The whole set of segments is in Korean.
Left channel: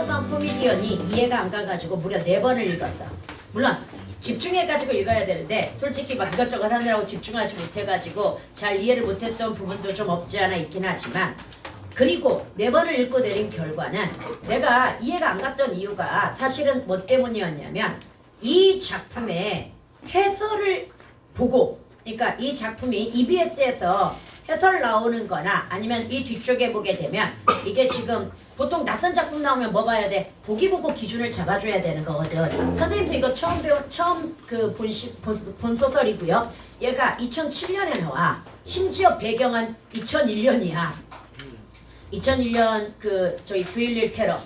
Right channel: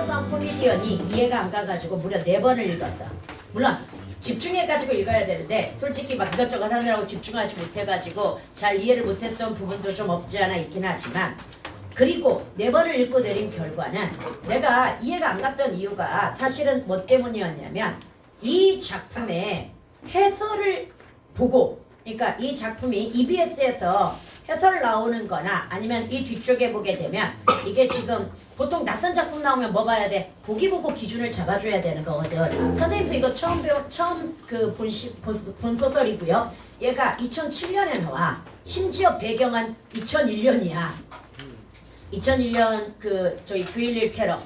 달로간 코미디언이 이해가 안 가가지고 무려 4번을 읽었어. 물론 집중해가지고 읽어야 되는데 솔직히 막 이것저것 하느라고 집중하지 못해가지고 잘 이해를 못했던 부분도 좀 없지 않아 있긴 하지만, 그리고 4번을 읽고 내린 결과는 내가 이해가 안 갔던 이유가 사실은 뭐 때문이었냐면, 이 작품의 해설을 보고, 그러니까 이 작품이 EBS에서 해설 나오는 거나 아니면 이 뒤쪽에 보게 되면, 이게 지금 보통 낯선 작품 나오면 뭐 봐야 돼? 보기 보고 기준을 잡아줘야 되는 거거든. 선생님도 이거 처음 본 소설이고요. 얘가 2007년에 나와. 심지어 배경은 2001년이야. 2001년 저희 9.11 테러.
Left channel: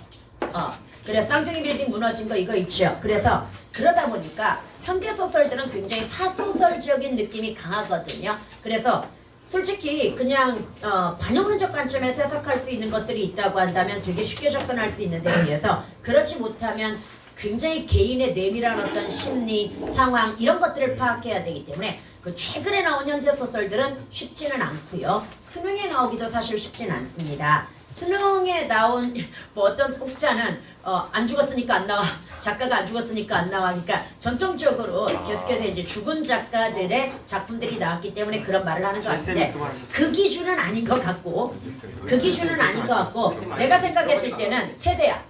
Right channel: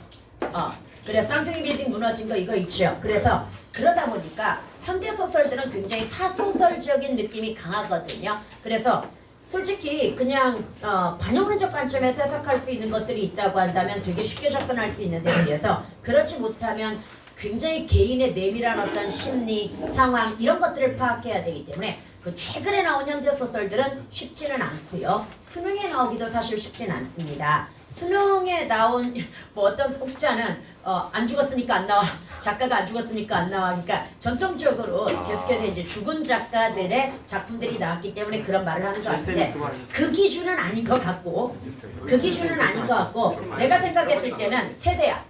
그래서 쌍둥이 빌딩 무너진 거 이거 있죠. 그래서 그러다 보니까 현대 소설들은 굉장히 사소설적인 느낌이 강하거든요. 그래서 솔직히 그냥 반영론적 관점에서 해석할 수 있는 것들이 있다고 한다면 되게 쉽게 접근할 수 있는데, 비해서 그렇지 못하면 굉장히 개인의 내밀한 어떤 심리, 상황 이런 것들을 파악해야 되기 때문에 그 최근에 나온 현대 소설들은 쉽지는 않고요. 수능에 나오기도 사실 쉽진 않습니다. 수능에 나온 뭐 어떤 혹자는 안 죽었으니까 안 나와, 작가가 안 죽었으니까 안 나와. 그러니까 전통적으로 계속해서 이제 죽은 작가들의 작품들이 나왔기 때문에 그런 말을 하는 것 같은데, 그 기준은 아닌 것 같고, 내가 생각했을 때는 세대야.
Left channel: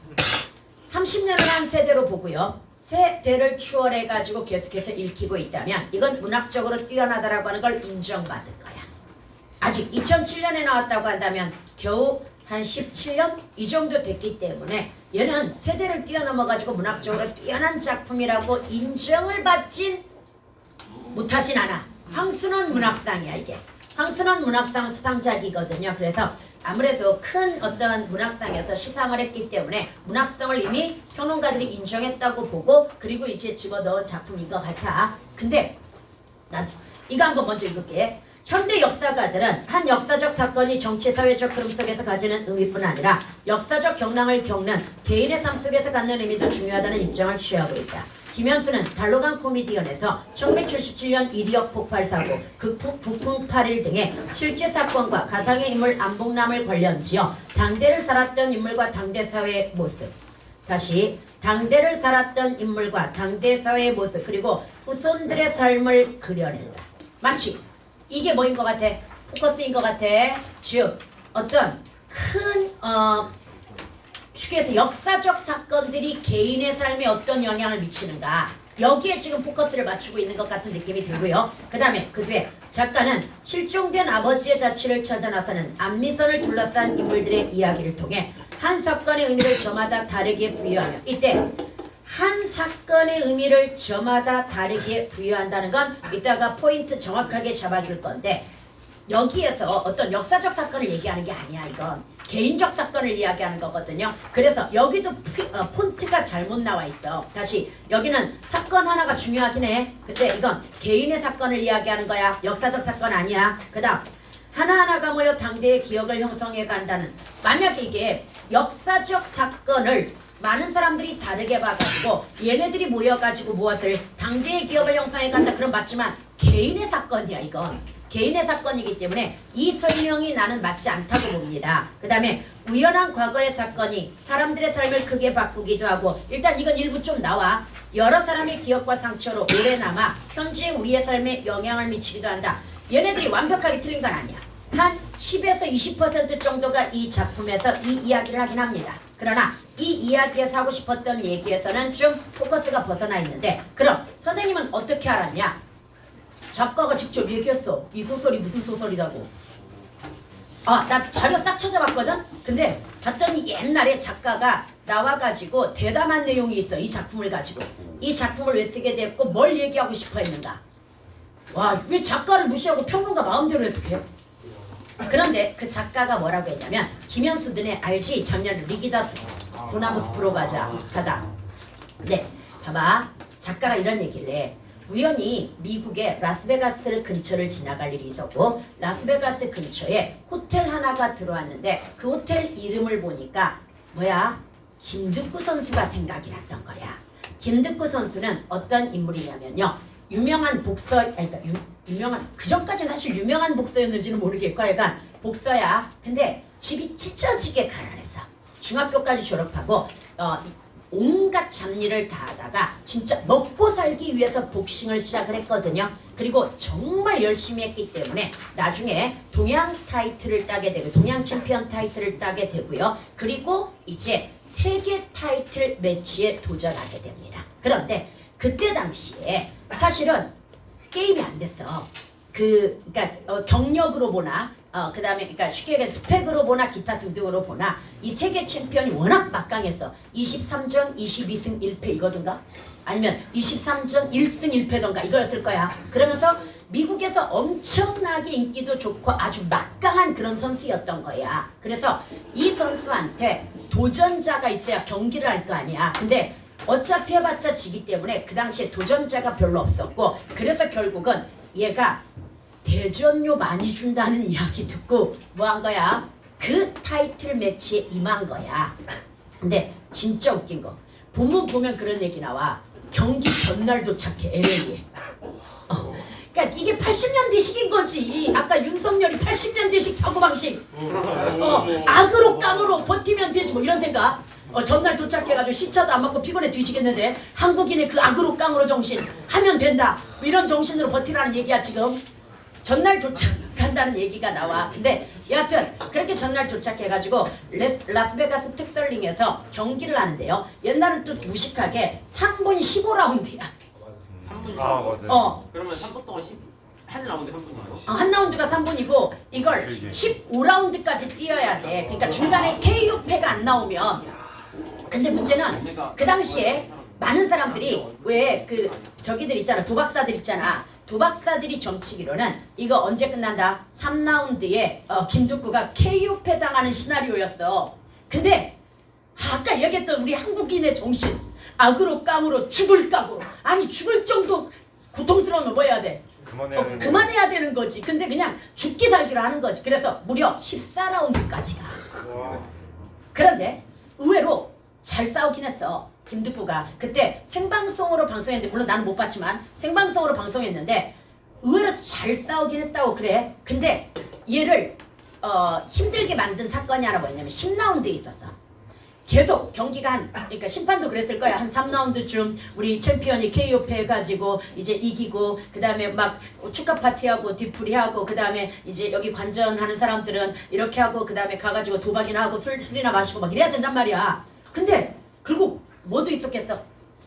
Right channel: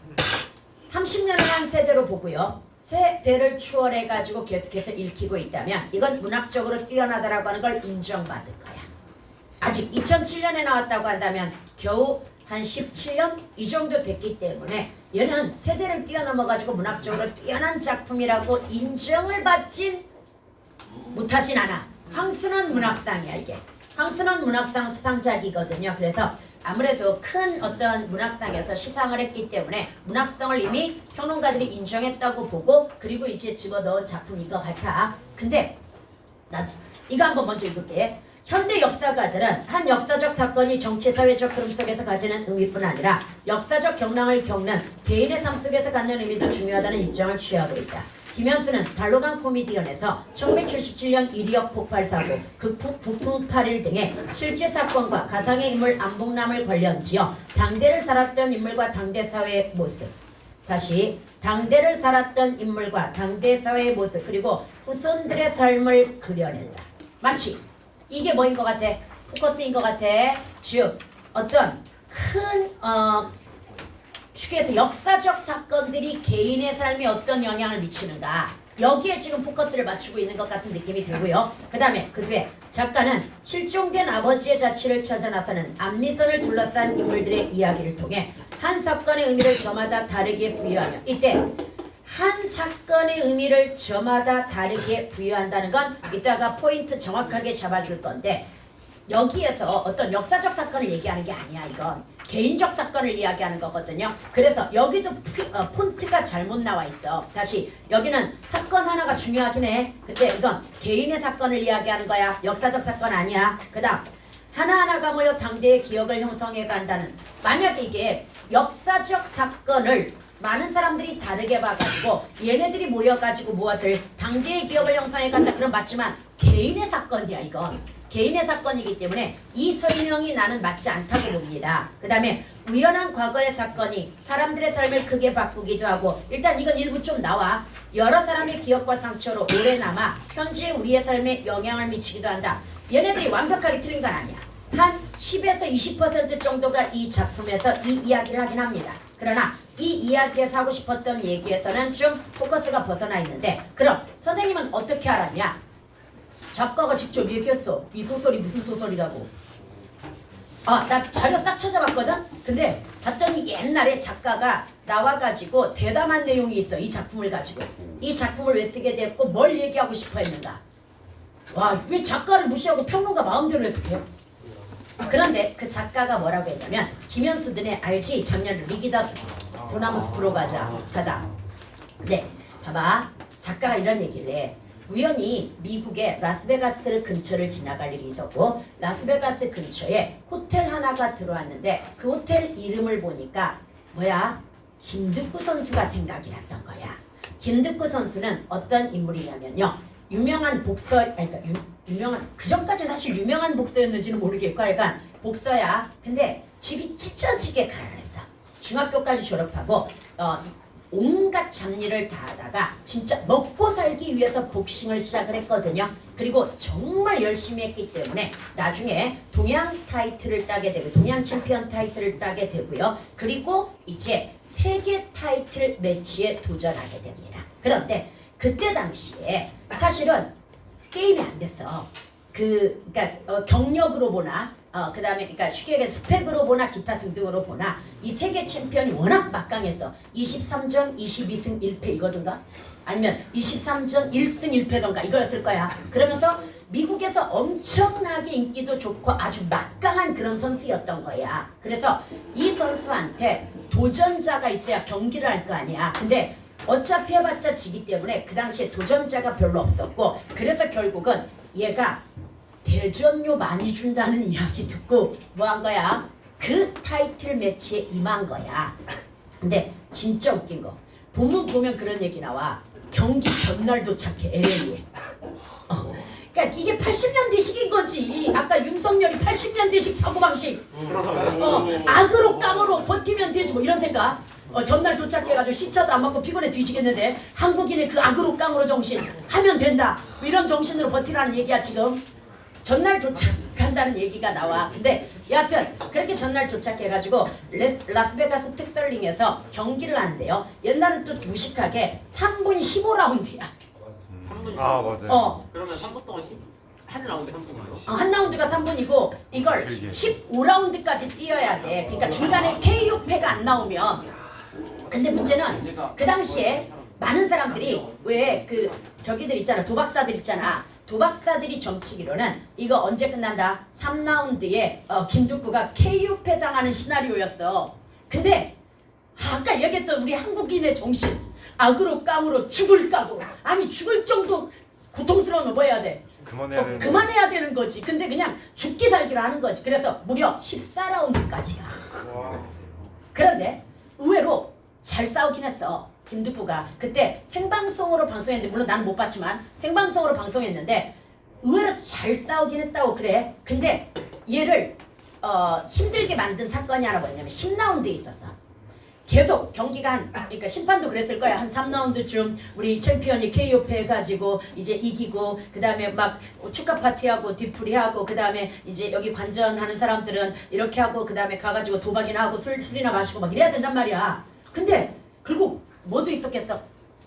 30년을 한 세대로 보고요. 세대를 추월해가지고 계속해서 읽히고 있다면 이건 문학적으로 뛰어나다라고 하는 걸 인정받을 거야. 아직 2007년에 나왔다고 한다면 겨우 한 17년 이 정도 됐기 때문에 얘는 세대를 뛰어넘어가지고 문학적으로 뛰어난 작품이라고 인정을 받진 못하진 않아. 황순원 문학상이야 이게. 황순원 문학상 수상작이거든요. 그래서 아무래도 큰 어떤 문학상에서 시상을 했기 때문에 문학성을 이미 평론가들이 인정했다고 보고, 그리고 이제 집어넣은 작품인 것 같아. 근데 난 이거 한번 먼저 읽을게. 현대 역사가들은 한 역사적 사건이 정치 사회적 흐름 속에서 가지는 의미뿐 아니라 역사적 경랑을 겪는 개인의 삶 속에서 갖는 의미도 중요하다는 입장을 취하고 있다. 김현수는 달로간 코미디언에서 1977년 이리역 폭발 사고, 국풍 8일 등의 실제 사건과 가상의 인물 안봉남을 관련지어 당대를 살았던 인물과 당대 사회의 모습, 다시 당대를 살았던 인물과 당대 사회의 모습, 그리고 후손들의 삶을 그려낸다. 마치 이게 뭐인 것 같아? 포커스인 것 같아. 즉 어떤 큰 쉽게 해서 역사적 사건들이 개인의 삶에 어떤 영향을 미치는가, 여기에 지금 포커스를 맞추고 있는 것 같은 느낌이 들고요. 그 다음에 그 뒤에 작가는 실종된 아버지의 자취를 찾아 나서는 안미선을 둘러싼 인물들의 이야기를 통해 한 사건의 의미를 저마다 다르게 부여하며, 이때 한 사건의 의미를 저마다 다르게 부여한다는 건 이따가 포인트 정확하게 잡아줄 건데, 여기에서 어떤 역사적 사건을 얘기하는 게 아니야. 이건 개인적 사건을 이야기하는 거거든요. 그래서 여기도 폰트가 잘못 나와 있어. 다시 여기는 사건 하나가 중요하긴 해. 근데 이건 개인의 사건을 이야기하는 거야. 역사적 사건 아니야. 그 다음 하나하나가 모여 당대의 기억을 형성해 간다는, 만약에 이게 역사적 사건을 많은 사람들이 다르게 봐가지고 얘네들이 모여가지고 무엇을 당대의 기억을 형성해 간다, 그럼 맞지만 개인의 사건이야. 이건 개인의 사건이기 때문에 이 설명이 나는 맞지 않다고 봅니다. 그 다음에 우연한 과거의 사건이 사람들의 삶을 크게 바꾸기도 하고, 일단 이건 일부 좀 나와. 여러 사람의 기억과 상처로 오래 남아 현재 우리의 삶에 영향을 미치기도 한다. 얘네들이 완벽하게 틀린 건 아니야. 한 10에서 20% 정도가 이 작품에서 이 이야기를 하긴 합니다. 그러나 이 이야기에서 하고 싶었던 얘기에서는 좀 포커스가 벗어나 있는데, 그럼 선생님은 어떻게 알았냐? 작가가 직접 얘기했어. 이 소설이 무슨 소설이라고. 나 자료 싹 찾아봤거든? 근데 봤더니 옛날에 작가가 나와가지고 대담한 내용이 있어. 이 작품을 가지고. 이 작품을 왜 쓰게 됐고 뭘 얘기하고 싶어 했는가. 와, 왜 작가를 무시하고 평론가 마음대로 해석해요? 그런데 그 작가가 뭐라고 했냐면, 김현수 너네 알지? 작년 리기다 소나무 숲으로 가자. 가다. 네, 봐봐. 작가가 이런 얘기를 해. 우연히 미국의 라스베가스 근처를 지나갈 일이 있었고, 라스베가스 근처에 호텔 하나가 들어왔는데 그 호텔 이름을 보니까 뭐야? 김득구 선수가 생각이 났던 거야. 김득구 선수는 어떤 인물이냐면요, 유명한 복서, 그러니까 유명한, 그 전까지는 사실 유명한 복서였는지는 모르겠고 약간 복서야. 근데 집이 찢어지게 가난했어. 중학교까지 졸업하고 온갖 잡일을 다 하다가 진짜 먹고 살기 위해서 복싱을 시작을 했거든요. 그리고 정말 열심히 했기 때문에 나중에 동양 타이틀을 따게 되고 동양 챔피언 타이틀을 따게 되고요. 그리고 이제 세계 타이틀 매치에 도전하게 됩니다. 그런데 그때 당시에 사실은 게임이 안 됐어. 그러니까 경력으로 보나 그다음에 그러니까 쉽게 얘기해 스펙으로 보나 기타 등등으로 보나 이 세계 챔피언이 워낙 막강해서 23전 22승 1패 이거든가 아니면 23전 1승 1패던가 이거였을 거야. 그러면서 미국에서 엄청나게 인기도 좋고 아주 막강한 그런 선수였던 거야. 그래서 이 선수한테 도전자가 있어야 경기를 할 거 아니야. 근데 어차피 해봤자 지기 때문에 그 당시에 도전자가 별로 없었고 그래서 결국은 얘가 대전료 많이 준다는 이야기 듣고 뭐 한 거야? 그 타이틀 매치에 임한 거야. 근데 진짜 웃긴 거 본문 보면 그런 얘기 나와. 경기 전날 도착해 LA에. 그러니까 이게 80년대식인 거지. 아까 윤석열이 80년대식 사고방식. 악으로 깡으로 버티면 되지 뭐 이런 생각. 전날 도착해가지고 시차도 안 맞고 피곤해 뒤지겠는데 한국인의 그 악으로 깡으로 정신 하면 된다. 뭐 이런 정신으로 버티라는 얘기야 지금. 전날 도착한다는 얘기가 나와. 근데 여하튼 그렇게 전날 도착해가지고 라스베가스 특설링에서 경기를 하는데요. 옛날은 또 무식하게 3분 15라운드야. 3분 맞아요. 그러면 3분 동안 한 라운드 3분이에요? 한 라운드가 3분이고 이걸 15라운드까지 뛰어야 돼. 그러니까 중간에 KO패가 안 나오면. 근데 문제는 그 당시에 많은 사람들이 왜 그 저기들 있잖아. 도박사들 있잖아. 도박사들이 점치기로는 이거 언제 끝난다? 3라운드에 김두구가 KO패 당하는 시나리오였어. 근데 아까 얘기했던 우리 한국인의 정신 악으로 깡으로 죽을 깡으로 아니 죽을 정도 고통스러우면 뭐 해야 돼? 그만해야 되는 거지. 근데 그냥 죽기 살기로 하는 거지. 그래서 무려 14라운드까지 가. 그런데 의외로 잘 싸우긴 했어. 김두구가 그때 생방송으로 방송했는데 물론 나는 못 봤지만 생방송으로 방송했는데 의외로 잘 싸우긴 했다고 그래. 근데 얘를 힘들게 만든 사건이 하나 뭐냐면 10라운드에 있었어. 계속 경기가 그러니까 심판도 그랬을 거야. 한 3라운드쯤 우리 챔피언이 KO패 해가지고 이제 이기고 그 다음에 막 축하 파티하고 뒤풀이하고 그 다음에 이제 여기 관전하는 사람들은 이렇게 하고 그 다음에 가가지고 도박이나 하고 술이나 마시고 막 이래야 된단 말이야. 근데 결국 뭐도 있었겠어?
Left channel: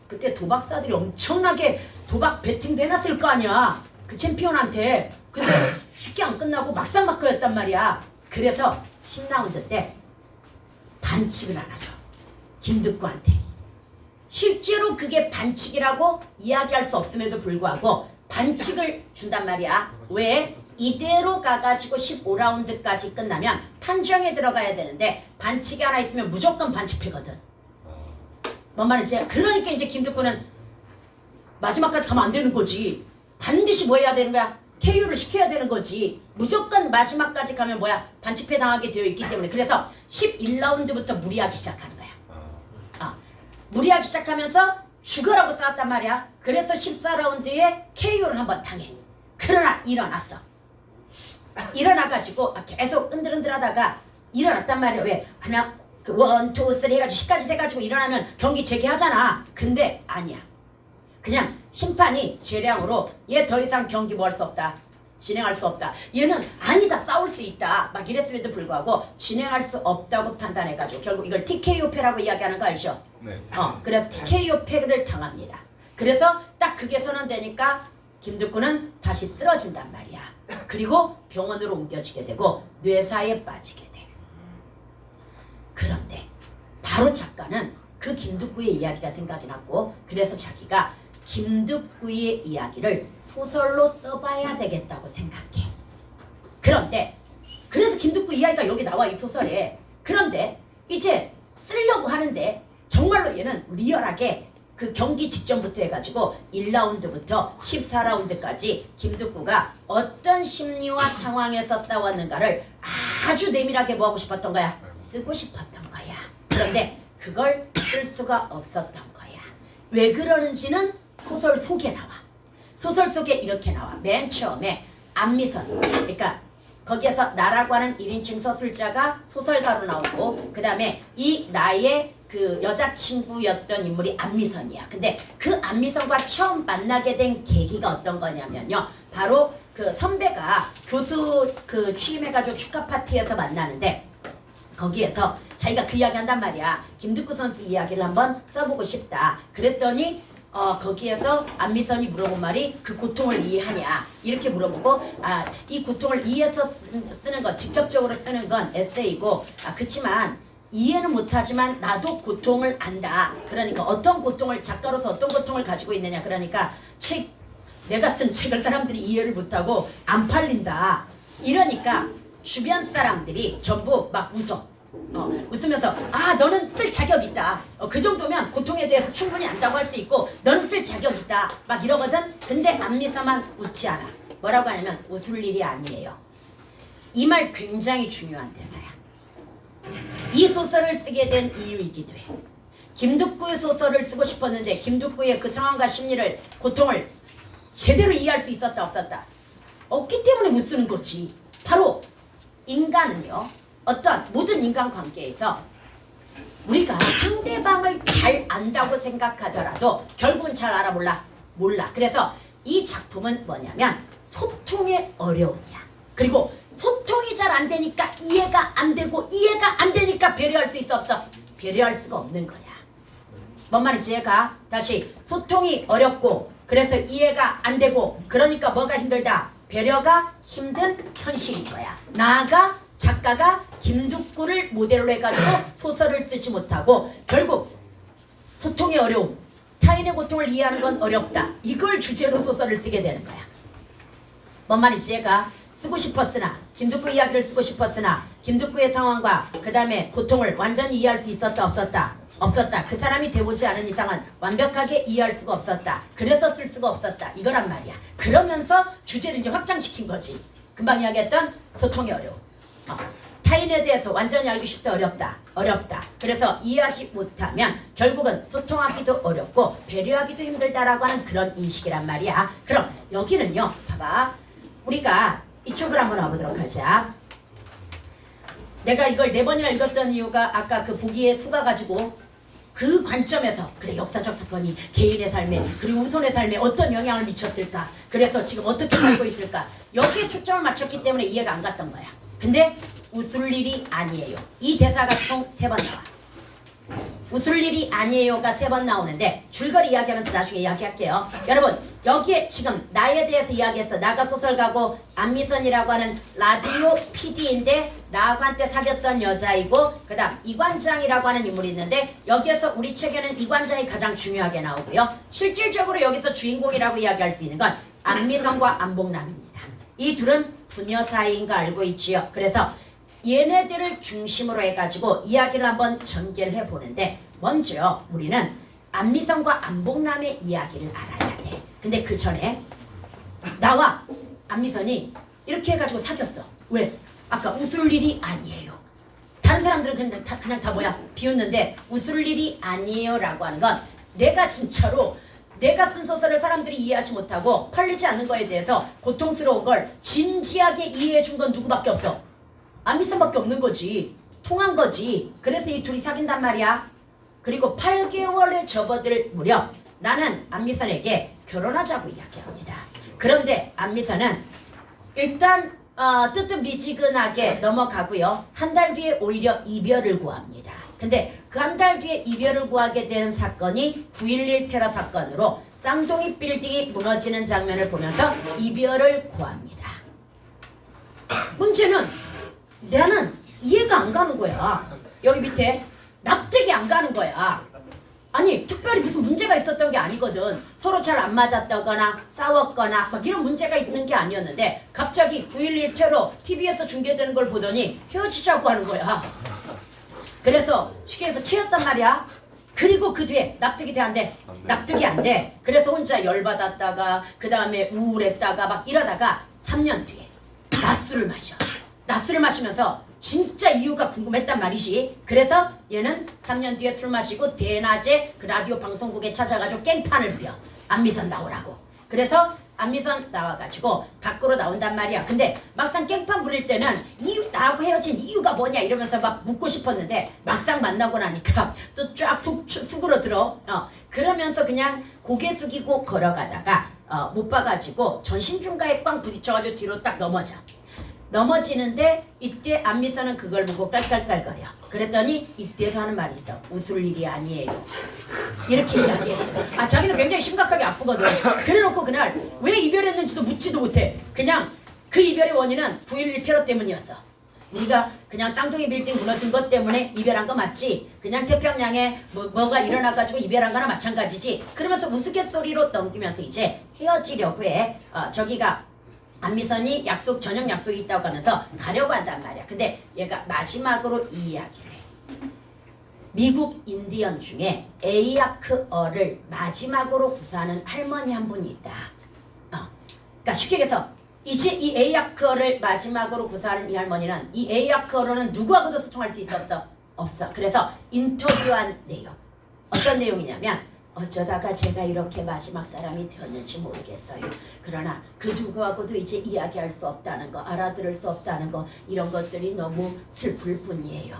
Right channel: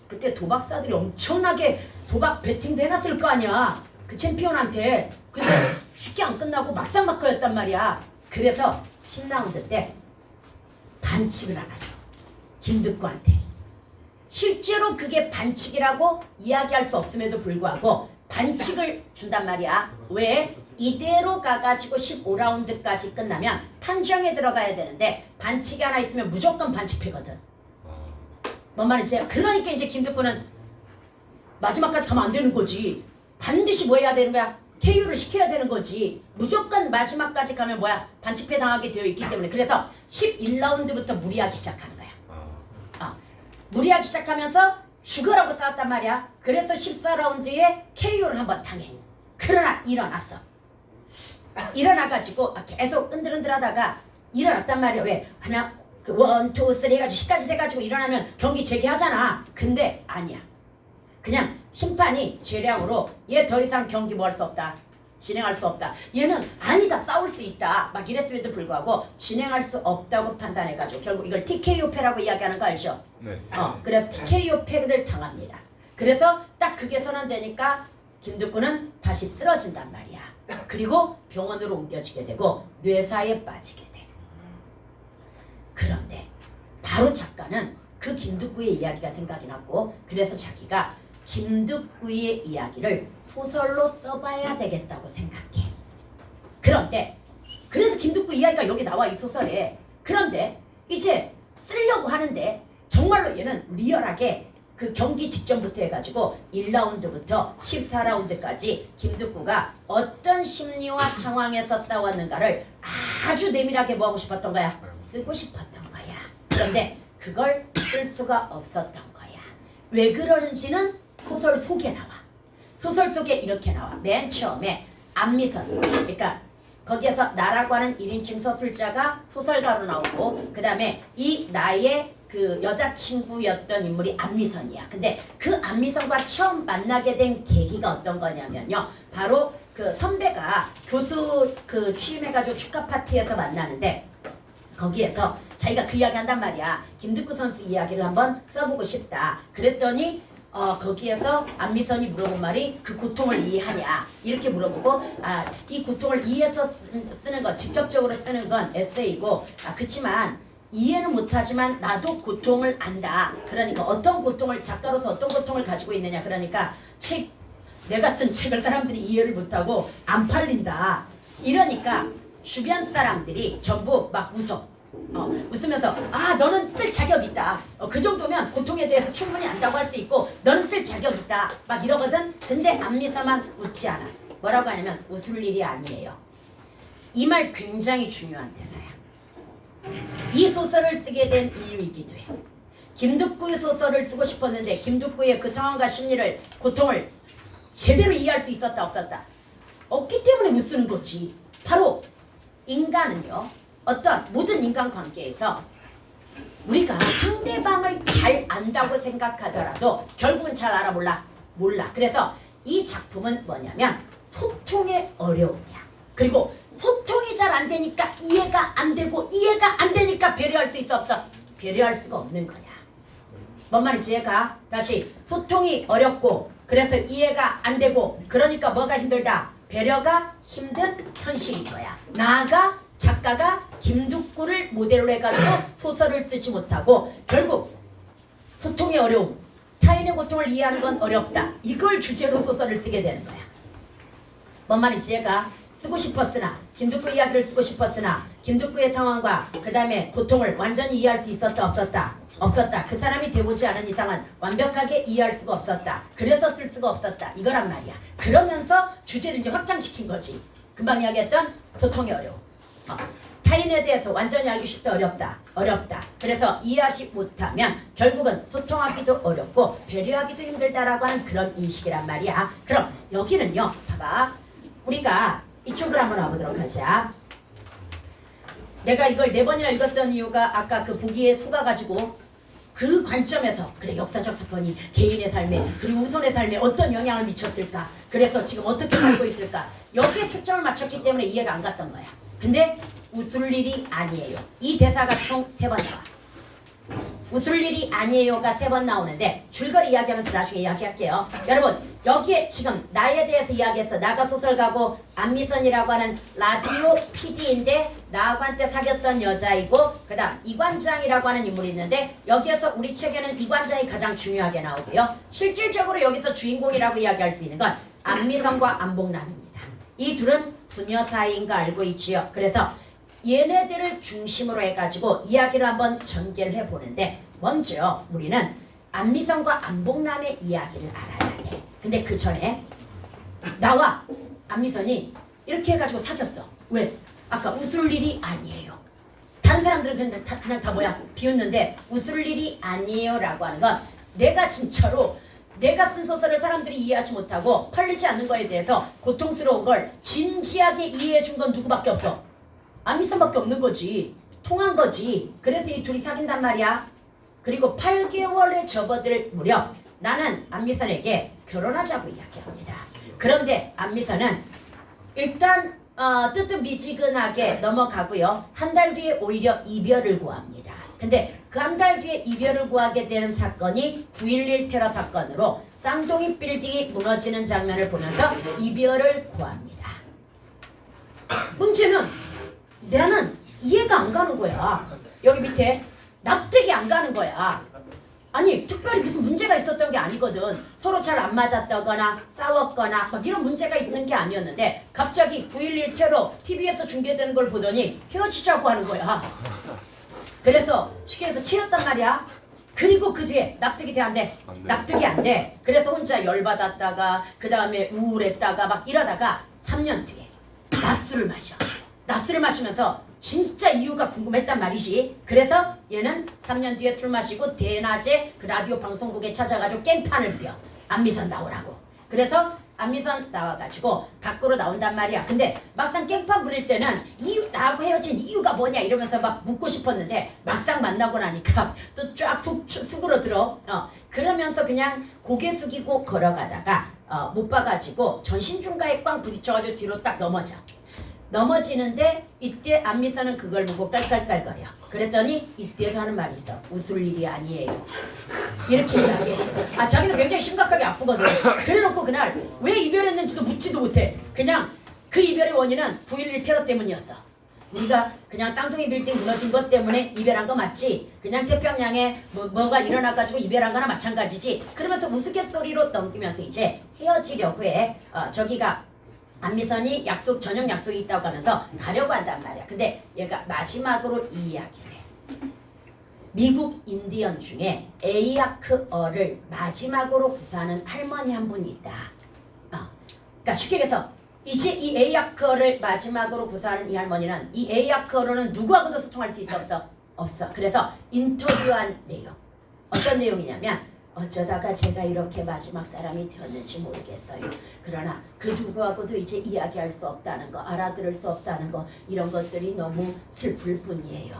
그때 도박사들이 엄청나게 도박 베팅도 해놨을 거 아니야. 그 챔피언한테. 근데 쉽게 안 끝나고 막상막하였단 말이야. 그래서 10라운드 때 반칙을 하나 줘. 김득구한테. 실제로 그게 반칙이라고 이야기할 수 없음에도 불구하고 반칙을 준단 말이야. 왜? 이대로 가가지고 15라운드까지 끝나면 판정에 들어가야 되는데 반칙이 하나 있으면 무조건 반칙패거든. 뭔 말인지. 그러니까 이제 김득구는 마지막까지 가면 안 되는 거지. 반드시 뭐 해야 되는 거야? KO를 시켜야 되는 거지. 무조건 마지막까지 가면 뭐야? 반칙패 당하게 되어 있기 때문에. 그래서 11라운드부터 무리하기 시작하는 거야. 무리하기 시작하면서 죽으라고 싸웠단 말이야. 그래서 14라운드에 KO를 한번 당해. 그러나 일어났어. 일어나가지고 계속 은들은들하다가 일어났단 말이야. 왜? 그냥 그 1, 2, 3 해가지고 10까지 돼가지고 일어나면 경기 재개하잖아. 근데 아니야. 그냥 심판이 재량으로 얘 더 이상 경기 뭐 할 수 없다. 진행할 수 없다. 얘는 아니다 싸울 수 있다. 막 이랬음에도 불구하고 진행할 수 없다고 판단해가지고 결국 이걸 TKO패라고 이야기하는 거 알죠? 네. 그래서 TKO패를 당합니다. 그래서 딱 그게 선언되니까 김득구는 다시 쓰러진단 말이야. 그리고 병원으로 옮겨지게 되고 뇌사에 빠지게 돼. 그런데 바로 작가는 그 김득구의 이야기가 생각이 났고 그래서 자기가 김득구의 이야기를 소설로 써봐야 되겠다고 생각해. 그런데 그래서 김득구 이야기가 여기 나와 이 소설에. 그런데 이제 쓰려고 하는데 정말로 얘는 리얼하게 그 경기 직전부터 해가지고 1라운드부터 14라운드까지 김득구가 어떤 심리와 상황에서 싸웠는가를 아주 내밀하게 뭐하고 싶었던 거야? 쓰고 싶었던 거야. 그런데 그걸 쓸 수가 없었던 거야. 왜 그러는지는 소설 속에 나와. 소설 속에 이렇게 나와. 맨 처음에 안미선, 그러니까 거기에서 나라고 하는 1인칭 서술자가 소설가로 나오고 그 다음에 이 나의 그 여자친구였던 인물이 안미선이야. 근데 그 안미선과 처음 만나게 된 계기가 어떤 거냐면요. 바로 그 선배가 교수 그 취임해가지고 축하 파티에서 만나는데 거기에서 자기가 그 이야기 한단 말이야. 김득구 선수 이야기를 한번 써보고 싶다. 그랬더니 거기에서 안미선이 물어본 말이 그 고통을 이해하냐 이렇게 물어보고 이 고통을 이해해서 쓰는 건 직접적으로 쓰는 건 에세이고 그치만 이해는 못하지만 나도 고통을 안다. 그러니까 어떤 고통을 작가로서 어떤 고통을 가지고 있느냐. 그러니까 내가 쓴 책을 사람들이 이해를 못하고 안 팔린다. 이러니까 주변 사람들이 전부 막 웃으면서 너는 쓸 자격 있다. 그 정도면 고통에 대해서 충분히 안다고 할 수 있고 너는 쓸 자격 있다. 막 이러거든. 근데 안미서만 웃지 않아. 뭐라고 하냐면 웃을 일이 아니에요. 이 말 굉장히 중요한 대사야. 이 소설을 쓰게 된 이유이기도 해. 김득구의 소설을 쓰고 싶었는데 김득구의 그 상황과 심리를 고통을 제대로 이해할 수 있었다 없었다? 없기 때문에 못 쓰는 거지. 바로 인간은요. 어떤 모든 인간관계에서 우리가 상대방을 잘 안다고 생각하더라도 결국은 잘 알아 몰라. 그래서 이 작품은 뭐냐면 소통의 어려움이야. 그리고 소통이 잘 안 되니까 이해가 안 되고 이해가 안 되니까 배려할 수 있어 없어? 배려할 수가 없는 거야. 뭔 말인지 이해가? 다시 소통이 어렵고 그래서 이해가 안 되고 그러니까 뭐가 힘들다? 배려가 힘든 현실인 거야. 나아가 작가가 김득구를 모델로 해가지고 소설을 쓰지 못하고 결국 소통의 어려움, 타인의 고통을 이해하는 건 어렵다. 이걸 주제로 소설을 쓰게 되는 거야. 뭔 말인지 이해가? 쓰고 싶었으나 김득구 이야기를 쓰고 싶었으나 김득구의 상황과 그 다음에 고통을 완전히 이해할 수 있었다 없었다? 없었다. 그 사람이 돼보지 않은 이상은 완벽하게 이해할 수가 없었다. 그래서 쓸 수가 없었다. 이거란 말이야. 그러면서 주제를 이제 확장시킨 거지. 금방 이야기했던 소통의 어려움. 타인에 대해서 완전히 알기 쉽다 어렵다. 그래서 이해하지 못하면 결국은 소통하기도 어렵고 배려하기도 힘들다라고 하는 그런 인식이란 말이야. 그럼 여기는요. 봐봐. 우리가 이쪽으로 한번 와보도록 하자. 내가 이걸 4번이나 읽었던 이유가 아까 그 보기에 속아가지고 그 관점에서 그래 역사적 사건이 개인의 삶에 그리고 후손의 삶에 어떤 영향을 미쳤을까. 그래서 지금 어떻게 살고 있을까. 여기에 초점을 맞췄기 때문에 이해가 안 갔던 거야. 근데 웃을 일이 아니에요. 이 대사가 총 3번 나와. 웃을 일이 아니에요가 3번 나오는데 줄거리 이야기하면서 나중에 이야기할게요. 여러분 여기에 지금 나에 대해서 이야기했어. 나가 소설가고 안미선이라고 하는 라디오 PD인데 나하고 한때 사귀었던 여자이고 그 다음 이관장이라고 하는 인물이 있는데 여기에서 우리 책에는 이관장이 가장 중요하게 나오고요. 실질적으로 여기서 주인공이라고 이야기할 수 있는 건 안미선과 안복남입니다. 이 둘은 부녀 사이인 거 알고 있지요. 그래서 얘네들을 중심으로 해가지고 이야기를 한번 전개를 해보는데 먼저 우리는 안미선과 안복남의 이야기를 알아야 돼. 근데 그 전에 나와 안미선이 이렇게 해가지고 사귀었어. 왜? 아까 웃을 일이 아니에요. 다른 사람들은 그냥 다 뭐야? 비웃는데 웃을 일이 아니에요 라고 하는 건 내가 진짜로 내가 쓴 소설을 사람들이 이해하지 못하고 팔리지 않는 거에 대해서 고통스러운 걸 진지하게 이해해 준 건 누구밖에 없어. 안미선밖에 없는 거지. 통한 거지. 그래서 이 둘이 사귄단 말이야. 그리고 8개월에 접어들 무렵 나는 안미선에게 결혼하자고 이야기합니다. 그런데 안미선은 일단 뜨뜻미지근하게 넘어가고요. 한 달 뒤에 오히려 이별을 구합니다. 근데 그 한 달 뒤에 이별을 구하게 되는 사건이 9.11 테러 사건으로 쌍둥이 빌딩이 무너지는 장면을 보면서 이별을 구합니다. 문제는 나는 이해가 안 가는 거야. 여기 밑에 납득이 안 가는 거야. 아니 특별히 무슨 문제가 있었던 게 아니거든. 서로 잘 안 맞았다거나 싸웠거나 막 이런 문제가 있는 게 아니었는데 갑자기 9.11 테러 TV에서 중계되는 걸 보더니 헤어지자고 하는 거야. 그래서 시계에서 채였단 말이야. 그리고 그 뒤에 납득이 돼 안 돼? 납득이 안 돼. 그래서 혼자 열받았다가 그 다음에 우울했다가 막 이러다가 3년 뒤에 낮술을 마셔. 낮술을 마시면서 진짜 이유가 궁금했단 말이지. 그래서 얘는 3년 뒤에 술 마시고 대낮에 그 라디오 방송국에 찾아가지고 깽판을 부려. 안미선 나오라고. 그래서 안미선 나와가지고 밖으로 나온단 말이야. 근데 막상 깽판 부릴 때는 나하고 헤어진 이유가 뭐냐 이러면서 막 묻고 싶었는데 막상 만나고 나니까 또 쫙 속으로 들어. 그러면서 그냥 고개 숙이고 걸어가다가 못 봐가지고 전신중가에 꽝 부딪혀가지고 뒤로 딱 넘어지는데 이때 안미선은 그걸 보고 깔깔깔거려. 그랬더니 이때도 하는 말이 있어. 웃을 일이 아니에요. 이렇게 이야기해. 자기는 굉장히 심각하게 아프거든. 그래놓고 그날 왜 이별했는지도 묻지도 못해. 그냥 그 이별의 원인은 9.11 테러 때문이었어. 우리가 그냥 쌍둥이 빌딩 무너진 것 때문에 이별한 거 맞지? 그냥 태평양에 뭐가 일어나가지고 이별한 거나 마찬가지지. 그러면서 우스갯소리로 넘기면서 이제 헤어지려고 해. 저기가 안미선이 저녁 약속이 있다고 하면서 가려고 한단 말이야. 근데 얘가 마지막으로 이 이야기를 해. 미국 인디언 중에 에이아크어를 마지막으로 구사하는 할머니 한 분이 있다. 그러니까 쉽게 얘기해서 이제 이 에이아크어를 마지막으로 구사하는 이 할머니는 이 에이아크어로는 누구하고도 소통할 수 있어 없어? 없어. 그래서 인터뷰한 내용. 어떤 내용이냐면 어쩌다가 제가 이렇게 마지막 사람이 되었는지 모르겠어요. 그러나 그 누구하고도 이제 이야기할 수 없다는 거, 알아들을 수 없다는 거, 이런 것들이 너무 슬플 뿐이에요.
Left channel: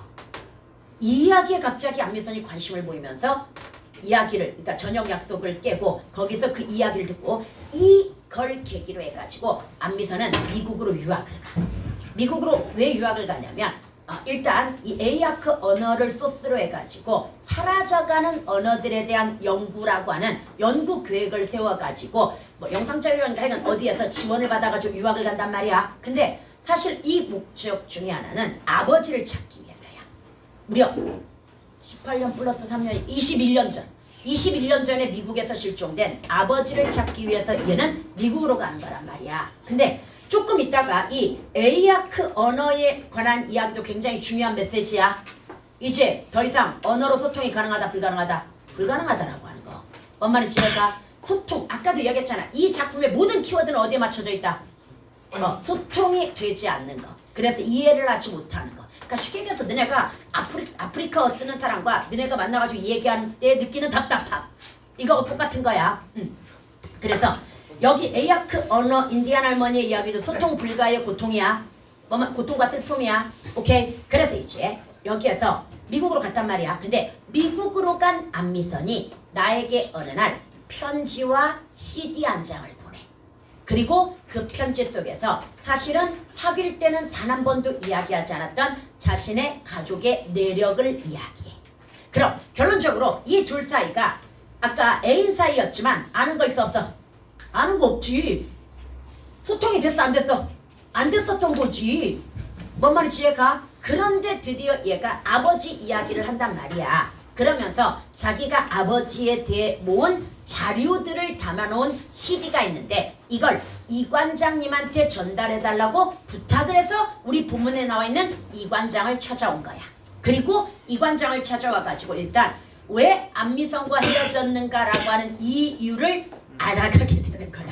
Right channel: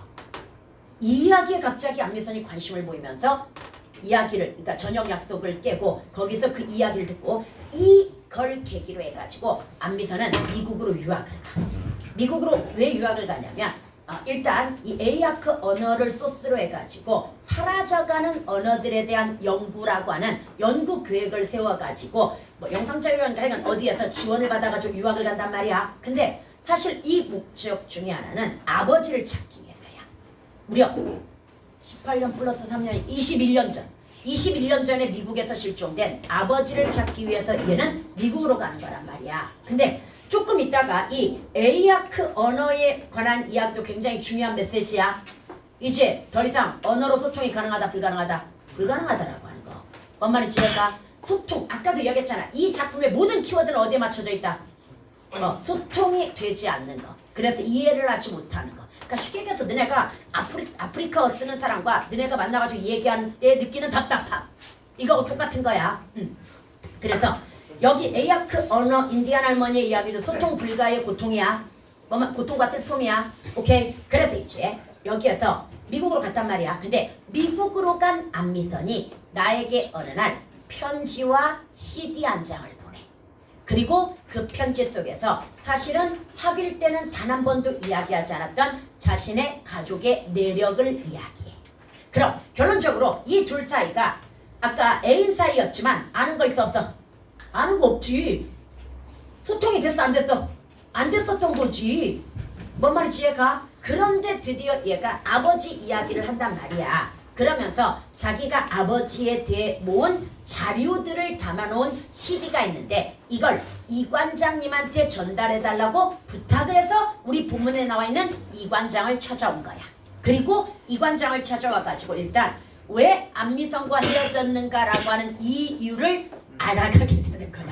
이 이야기에 갑자기 안미선이 관심을 보이면서 그러니까 저녁 약속을 깨고 거기서 그 이야기를 듣고 이걸 계기로 해가지고 안미선은 미국으로 유학을 가. 미국으로 왜 유학을 가냐면 일단 이 에이아크 언어를 소스로 해가지고 사라져가는 언어들에 대한 연구라고 하는 연구 계획을 세워가지고 영상자료라는 하여간 어디에서 지원을 받아가지고 유학을 간단 말이야. 근데 사실 이 목적 중에 하나는 아버지를 찾기 위해서야. 무려 18년 플러스 3년 21년 전 21년 전에 미국에서 실종된 아버지를 찾기 위해서 얘는 미국으로 가는 거란 말이야. 근데 조금 있다가 이 에이아크 언어에 관한 이야기도 굉장히 중요한 메시지야. 이제 더 이상 언어로 소통이 가능하다 불가능하다? 불가능하다라고 하는 거. 뭔 말인지 알까? 소통. 아까도 이야기했잖아. 이 작품의 모든 키워드는 어디에 맞춰져 있다? 소통이 되지 않는 거. 그래서 이해를 하지 못하는 거. 그러니까 쉽게 얘기해서 너네가 아프리카어 쓰는 사람과 너네가 만나가지고 얘기하는 때 느끼는 답답함. 이거 똑같은 거야. 그래서 여기 에이아크 언어 인디안 할머니의 이야기도 소통 불가의 고통이야. 고통과 슬픔이야. 오케이. 그래서 이제 여기에서 미국으로 갔단 말이야. 근데 미국으로 간 안미선이 나에게 어느 날 편지와 CD 한 장을 보내. 그리고 그 편지 속에서 사실은 사귈 때는 단 한 번도 이야기하지 않았던 자신의 가족의 내력을 이야기해. 그럼 결론적으로 이 둘 사이가 아까 애인 사이였지만 아는 거 있어 없어? 아는 거 없지. 소통이 됐어 안 됐어? 안 됐었던 거지. 뭔 말인지 이해가? 그런데 드디어 얘가 아버지 이야기를 한단 말이야. 그러면서 자기가 아버지에 대해 모은 자료들을 담아놓은 CD가 있는데 이걸 이관장님한테 전달해달라고 부탁을 해서 우리 본문에 나와 있는 이관장을 찾아온 거야. 그리고 이관장을 찾아와가지고 일단 왜 안미선과 헤어졌는가라고 하는 이유를 알아가게 되는 거야.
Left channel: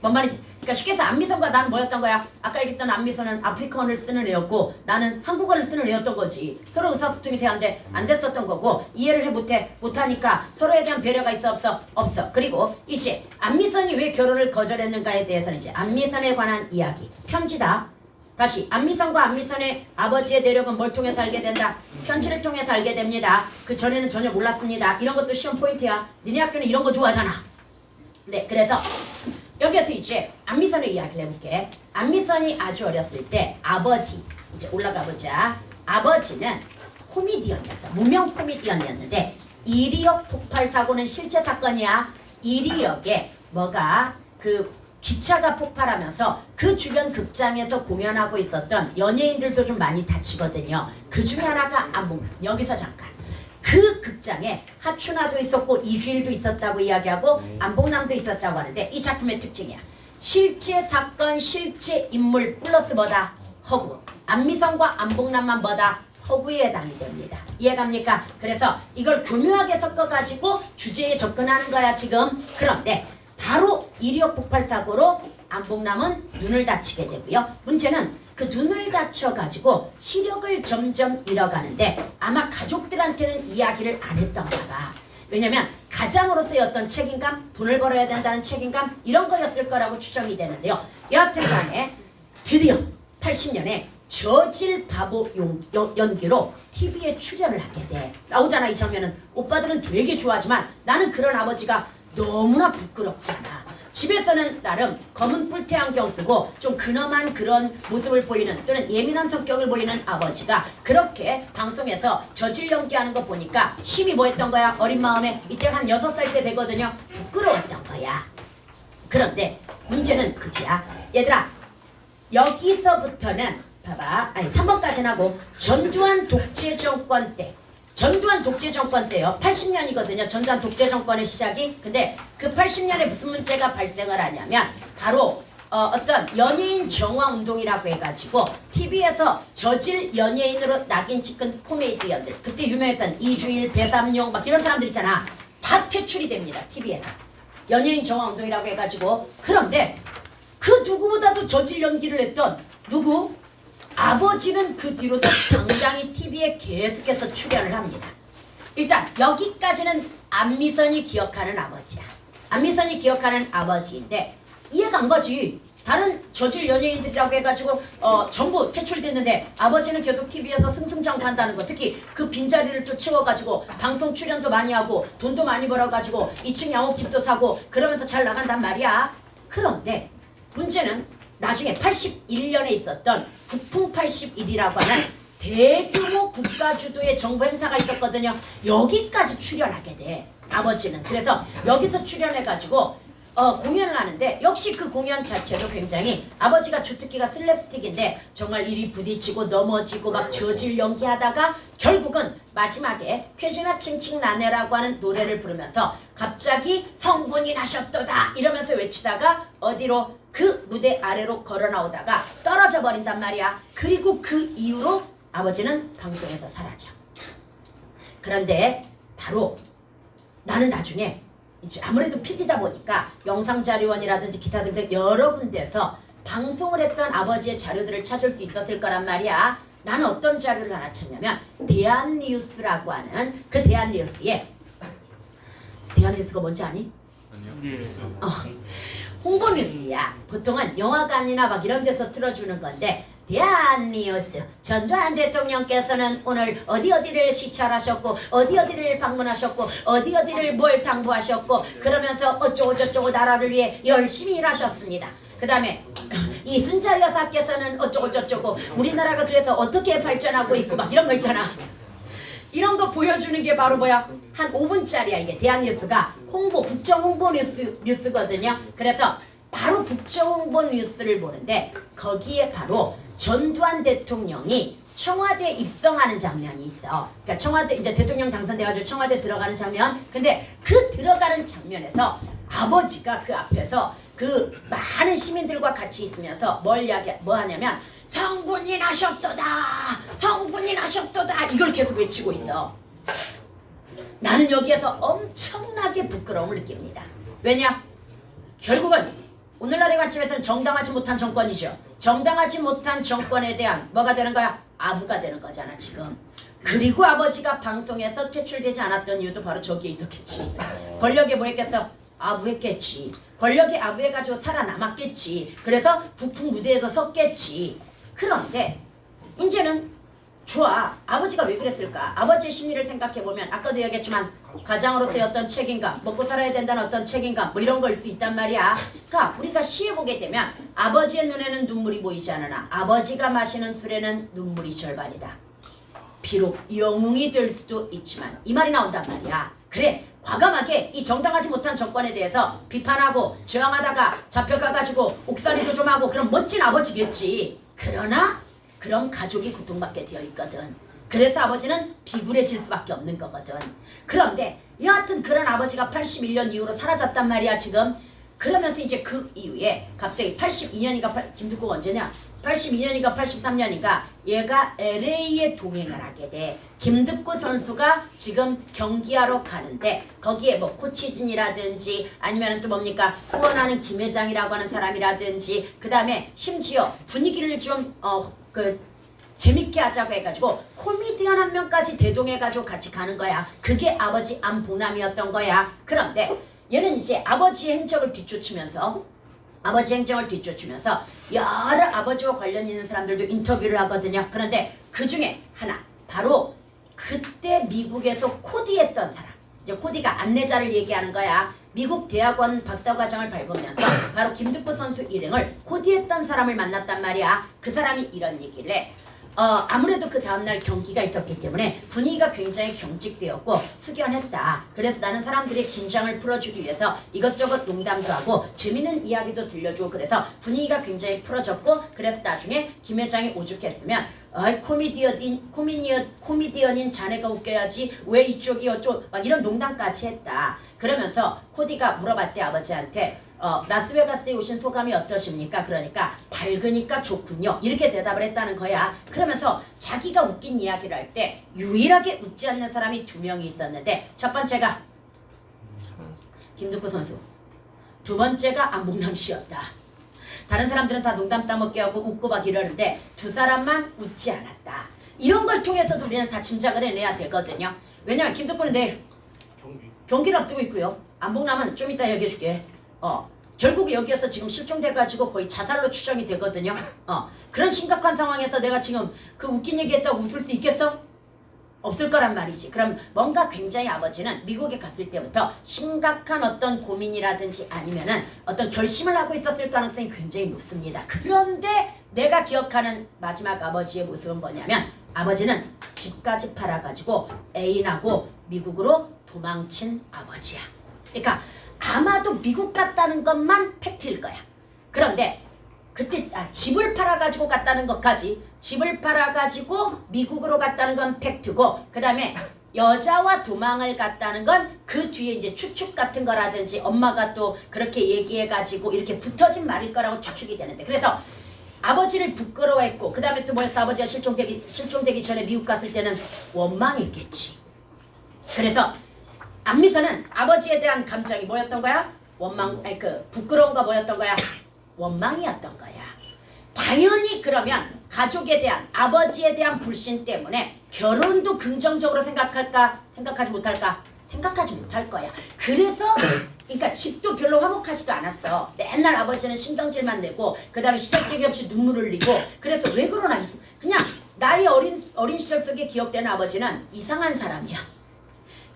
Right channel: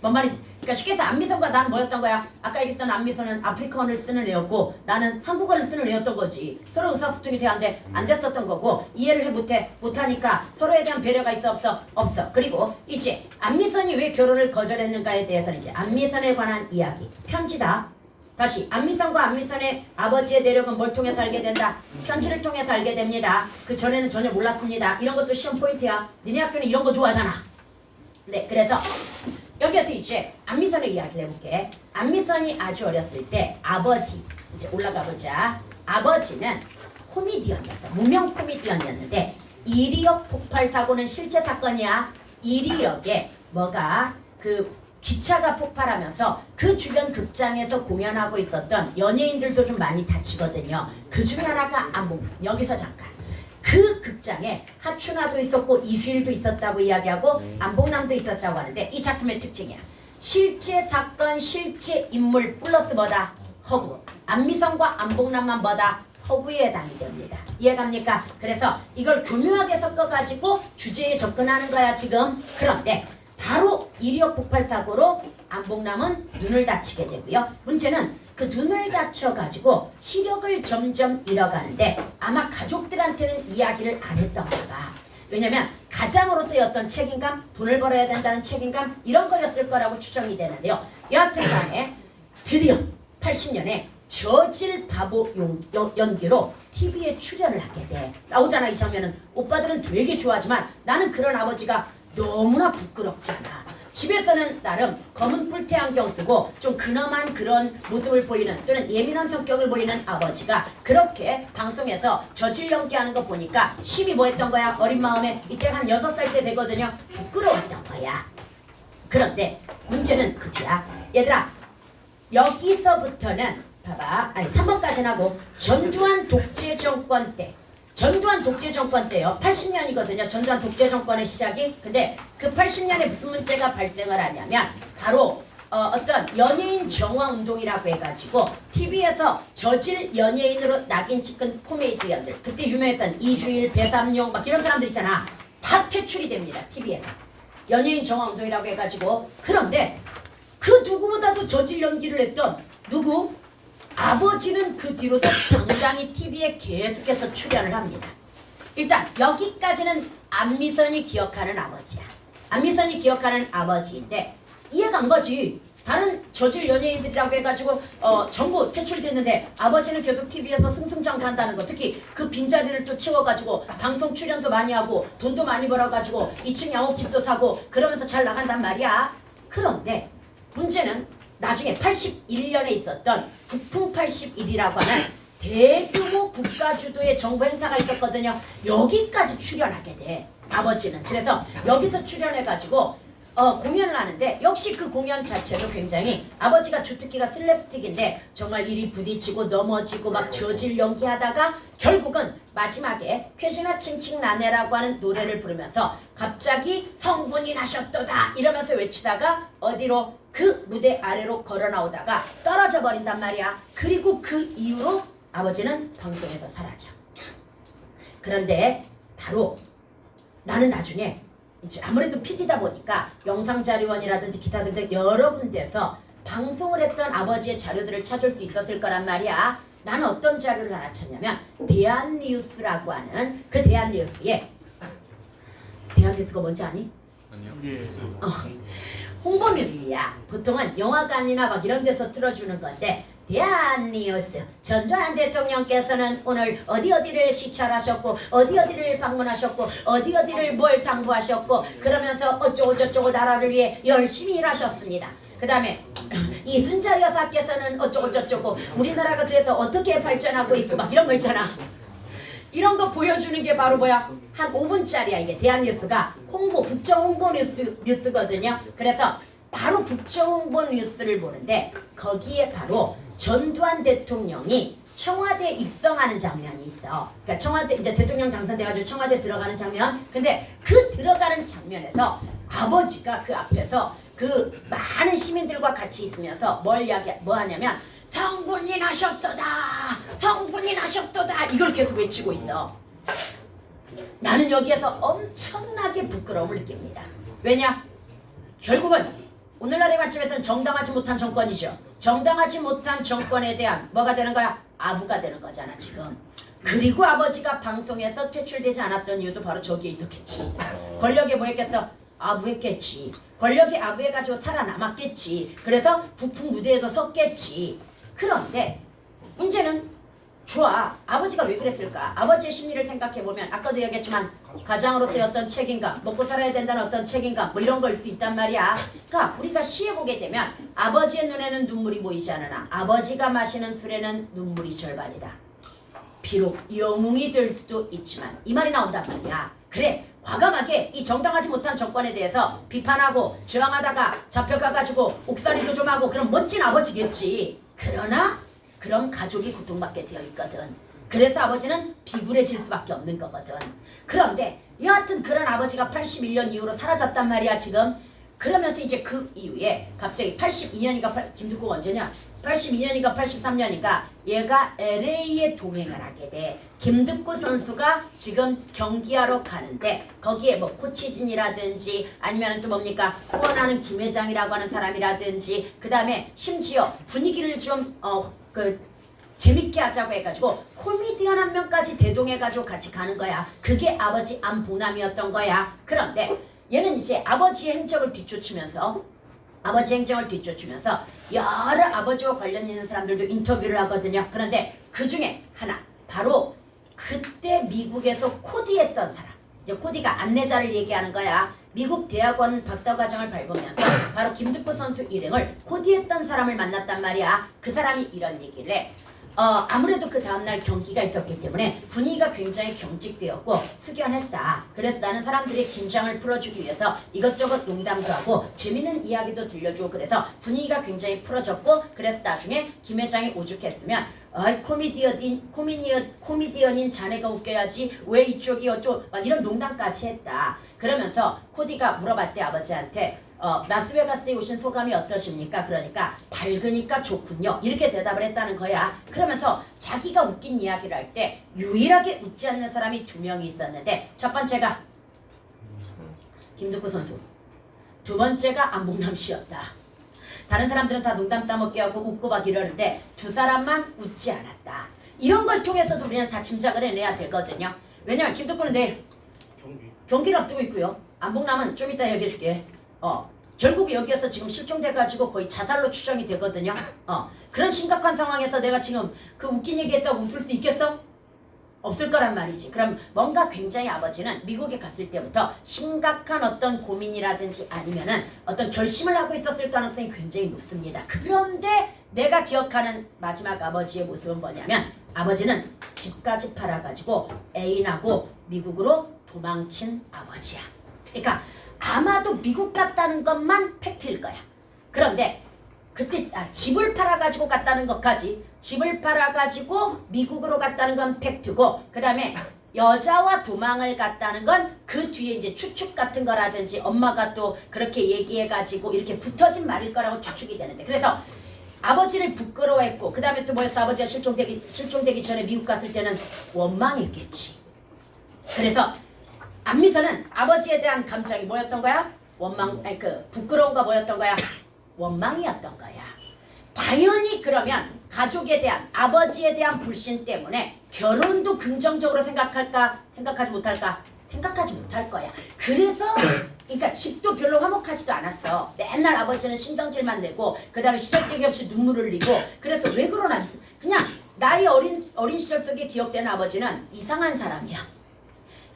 뭔 말인지. 그러니까 쉽게 해서 안미선과 나는 뭐였던 거야? 아까 얘기했던 안미선은 아프리카어를 쓰는 애였고 나는 한국어를 쓰는 애였던 거지. 서로 의사소통이 돼야 안 됐었던 거고 이해를 못하니까 서로에 대한 배려가 있어 없어? 없어. 그리고 이제 안미선이 왜 결혼을 거절했는가에 대해서는 이제 안미선에 관한 이야기. 편지다. 다시 안미선과 안미선의 아버지의 내력은 뭘 통해서 알게 된다? 편지를 통해서 알게 됩니다. 그 전에는 전혀 몰랐습니다. 이런 것도 시험 포인트야. 니네 학교는 이런 거 좋아하잖아. 네, 그래서 여기에서 이제 안미선의 이야기를 해볼게. 안미선이 아주 어렸을 때 아버지, 이제 올라가 보자. 아버지는 코미디언이었어. 무명 코미디언이었는데 이리역 폭발 사고는 실제 사건이야. 이리역에 기차가 폭발하면서 그 주변 극장에서 공연하고 있었던 연예인들도 좀 많이 다치거든요. 그 중에 하나가 여기서 잠깐. 그 극장에 하춘화도 있었고 이주일도 있었다고 이야기하고 안봉남도 있었다고 하는데 이 작품의 특징이야. 실제 사건, 실제 인물 플러스 뭐다? 허구. 안미선과 안봉남만 뭐다? 허구에 해당이 됩니다. 이해갑니까? 그래서 이걸 교묘하게 섞어가지고 주제에 접근하는 거야 지금. 그런데 바로 이리역 폭발 사고로 안봉남은 눈을 다치게 되고요. 문제는 그 눈을 다쳐가지고 시력을 점점 잃어가는데 아마 가족들한테는 이야기를 안 했던 거가 왜냐면 가장으로서의 어떤 책임감, 돈을 벌어야 된다는 책임감 이런 거였을 거라고 추정이 되는데요. 여하튼 간에 드디어 80년에 저질 바보 연기로 TV에 출연을 하게 돼. 나오잖아 이 장면은. 오빠들은 되게 좋아하지만 나는 그런 아버지가 너무나 부끄럽잖아. 집에서는 나름 검은 뿔테 안경 쓰고 좀 근엄한 그런 모습을 보이는 또는 예민한 성격을 보이는 아버지가 그렇게 방송에서 저질 연기하는 거 보니까 심히 뭐 했던 거야? 어린 마음에 이때 한 6살 때 되거든요. 부끄러웠던 거야. 그런데 문제는 그 뒤야. 얘들아 여기서부터는 봐봐. 아니 3번까지는 하고 전두환 독재 정권 때 전두환 독재 정권 때요. 80년이거든요. 전두환 독재 정권의 시작이. 근데 그 80년에 무슨 문제가 발생을 하냐면 바로 어떤 연예인 정화 운동이라고 해가지고 TV에서 저질 연예인으로 낙인 찍은 코미디언들 그때 유명했던 이주일, 배삼룡 막 이런 사람들 있잖아. 다 퇴출이 됩니다. TV에서. 연예인 정화 운동이라고 해가지고. 그런데 그 누구보다도 저질 연기를 했던 누구? 아버지는 그 뒤로도 당당히 TV에 계속해서 출연을 합니다. 일단 여기까지는 안미선이 기억하는 아버지야. 안미선이 기억하는 아버지인데 이해가 안 가지. 다른 저질 연예인들이라고 해가지고 전부 퇴출됐는데 아버지는 계속 TV에서 승승장구한다는 거. 특히 그 빈자리를 또 채워가지고 방송 출연도 많이 하고 돈도 많이 벌어가지고 2층 양옥집도 사고 그러면서 잘 나간단 말이야. 그런데 문제는 나중에 81년에 있었던 국풍 81이라고 하는 대규모 국가주도의 정부 행사가 있었거든요. 여기까지 출연하게 돼. 아버지는. 그래서 여기서 출연해가지고 공연을 하는데 역시 그 공연 자체도 굉장히 아버지가 주특기가 슬랩스틱인데 정말 이리 부딪히고 넘어지고 막 저질 연기하다가 결국은 마지막에 쾌시나 칭칭나네라고 하는 노래를 부르면서 갑자기 성분이 나셨도다 이러면서 외치다가 어디로 그 무대 아래로 걸어 나오다가 떨어져 버린단 말이야. 그리고 그 이후로 아버지는 방송에서 사라져. 그런데 바로 나는 나중에 이제 아무래도 PD다 보니까 영상자료원이라든지 기타 등등 여러 군데서 방송을 했던 아버지의 자료들을 찾을 수 있었을 거란 말이야. 나는 어떤 자료를 하나 찾냐면 대한뉴스라고 하는 그 대한뉴스에 대한뉴스가 뭔지 아니? 아니요. 홍보뉴스야. 보통은 영화관이나 막 이런 데서 틀어주는 건데 대한뉴스 전두환 대통령께서는 오늘 어디를 시찰하셨고 어디를 방문하셨고 어디를 뭘 당부하셨고 그러면서 어쩌고저쩌고 나라를 위해 열심히 일하셨습니다. 그 다음에 이순자 여사께서는 어쩌고저쩌고 우리나라가 그래서 어떻게 발전하고 있고 막 이런 거 있잖아. 이런 거 보여주는 게 바로 뭐야? 한 5분짜리야 이게. 대한뉴스가 국정 홍보 뉴스거든요. 그래서 바로 국정 홍보 뉴스를 보는데 거기에 바로 전두환 대통령이 청와대 입성하는 장면이 있어. 그러니까 청와대 이제 대통령 당선돼가지고 청와대 들어가는 장면. 근데 그 들어가는 장면에서 아버지가 그 앞에서 그 많은 시민들과 같이 있으면서 뭐 하냐면 성군이 나셨도다, 성군이 나셨도다 이걸 계속 외치고 있어. 나는 여기에서 엄청나게 부끄러움을 느낍니다. 왜냐? 결국은 오늘날의 관점에서는 정당하지 못한 정권이죠. 정당하지 못한 정권에 대한 뭐가 되는 거야? 아부가 되는 거잖아 지금. 그리고 아버지가 방송에서 퇴출되지 않았던 이유도 바로 저기에 있었겠지. 권력에 뭐 했겠어? 아부했겠지. 권력에 아부해가지고 살아남았겠지. 그래서 북풍 무대에도 섰겠지. 그런데 문제는 좋아. 아버지가 왜 그랬을까? 아버지의 심리를 생각해보면 아까도 얘기했지만 가장으로서의 어떤 책임감, 먹고 살아야 된다는 어떤 책임감 뭐 이런 걸 수 있단 말이야. 그러니까 우리가 시해보게 되면 아버지의 눈에는 눈물이 보이지 않으나 아버지가 마시는 술에는 눈물이 절반이다. 비록 영웅이 될 수도 있지만 이 말이 나온단 말이야. 그래 과감하게 이 정당하지 못한 정권에 대해서 비판하고 저항하다가 잡혀가가지고 옥살이도 좀 하고 그런 멋진 아버지겠지. 그러나 그런 가족이 고통받게 되어 있거든. 그래서 아버지는 비굴해질 수밖에 없는 거거든. 그런데 여하튼 그런 아버지가 81년 이후로 사라졌단 말이야 지금. 그러면서 이제 그 이후에 갑자기 82년인가 김두국 언제냐? 82년인가 83년인가 얘가 LA에 동행을 하게 돼. 김득구 선수가 지금 경기하러 가는데 거기에 뭐 코치진이라든지 아니면 또 뭡니까 후원하는 김 회장이라고 하는 사람이라든지 그 다음에 심지어 분위기를 좀 재밌게 하자고 해가지고 코미디언 한 명까지 대동해가지고 같이 가는 거야. 그게 아버지 안봉남이었던 거야. 그런데 얘는 이제 아버지의 행적을 뒤쫓으면서 여러 아버지와 관련 있는 사람들도 인터뷰를 하거든요. 그런데 그 중에 하나, 바로 그때 미국에서 코디했던 사람. 이제 코디가 안내자를 얘기하는 거야. 미국 대학원 박사과정을 밟으면서 바로 김득구 선수 일행을 코디했던 사람을 만났단 말이야. 그 사람이 이런 얘기를 해. 아무래도 그 다음날 경기가 있었기 때문에 분위기가 굉장히 경직되었고 숙연했다. 그래서 나는 사람들의 긴장을 풀어주기 위해서 이것저것 농담도 하고 재밌는 이야기도 들려주고 그래서 분위기가 굉장히 풀어졌고 그래서 나중에 김 회장이 오죽했으면 코미디언인 자네가 웃겨야지 왜 이쪽이 어쩌고 막 이런 농담까지 했다. 그러면서 코디가 물어봤대 아버지한테 라스베가스에 오신 소감이 어떠십니까? 그러니까 밝으니까 좋군요. 이렇게 대답을 했다는 거야. 그러면서 자기가 웃긴 이야기를 할 때 유일하게 웃지 않는 사람이 2명이 있었는데 첫 번째가 김득구 선수, 두 번째가 안봉남 씨였다. 다른 사람들은 다 농담 따먹게 하고 웃고 막 이러는데 두 사람만 웃지 않았다. 이런 걸 통해서도 우리는 다 짐작을 해내야 되거든요. 왜냐면 김득구는 내일 경기를 앞두고 있고요. 안봉남은 좀 이따 얘기해줄게. 결국 여기에서 지금 실종돼가지고 거의 자살로 추정이 되거든요. 그런 심각한 상황에서 내가 지금 그 웃긴 얘기했다고 웃을 수 있겠어? 없을 거란 말이지. 그럼 뭔가 굉장히 아버지는 미국에 갔을 때부터 심각한 어떤 고민이라든지 아니면은 어떤 결심을 하고 있었을 가능성이 굉장히 높습니다. 그런데 내가 기억하는 마지막 아버지의 모습은 뭐냐면 아버지는 집까지 팔아가지고 애인하고 미국으로 도망친 아버지야. 그러니까 아마도 미국 갔다는 것만 팩트일 거야. 그런데 그때 집을 팔아가지고 갔다는 것까지, 집을 팔아가지고 미국으로 갔다는 건 팩트고, 그 다음에 여자와 도망을 갔다는 건 그 뒤에 이제 추측 같은 거라든지 엄마가 또 그렇게 얘기해가지고 이렇게 붙어진 말일 거라고 추측이 되는데, 그래서 아버지를 부끄러워했고, 그 다음에 또 뭐였어? 아버지가 실종되기 전에 미국 갔을 때는 원망했겠지. 그래서 안미선은 아버지에 대한 감정이 뭐였던 거야? 부끄러움과 뭐였던 거야? 원망이었던 거야. 당연히 그러면 가족에 대한, 아버지에 대한 불신 때문에 결혼도 긍정적으로 생각할까? 생각하지 못할까? 생각하지 못할 거야. 그래서 그러니까 집도 별로 화목하지도 않았어. 맨날 아버지는 신경질만 내고 그 다음에 시작되기 없이 눈물을 흘리고. 그래서 왜 그러나 그냥 나의 어린 시절 속에 기억되는 아버지는 이상한 사람이야.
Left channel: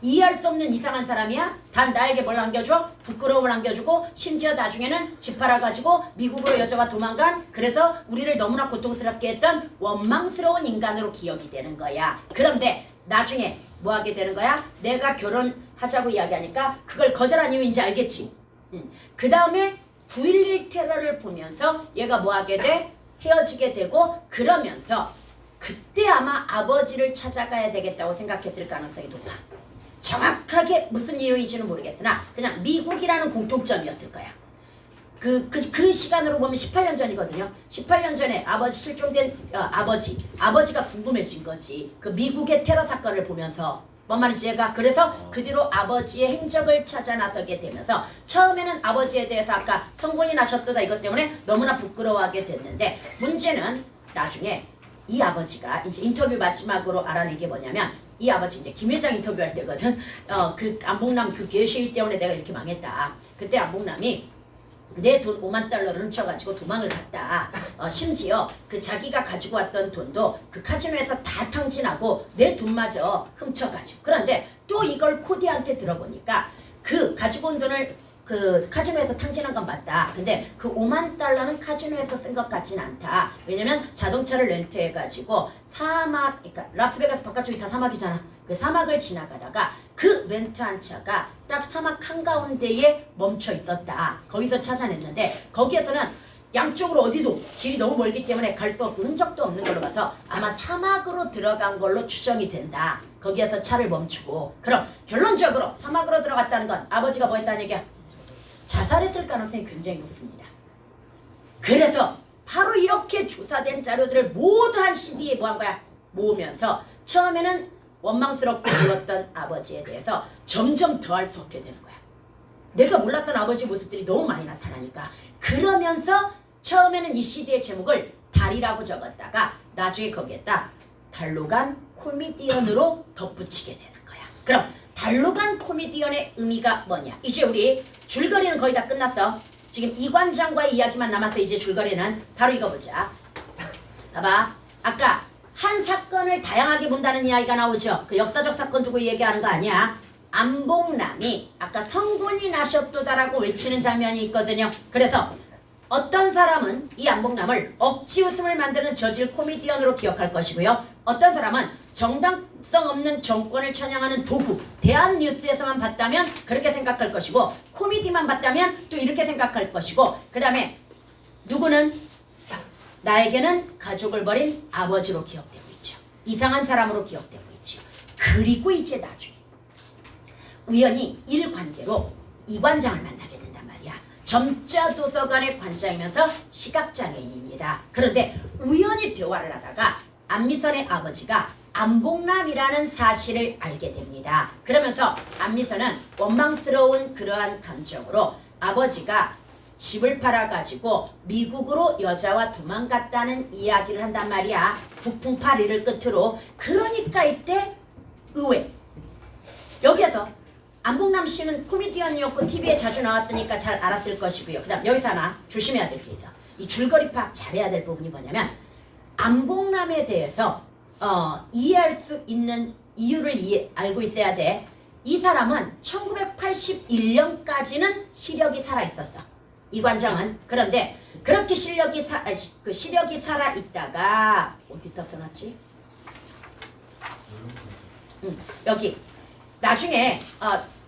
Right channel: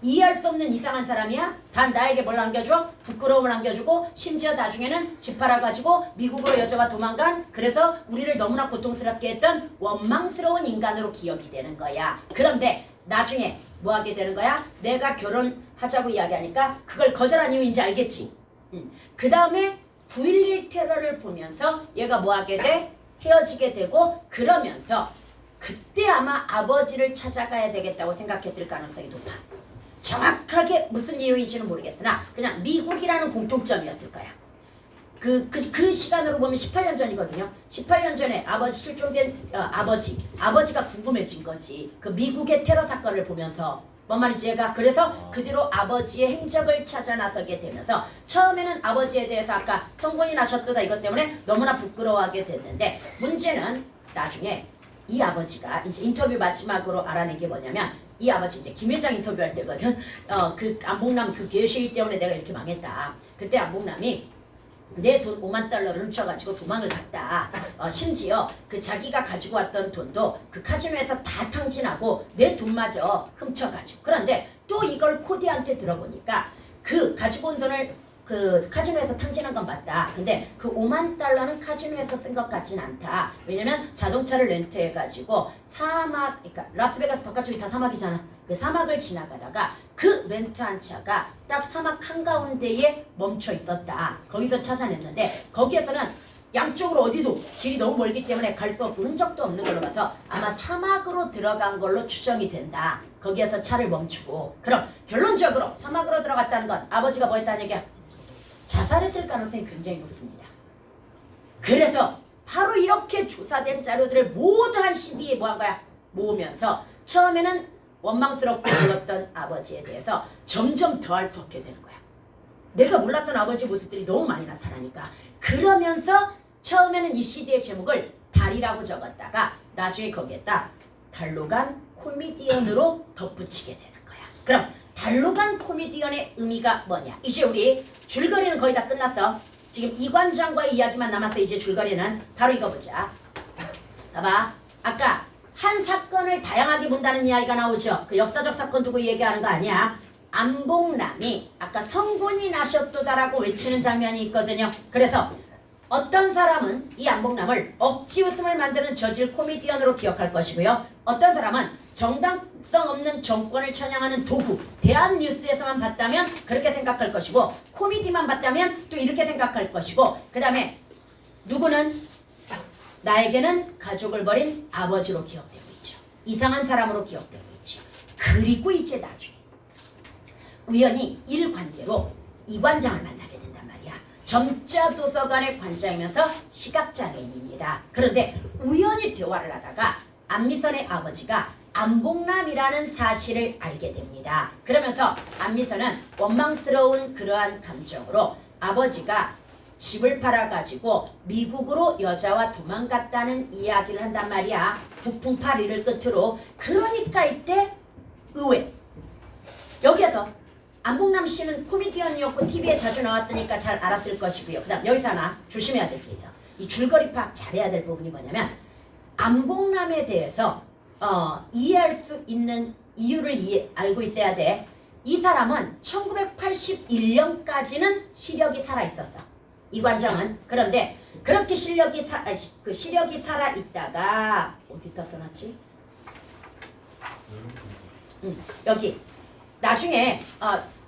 이해할 수 없는 이상한 사람이야. 단 나에게 뭘 안겨줘? 부끄러움을 안겨주고, 심지어 나중에는 집 팔아가지고 미국으로 여자가 도망간, 그래서 우리를 너무나 고통스럽게 했던 원망스러운 인간으로 기억이 되는 거야. 그런데 나중에 뭐 하게 되는 거야? 내가 결혼하자고 이야기하니까 그걸 거절한 이유인지 알겠지? 그 다음에 9.11 테러를 보면서 얘가 뭐 하게 돼? 헤어지게 되고, 그러면서 그때 아마 아버지를 찾아가야 되겠다고 생각했을 가능성이 높아. 정확하게 무슨 이유인지는 모르겠으나 그냥 미국이라는 공통점이었을 거야. 그 시간으로 보면 18년 전이거든요. 18년 전에 아버지 실종된 아버지가 궁금해진 거지. 그 미국의 테러 사건을 보면서 뭔 말인지 얘가. 그래서 그 뒤로 아버지의 행적을 찾아 나서게 되면서 처음에는 아버지에 대해서 아까 성곤이 나셨다 이것 때문에 너무나 부끄러워하게 됐는데, 문제는 나중에 이 아버지가 이제 인터뷰 마지막으로 알아낸 게 뭐냐면, 이 아버지 이제 김 회장 인터뷰할 때거든. 그 안봉남 그 개시일 때문에 내가 이렇게 망했다. 그때 안봉남이 내 돈 5만 달러를 훔쳐가지고 도망을 갔다. 심지어 그 자기가 가지고 왔던 돈도 그 카지노에서 다 탕진하고 내 돈마저 훔쳐가지고. 그런데 또 이걸 코디한테 들어보니까 그 가지고 온 돈을 그 카지노에서 탕진한 건 맞다. 근데 그 5만 달러는 카지노에서 쓴 것 같진 않다. 왜냐면 자동차를 렌트해가지고 사막, 그러니까 라스베가스 바깥쪽이 다 사막이잖아. 그 사막을 지나가다가 그 렌트한 차가 딱 사막 한가운데에 멈춰 있었다. 거기서 찾아냈는데 거기에서는 양쪽으로 어디도 길이 너무 멀기 때문에 갈 수 없고 흔적도 없는 걸로 봐서 아마 사막으로 들어간 걸로 추정이 된다. 거기에서 차를 멈추고. 그럼 결론적으로 사막으로 들어갔다는 건 아버지가 뭐 했다는 얘기야? 자살했을 가능성이 굉장히 높습니다. 그래서 바로 이렇게 조사된 자료들을 모두 한 CD에 뭐 한 거야? 모으면서 처음에는 원망스럽고 불렀던 아버지에 대해서 점점 더 할 수 없게 되는 거야. 내가 몰랐던 아버지 모습들이 너무 많이 나타나니까. 그러면서 처음에는 이 CD의 제목을 달이라고 적었다가 나중에 거기에다 달로간 코미디언으로 덧붙이게 되는 거야. 그럼 달로간 코미디언의 의미가 뭐냐? 이제 우리 줄거리는 거의 다 끝났어. 지금 이관장과의 이야기만 남았어. 이제 줄거리는 바로 이거 보자. 봐봐. 아까 한 사건을 다양하게 본다는 이야기가 나오죠. 그 역사적 사건 두고 얘기하는 거 아니야. 안봉남이 아까 성군이 나셨도다라고 외치는 장면이 있거든요. 그래서 어떤 사람은 이 안봉남을 억지 웃음을 만드는 저질 코미디언으로 기억할 것이고요. 어떤 사람은 정당성 없는 정권을 찬양하는 도구, 대한뉴스에서만 봤다면 그렇게 생각할 것이고, 코미디만 봤다면 또 이렇게 생각할 것이고, 그 다음에 누구는 나에게는 가족을 버린 아버지로 기억되고 있죠. 이상한 사람으로 기억되고 있죠. 그리고 이제 나중에 우연히 일관계로 이관장을 만나게 된단 말이야. 점자 도서관의 관장이면서 시각장애인입니다. 그런데 우연히 대화를 하다가 안미선의 아버지가 안봉남이라는 사실을 알게 됩니다. 그러면서 안미선은 원망스러운 그러한 감정으로 아버지가 집을 팔아가지고 미국으로 여자와 도망갔다는 이야기를 한단 말이야. 북풍파리를 끝으로. 그러니까 이때 의외. 여기에서 안봉남 씨는 코미디언이었고 TV에 자주 나왔으니까 잘 알았을 것이고요. 그 다음 여기서 하나 조심해야 될 게 있어. 이 줄거리 파악 잘해야 될 부분이 뭐냐면, 안봉남에 대해서 이해할 수 있는 이유를 알고 있어야 돼. 이 사람은 1981년까지는 시력이 살아있었어. 이관장은. 그런데 그렇게 시력이 살아있다가 어디다 써놨지? 여기 나중에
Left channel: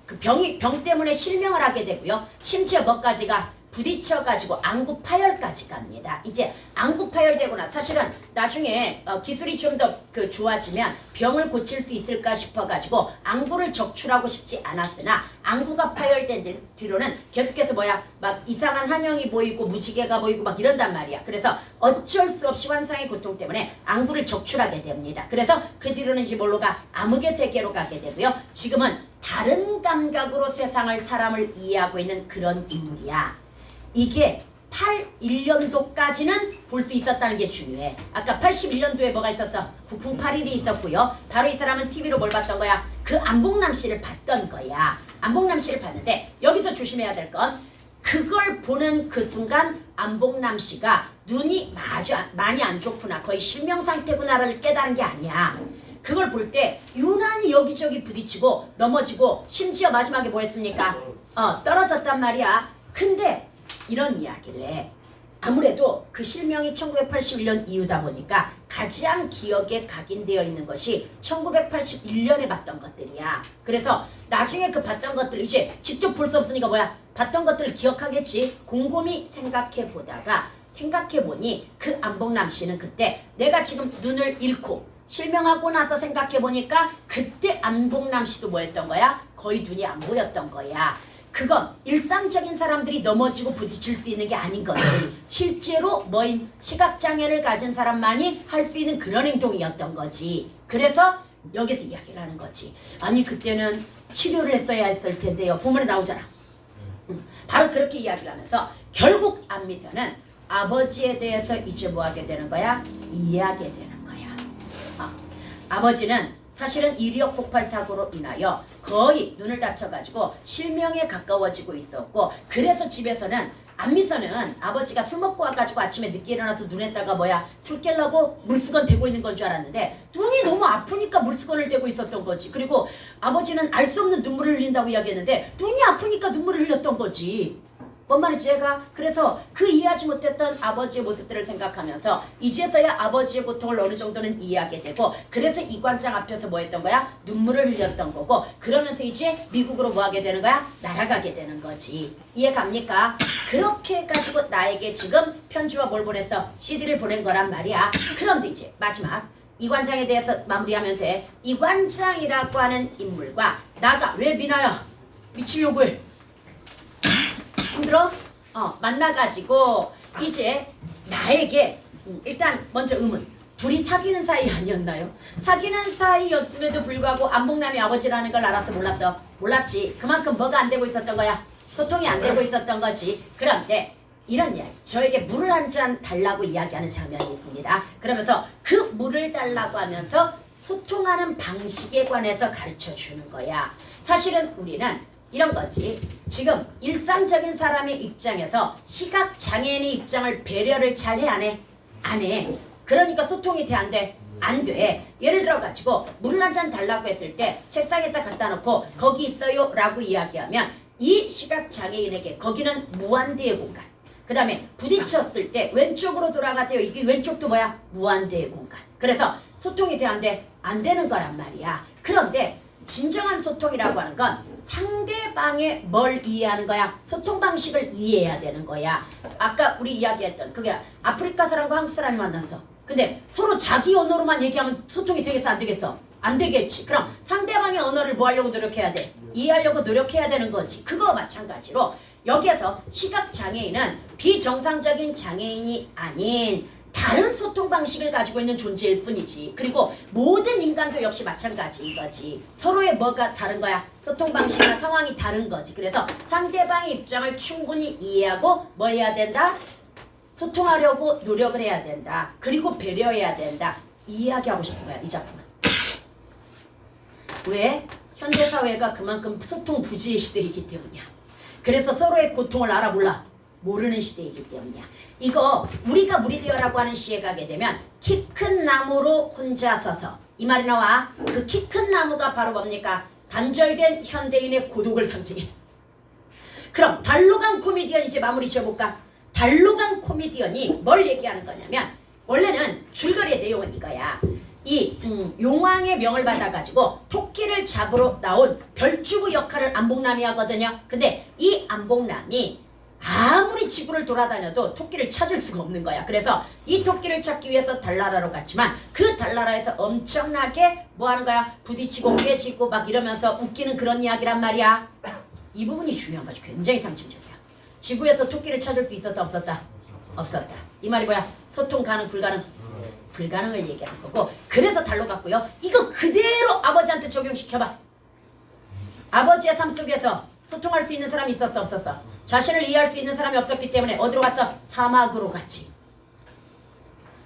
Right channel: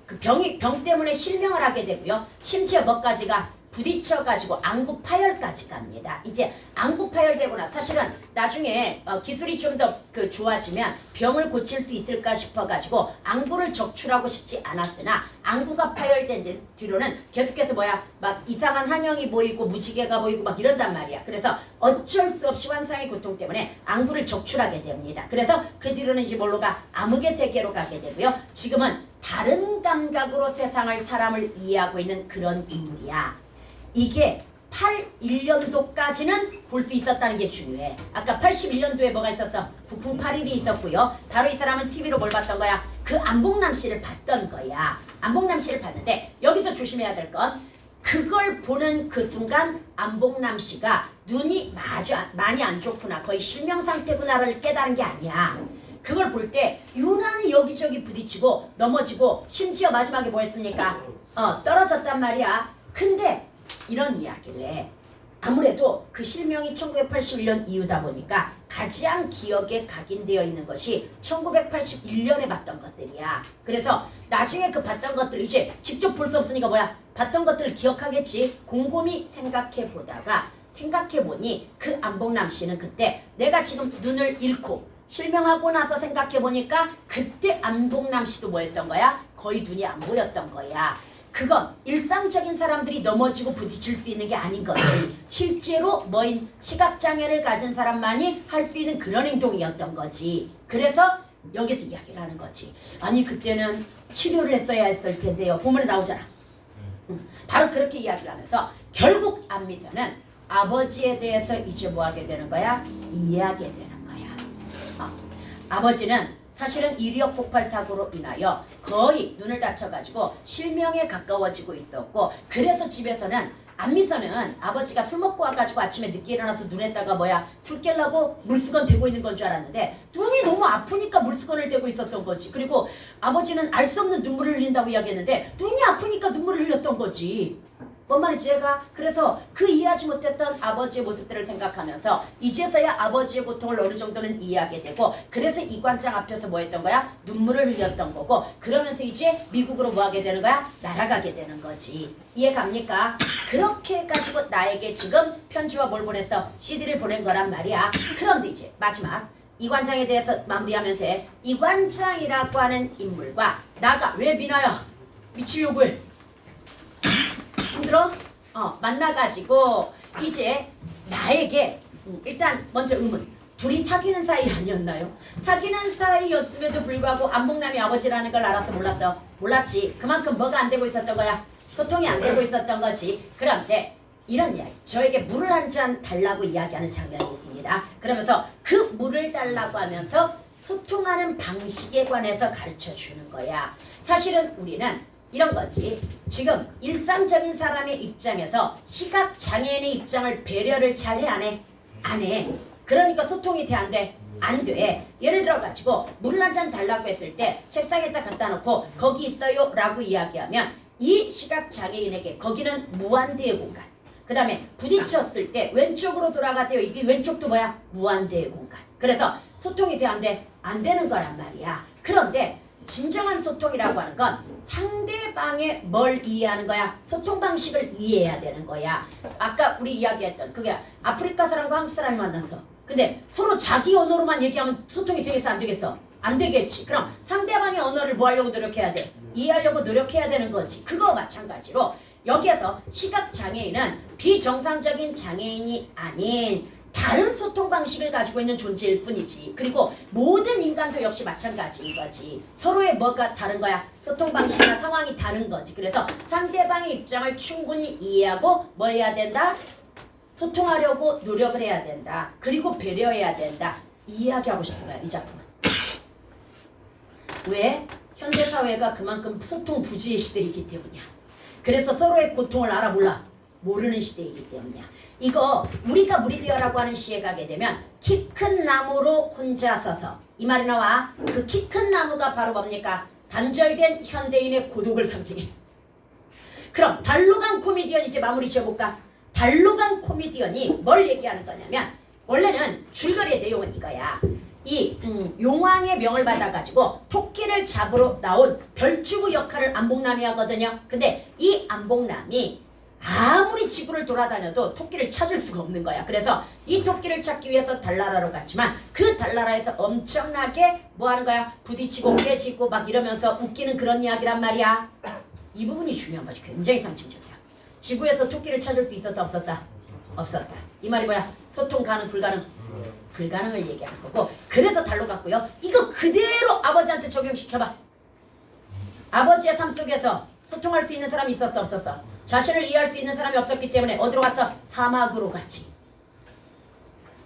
그 병 때문에 실명을 하게 되고요. 심지어 뭐까지가 부딪혀가지고 안구 파열까지 갑니다. 이제 안구 파열되고 나 사실은 나중에 기술이 좀 더 좋아지면 병을 고칠 수 있을까 싶어가지고 안구를 적출하고 싶지 않았으나, 안구가 파열된 뒤로는 계속해서 막 이상한 환영이 보이고 무지개가 보이고 막 이런단 말이야. 그래서 어쩔 수 없이 환상의 고통 때문에 안구를 적출하게 됩니다. 그래서 그 뒤로는 이제 뭘로 가? 암흑의 세계로 가게 되고요. 지금은 다른 감각으로 사람을 이해하고 있는 그런 인물이야. 이게 81년도까지는 볼 수 있었다는 게 중요해. 아까 81년도에 뭐가 있었어? 북풍 8일이 있었고요. 바로 이 사람은 TV로 뭘 봤던 거야? 그 안봉남 씨를 봤던 거야. 안봉남 씨를 봤는데 여기서 조심해야 될 건, 그걸 보는 그 순간 안봉남 씨가 눈이 많이 안 좋구나, 거의 실명 상태구나를 깨달은 게 아니야. 그걸 볼 때 유난히 여기저기 부딪히고 넘어지고, 심지어 마지막에 뭐 했습니까? 떨어졌단 말이야. 근데 이런 이야기를 해. 아무래도 그 실명이 1981년 이후다 보니까 가장 기억에 각인되어 있는 것이 1981년에 봤던 것들이야. 그래서 나중에 그 봤던 것들, 이제 직접 볼 수 없으니까 봤던 것들을 기억하겠지. 곰곰이 생각해보니 그 안봉남 씨는 그때 내가 지금 눈을 잃고 실명하고 나서 생각해보니까 그때 안봉남 씨도 뭐였던 거야? 거의 눈이 안 보였던 거야. 그건 일상적인 사람들이 넘어지고 부딪힐 수 있는 게 아닌 거지. 실제로 시각장애를 가진 사람만이 할 수 있는 그런 행동이었던 거지. 그래서 여기서 이야기를 하는 거지. 아니 그때는 치료를 했어야 했을 텐데요. 본문에 나오잖아. 바로 그렇게 이야기를 하면서 결국 안미선은 아버지에 대해서 이제 뭐 하게 되는 거야? 이해하게 되는 거야. 아버지는 사실은 이리역 폭발 사고로 인하여 거의 눈을 다쳐가지고 실명에 가까워지고 있었고, 그래서 집에서는 안미선은 아버지가 술 먹고 와가지고 아침에 늦게 일어나서 눈에다가 술 깰라고 물수건 대고 있는 건 줄 알았는데, 눈이 너무 아프니까 물수건을 대고 있었던 거지. 그리고 아버지는 알 수 없는 눈물을 흘린다고 이야기했는데 눈이 아프니까 눈물을 흘렸던 거지. 뭔 말인지 얘가. 그래서 그 이해하지 못했던 아버지의 모습들을 생각하면서 이제서야 아버지의 고통을 어느 정도는 이해하게 되고, 그래서 이관장 앞에서 뭐 했던 거야? 눈물을 흘렸던 거고, 그러면서 이제 미국으로 뭐 하게 되는 거야? 날아가게 되는 거지. 이해 갑니까? 그렇게 해가지고 나에게 지금 편지와 뭘 보냈어? CD를 보낸 거란 말이야. 그런데 이제 마지막 이관장에 대해서 마무리하면 돼. 이관장이라고 하는 인물과 나가, 왜 미나야 미치려고 해? 힘들어? 만나가지고 이제 나에게 일단 먼저 의문. 둘이 사귀는 사이 아니었나요? 사귀는 사이였음에도 불구하고 안봉남이 아버지라는 걸 알았어, 몰랐어? 몰랐지. 그만큼 뭐가 안 되고 있었던 거야? 소통이 안 되고 있었던 거지. 그런데 이런 이야기. 저에게 물을 한 잔 달라고 이야기하는 장면이 있습니다. 그러면서 그 물을 달라고 하면서 소통하는 방식에 관해서 가르쳐 주는 거야. 사실은 우리는 이런 거지. 지금 일상적인 사람의 입장에서 시각 장애인의 입장을 배려를 잘 해 안 해? 안 해. 그러니까 소통이 돼 안 돼? 안 돼. 예를 들어 가지고 물 한 잔 달라고 했을 때 책상에다 갖다 놓고 거기 있어요 라고 이야기하면 이 시각 장애인에게 거기는 무한대의 공간. 그 다음에 부딪혔을 때 왼쪽으로 돌아가세요. 이게 왼쪽도 뭐야? 무한대의 공간. 그래서 소통이 돼 안 돼? 안 되는 거란 말이야. 그런데 진정한 소통이라고 하는 건 상대방의 뭘 이해하는 거야? 소통 방식을 이해해야 되는 거야. 아까 우리 이야기했던 그게 아프리카 사람과 한국 사람이 만났어. 근데 서로 자기 언어로만 얘기하면 소통이 되겠어 안 되겠어? 안 되겠지. 그럼 상대방의 언어를 뭐 하려고 노력해야 돼? 이해하려고 노력해야 되는 거지. 그거 마찬가지로 여기에서 시각장애인은 비정상적인 장애인이 아닌 다른 소통 방식을 가지고 있는 존재일 뿐이지. 그리고 모든 인간도 역시 마찬가지인 거지. 서로의 뭐가 다른 거야? 소통 방식이나 상황이 다른 거지. 그래서 상대방의 입장을 충분히 이해하고 뭐 해야 된다? 소통하려고 노력을 해야 된다. 그리고 배려해야 된다. 이야기하고 싶은 거야, 이 작품은. 왜? 현대사회가 그만큼 소통 부지의 시대이기 때문이야. 그래서 서로의 고통을 알아 몰라? 모르는 시대이기 때문이야. 이거 우리가 무리되어라고 하는 시에 가게 되면 키 큰 나무로 혼자 서서 이 말이 나와. 그 키 큰 나무가 바로 뭡니까? 단절된 현대인의 고독을 상징해. 그럼 달로간 코미디언 이제 마무리 지어볼까? 달로간 코미디언이 뭘 얘기하는 거냐면 원래는 줄거리의 내용은 이거야. 이 용왕의 명을 받아가지고 토끼를 잡으러 나온 별주부 역할을 안봉남이 하거든요. 근데 이 안봉남이 아무리 지구를 돌아다녀도 토끼를 찾을 수가 없는 거야. 그래서 이 토끼를 찾기 위해서 달나라로 갔지만 그 달나라에서 엄청나게 뭐 하는 거야? 부딪히고 깨지고 막 이러면서 웃기는 그런 이야기란 말이야. 이 부분이 중요한 거지. 굉장히 상징적이야. 지구에서 토끼를 찾을 수 있었다 없었다? 없었다. 이 말이 뭐야? 소통 가능 불가능? 불가능을 얘기하는 거고. 그래서 달로 갔고요. 이거 그대로 아버지한테 적용시켜봐. 아버지의 삶 속에서 소통할 수 있는 사람이 있었어 없었어? 자신을 이해할 수 있는 사람이 없었기 때문에 어디로 갔어? 사막으로 갔지.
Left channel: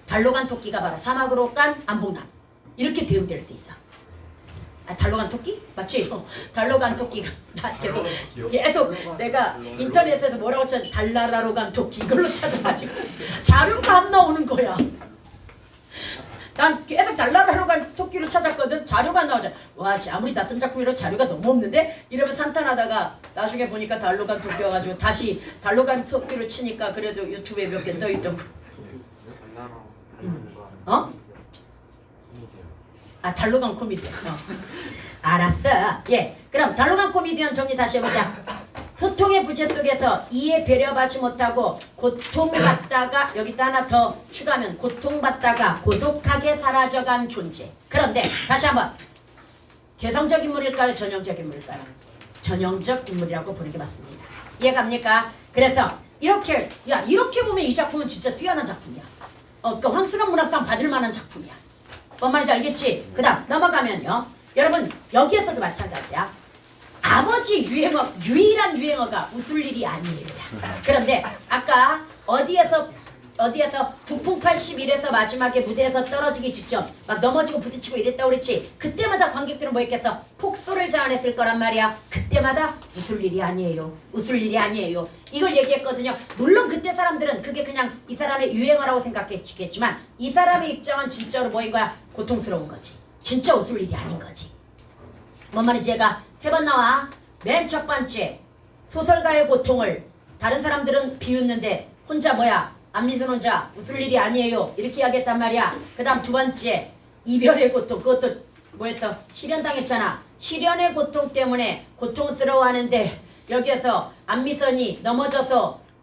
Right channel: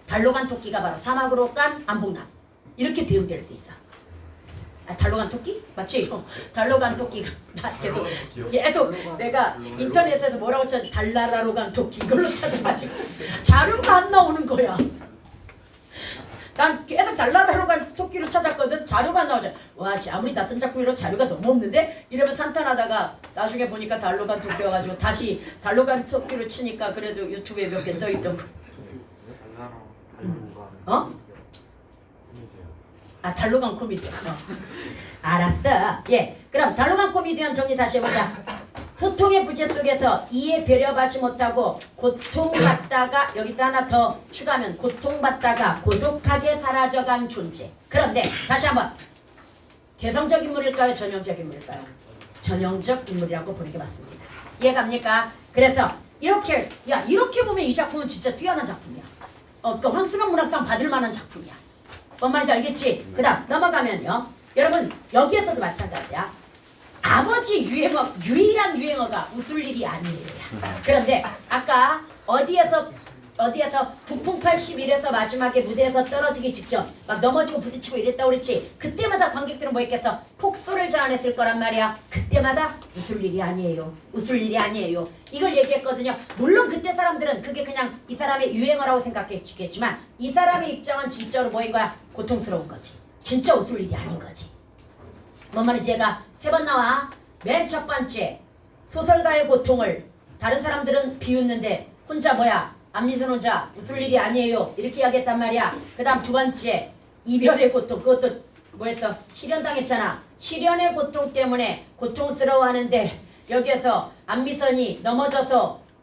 달로 간 토끼가 바로 사막으로 간 안봉남. 이렇게 대응될 수 있어. 아, 달로 간 토끼? 맞지? 달로 간 토끼가 나 계속 내가 인터넷에서 뭐라고 찾아? 달나라로 간 토끼 이걸로 찾아가지고 자료가 안 나오는 거야. 난 계속 달나라로 간 토끼를 찾았거든. 자료가 안 나오잖아. 와, 아무리 낯선 작품이라도 자료가 너무 없는데? 이러면서 한탄하다가 나중에 보니까 달로 간 토끼여가지고 다시 달로 간 토끼를 치니까 그래도 유튜브에 몇 개 떠있더고. 어? 아, 달로 간 코미디언. 알았어. 예. 그럼 달로 간 코미디언 정리 다시 해보자. 소통의 부재 속에서 이해 배려받지 못하고 고통받다가 여기다 하나 더 추가하면 고통받다가 고독하게 사라져간 존재. 그런데 다시 한번 개성적 인물일까요? 전형적 인물일까요? 전형적 인물이라고 보는 게 맞습니다. 이해갑니까? 그래서 이렇게 이렇게 보면 이 작품은 진짜 뛰어난 작품이야. 그러니까 황수령 문학상 받을 만한 작품이야. 뭔 말인지 알겠지? 그 다음 넘어가면요. 여러분 여기에서도 마찬가지야. 아버지 유행어, 유일한 유행어가 웃을 일이 아니에요. 그런데 아까 어디에서 북풍 81에서 마지막에 무대에서 떨어지기 직전 막 넘어지고 부딪히고 이랬다고 그랬지. 그때마다 관객들은 뭐 했겠어? 폭소를 자아냈을 거란 말이야. 그때마다 웃을 일이 아니에요. 웃을 일이 아니에요. 이걸 얘기했거든요. 물론 그때 사람들은 그게 그냥 이 사람의 유행어라고 생각했겠지만 이 사람의 입장은 진짜로 뭐인 거야? 고통스러운 거지. 진짜 웃을 일이 아닌 거지. 뭔 말인지 얘가 3번 나와. 맨 첫 번째 소설가의 고통을 다른 사람들은 비웃는데 혼자 뭐야? 안미선 혼자 웃을 일이 아니에요. 이렇게 이야기했단 말이야. 그 다음 2번째 이별의 고통. 그것도 뭐였어? 실연당했잖아. 실연의 고통 때문에 고통스러워하는데 여기에서 안미선이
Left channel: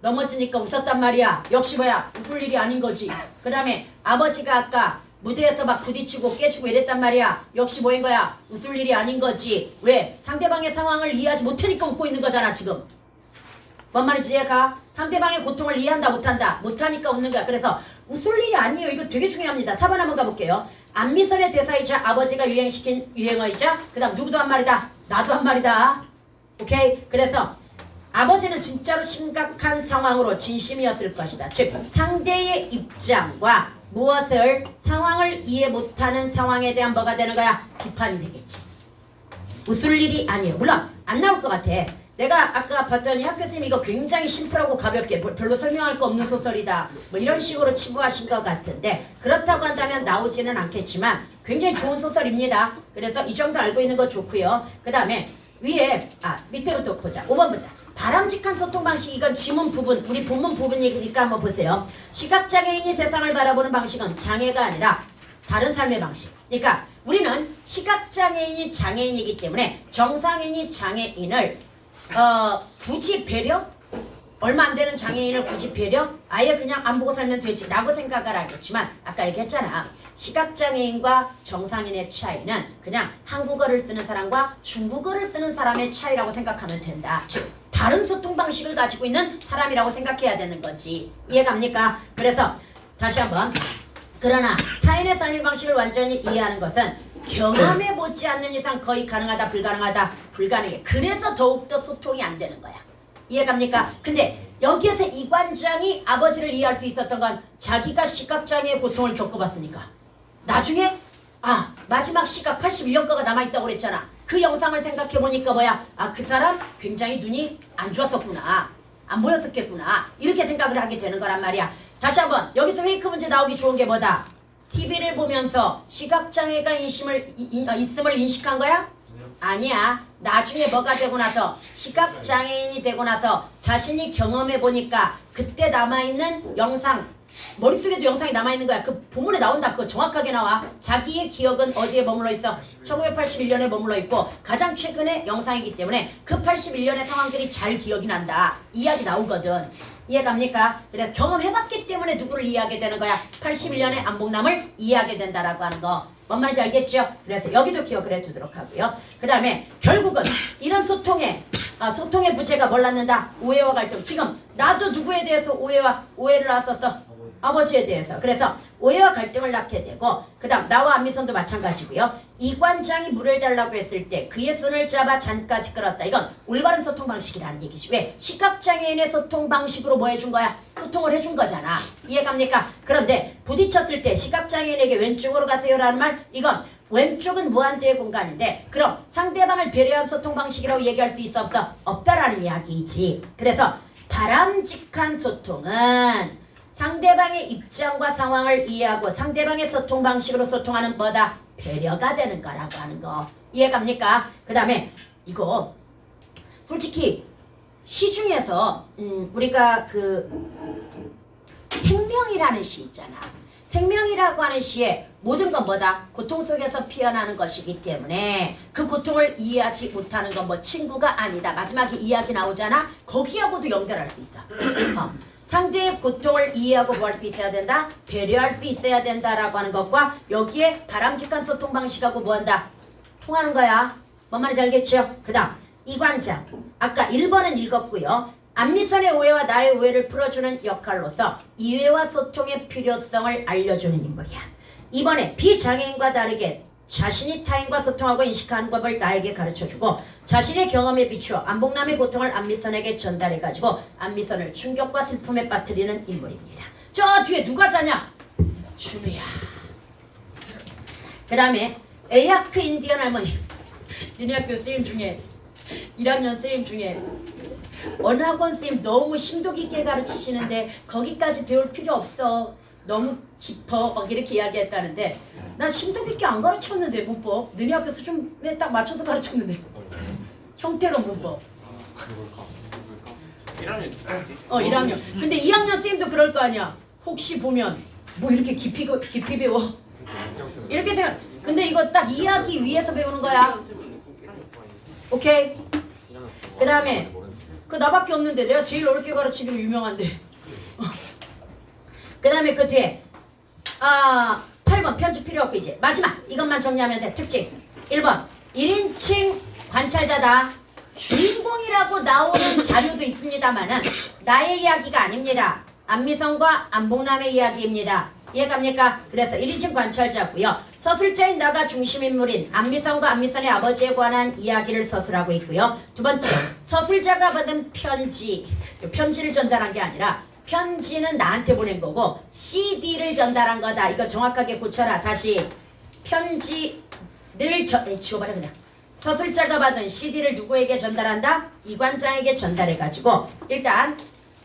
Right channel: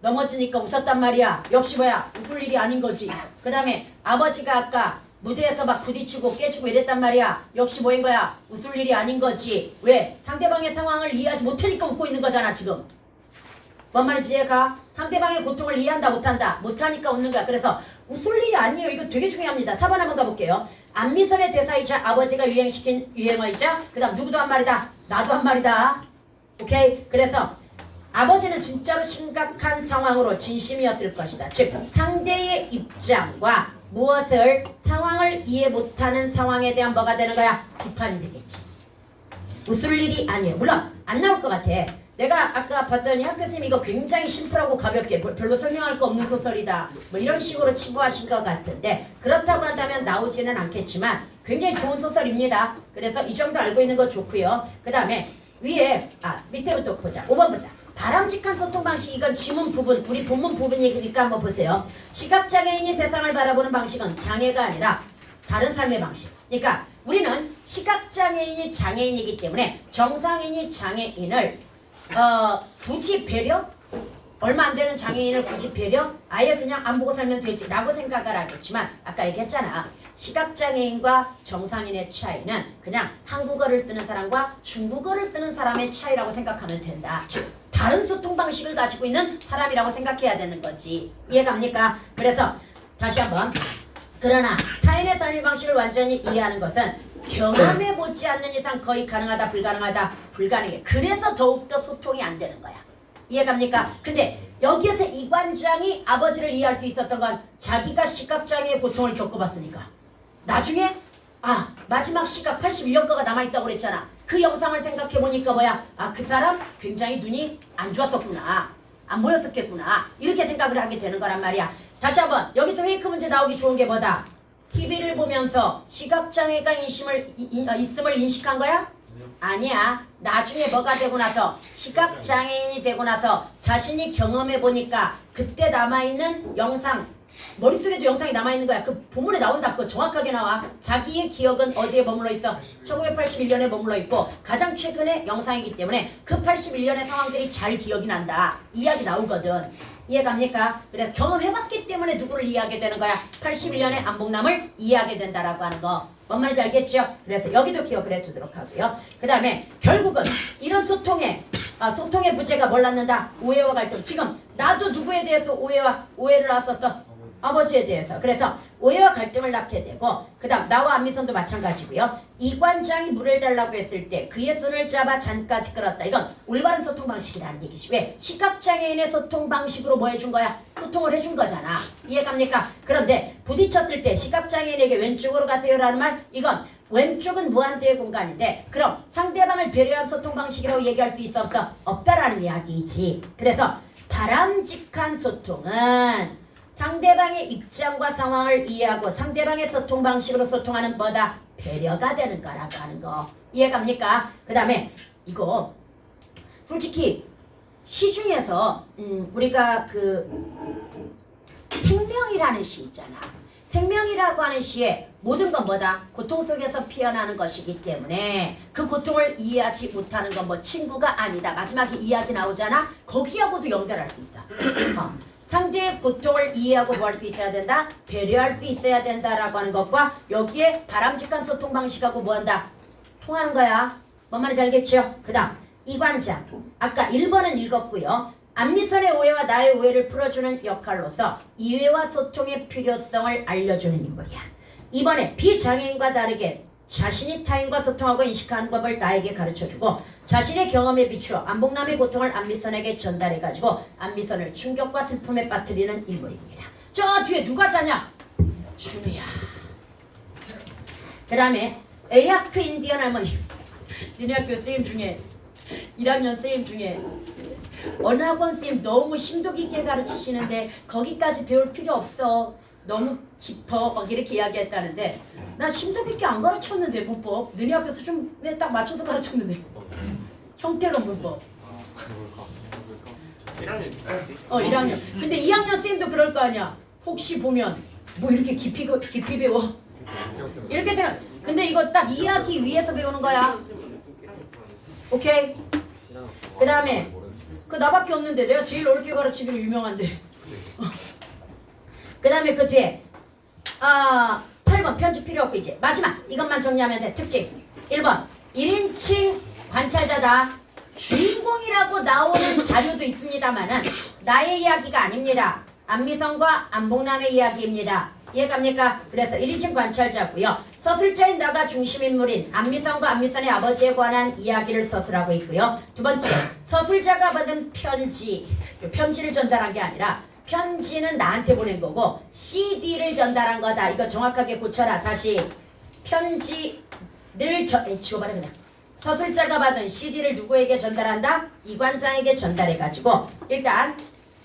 넘어지니까 웃었단 말이야. 역시 뭐야? 웃을 일이 아닌 거지. 그 다음에 아버지가 아까 무대에서 막 부딪히고 깨지고 이랬단 말이야. 역시 뭐인 거야? 웃을 일이 아닌 거지. 왜? 상대방의 상황을 이해하지 못하니까 웃고 있는 거잖아 지금. 뭔 말인지 이해가? 상대방의 고통을 이해한다 못한다? 못하니까 웃는 거야. 그래서 웃을 일이 아니에요. 이거 되게 중요합니다. 4번 한번 가볼게요. 안미선의 대사이자 아버지가 유행시킨 유행어이자 그 다음 누구도 한 말이다. 나도 한 말이다. 오케이? 그래서 아버지는 진짜로 심각한 상황으로 진심이었을 것이다. 즉 상대의 입장과 무엇을 상황을 이해 못하는 상황에 대한 뭐가 되는 거야? 비판이 되겠지. 웃을 일이 아니에요. 물론 안 나올 것 같아. 내가 아까 봤더니 학교 선생님 이거 굉장히 심플하고 가볍게 별로 설명할 거 없는 소설이다. 뭐 이런 식으로 치부하신 것 같은데 그렇다고 한다면 나오지는 않겠지만 굉장히 좋은 소설입니다. 그래서 이 정도 알고 있는 거 좋고요. 그 다음에 위에 밑에부터 보자. 5번 보자. 바람직한 소통 방식 이건 지문 부분 우리 본문 부분이니까 한번 보세요. 시각장애인이 세상을 바라보는 방식은 장애가 아니라 다른 삶의 방식. 그러니까 우리는 시각장애인이 장애인이기 때문에 정상인이 장애인을 굳이 배려? 얼마 안 되는 장애인을 굳이 배려? 아예 그냥 안 보고 살면 되지 라고 생각을 하겠지만 아까 얘기했잖아. 시각장애인과 정상인의 차이는 그냥 한국어를 쓰는 사람과 중국어를 쓰는 사람의 차이라고 생각하면 된다. 즉 다른 소통 방식을 가지고 있는 사람이라고 생각해야 되는 거지. 이해갑니까? 그래서 다시 한번 그러나 타인의 삶의 방식을 완전히 이해하는 것은 경험해보지 않는 이상 거의 가능하다 불가능하다 불가능해. 그래서 더욱더 소통이 안 되는 거야. 이해갑니까? 근데 여기에서 이관장이 아버지를 이해할 수 있었던 건 자기가 시각장애의 고통을 겪어봤으니까. 나중에 마지막 시각 81년 거가 남아있다고 그랬잖아. 그 영상을 생각해보니까 뭐야? 그 사람 굉장히 눈이 안 좋았었구나. 안 보였었겠구나. 이렇게 생각을 하게 되는 거란 말이야. 다시 한번 여기서 페이크 문제 나오기 좋은 게 뭐다? TV를 보면서 시각장애가 있음을 인식한 거야? 아니야. 나중에 뭐가 되고 나서 시각장애인이 되고 나서 자신이 경험해보니까 그때 남아있는 영상 머릿속에도 영상이 남아있는 거야. 그 본문에 나온다. 그거 정확하게 나와. 자기의 기억은 어디에 머물러 있어? 1981년에 머물러 있고 가장 최근의 영상이기 때문에 그 81년의 상황들이 잘 기억이 난다. 이야기 나오거든. 이해갑니까? 그래서 경험해봤기 때문에 누구를 이해하게 되는 거야? 81년의 안봉남을 이해하게 된다라고 하는 거. 뭔 말인지 알겠죠? 그래서 여기도 기억을 해두도록 하고요. 그 다음에 결국은 이런 소통의 부재가 뭘 낳는다? 오해와 갈등. 지금 나도 누구에 대해서 오해를 낳았었어? 아버지에 대해서. 그래서 오해와 갈등을 낳게 되고 그 다음 나와 안미선도 마찬가지고요. 이관장이 물을 달라고 했을 때 그의 손을 잡아 잔까지 끌었다. 이건 올바른 소통 방식이라는 얘기지. 왜? 시각장애인의 소통 방식으로 뭐 해준 거야? 소통을 해준 거잖아. 이해갑니까? 그런데 부딪혔을 때 시각장애인에게 왼쪽으로 가세요라는 말 이건 왼쪽은 무한대의 공간인데 그럼 상대방을 배려한 소통 방식이라고 얘기할 수 있어 없어? 없다라는 이야기이지. 그래서 바람직한 소통은 상대방의 입장과 상황을 이해하고 상대방의 소통 방식으로 소통하는 뭐다? 배려가 되는 거라고 하는 거. 이해갑니까? 그 다음에 이거 솔직히 시중에서 우리가 그 생명이라는 시 있잖아. 생명이라고 하는 시에 모든 건 뭐다? 고통 속에서 피어나는 것이기 때문에 그 고통을 이해하지 못하는 건 뭐 친구가 아니다. 마지막에 이야기 나오잖아. 거기하고도 연결할 수 있어. 상대의 고통을 이해하고 뭐 할 수 있어야 된다? 배려할 수 있어야 된다라고 하는 것과 여기에 바람직한 소통 방식하고 뭐한다? 통하는 거야. 뭔 말인지 알겠죠? 그 다음 이관장 아까 1번은 읽었고요. 안미선의 오해와 나의 오해를 풀어주는 역할로서 이해와 소통의 필요성을 알려주는 인물이야. 2번에 비장애인과 다르게 자신이 타인과 소통하고 인식하는 법을 나에게 가르쳐주고 자신의 경험에 비추어 안봉남의 고통을 안미선에게 전달해가지고 안미선을 충격과 슬픔에 빠뜨리는 인물입니다. 저 뒤에 누가 자냐? 주미야. 그 다음에 에야크 인디언 할머니. 니네 학교 선생님 중에 1학년 선생님 중에 언학원 선생님 너무 심도 깊게 가르치시는데 거기까지 배울 필요 없어. 너무 깊어. 막 이렇게 이야기했다는데 난 심도 깊게 안 가르쳤는데 문법. 너네 학교 수준에 딱 맞춰서 가르쳤는데 형태로 문법. 1학년 1학년. 근데 2학년 선생님도 그럴 거 아니야. 혹시 보면 뭐 이렇게 깊이 배워? 이렇게 생각. 근데 이거 딱 이해하기 위해서 배우는 거야. 오케이? 그 다음에 그 나밖에 없는데 내가 제일 어렵게 가르치기로 유명한데. 그 다음에 그 뒤에 8번 편집 필요 없고 이제 마지막 이것만 정리하면 돼. 특징 1번 1인칭 관찰자다. 주인공이라고 나오는 자료도 있습니다만은 나의 이야기가 아닙니다. 안미선과 안봉남의 이야기입니다. 이해갑니까? 그래서 1인칭 관찰자고요. 서술자인 나가 중심인물인 안미선과 안미선의 아버지에 관한 이야기를 서술하고 있고요. 두 번째, 서술자가 받은 편지, 편지를 전달한 게 아니라 편지는 나한테 보낸 거고 CD를 전달한 거다. 이거 정확하게 고쳐라. 다시 편지를 지워버려 그냥. 서술자가 받은 CD를 누구에게 전달한다? 이관장에게 전달해가지고 일단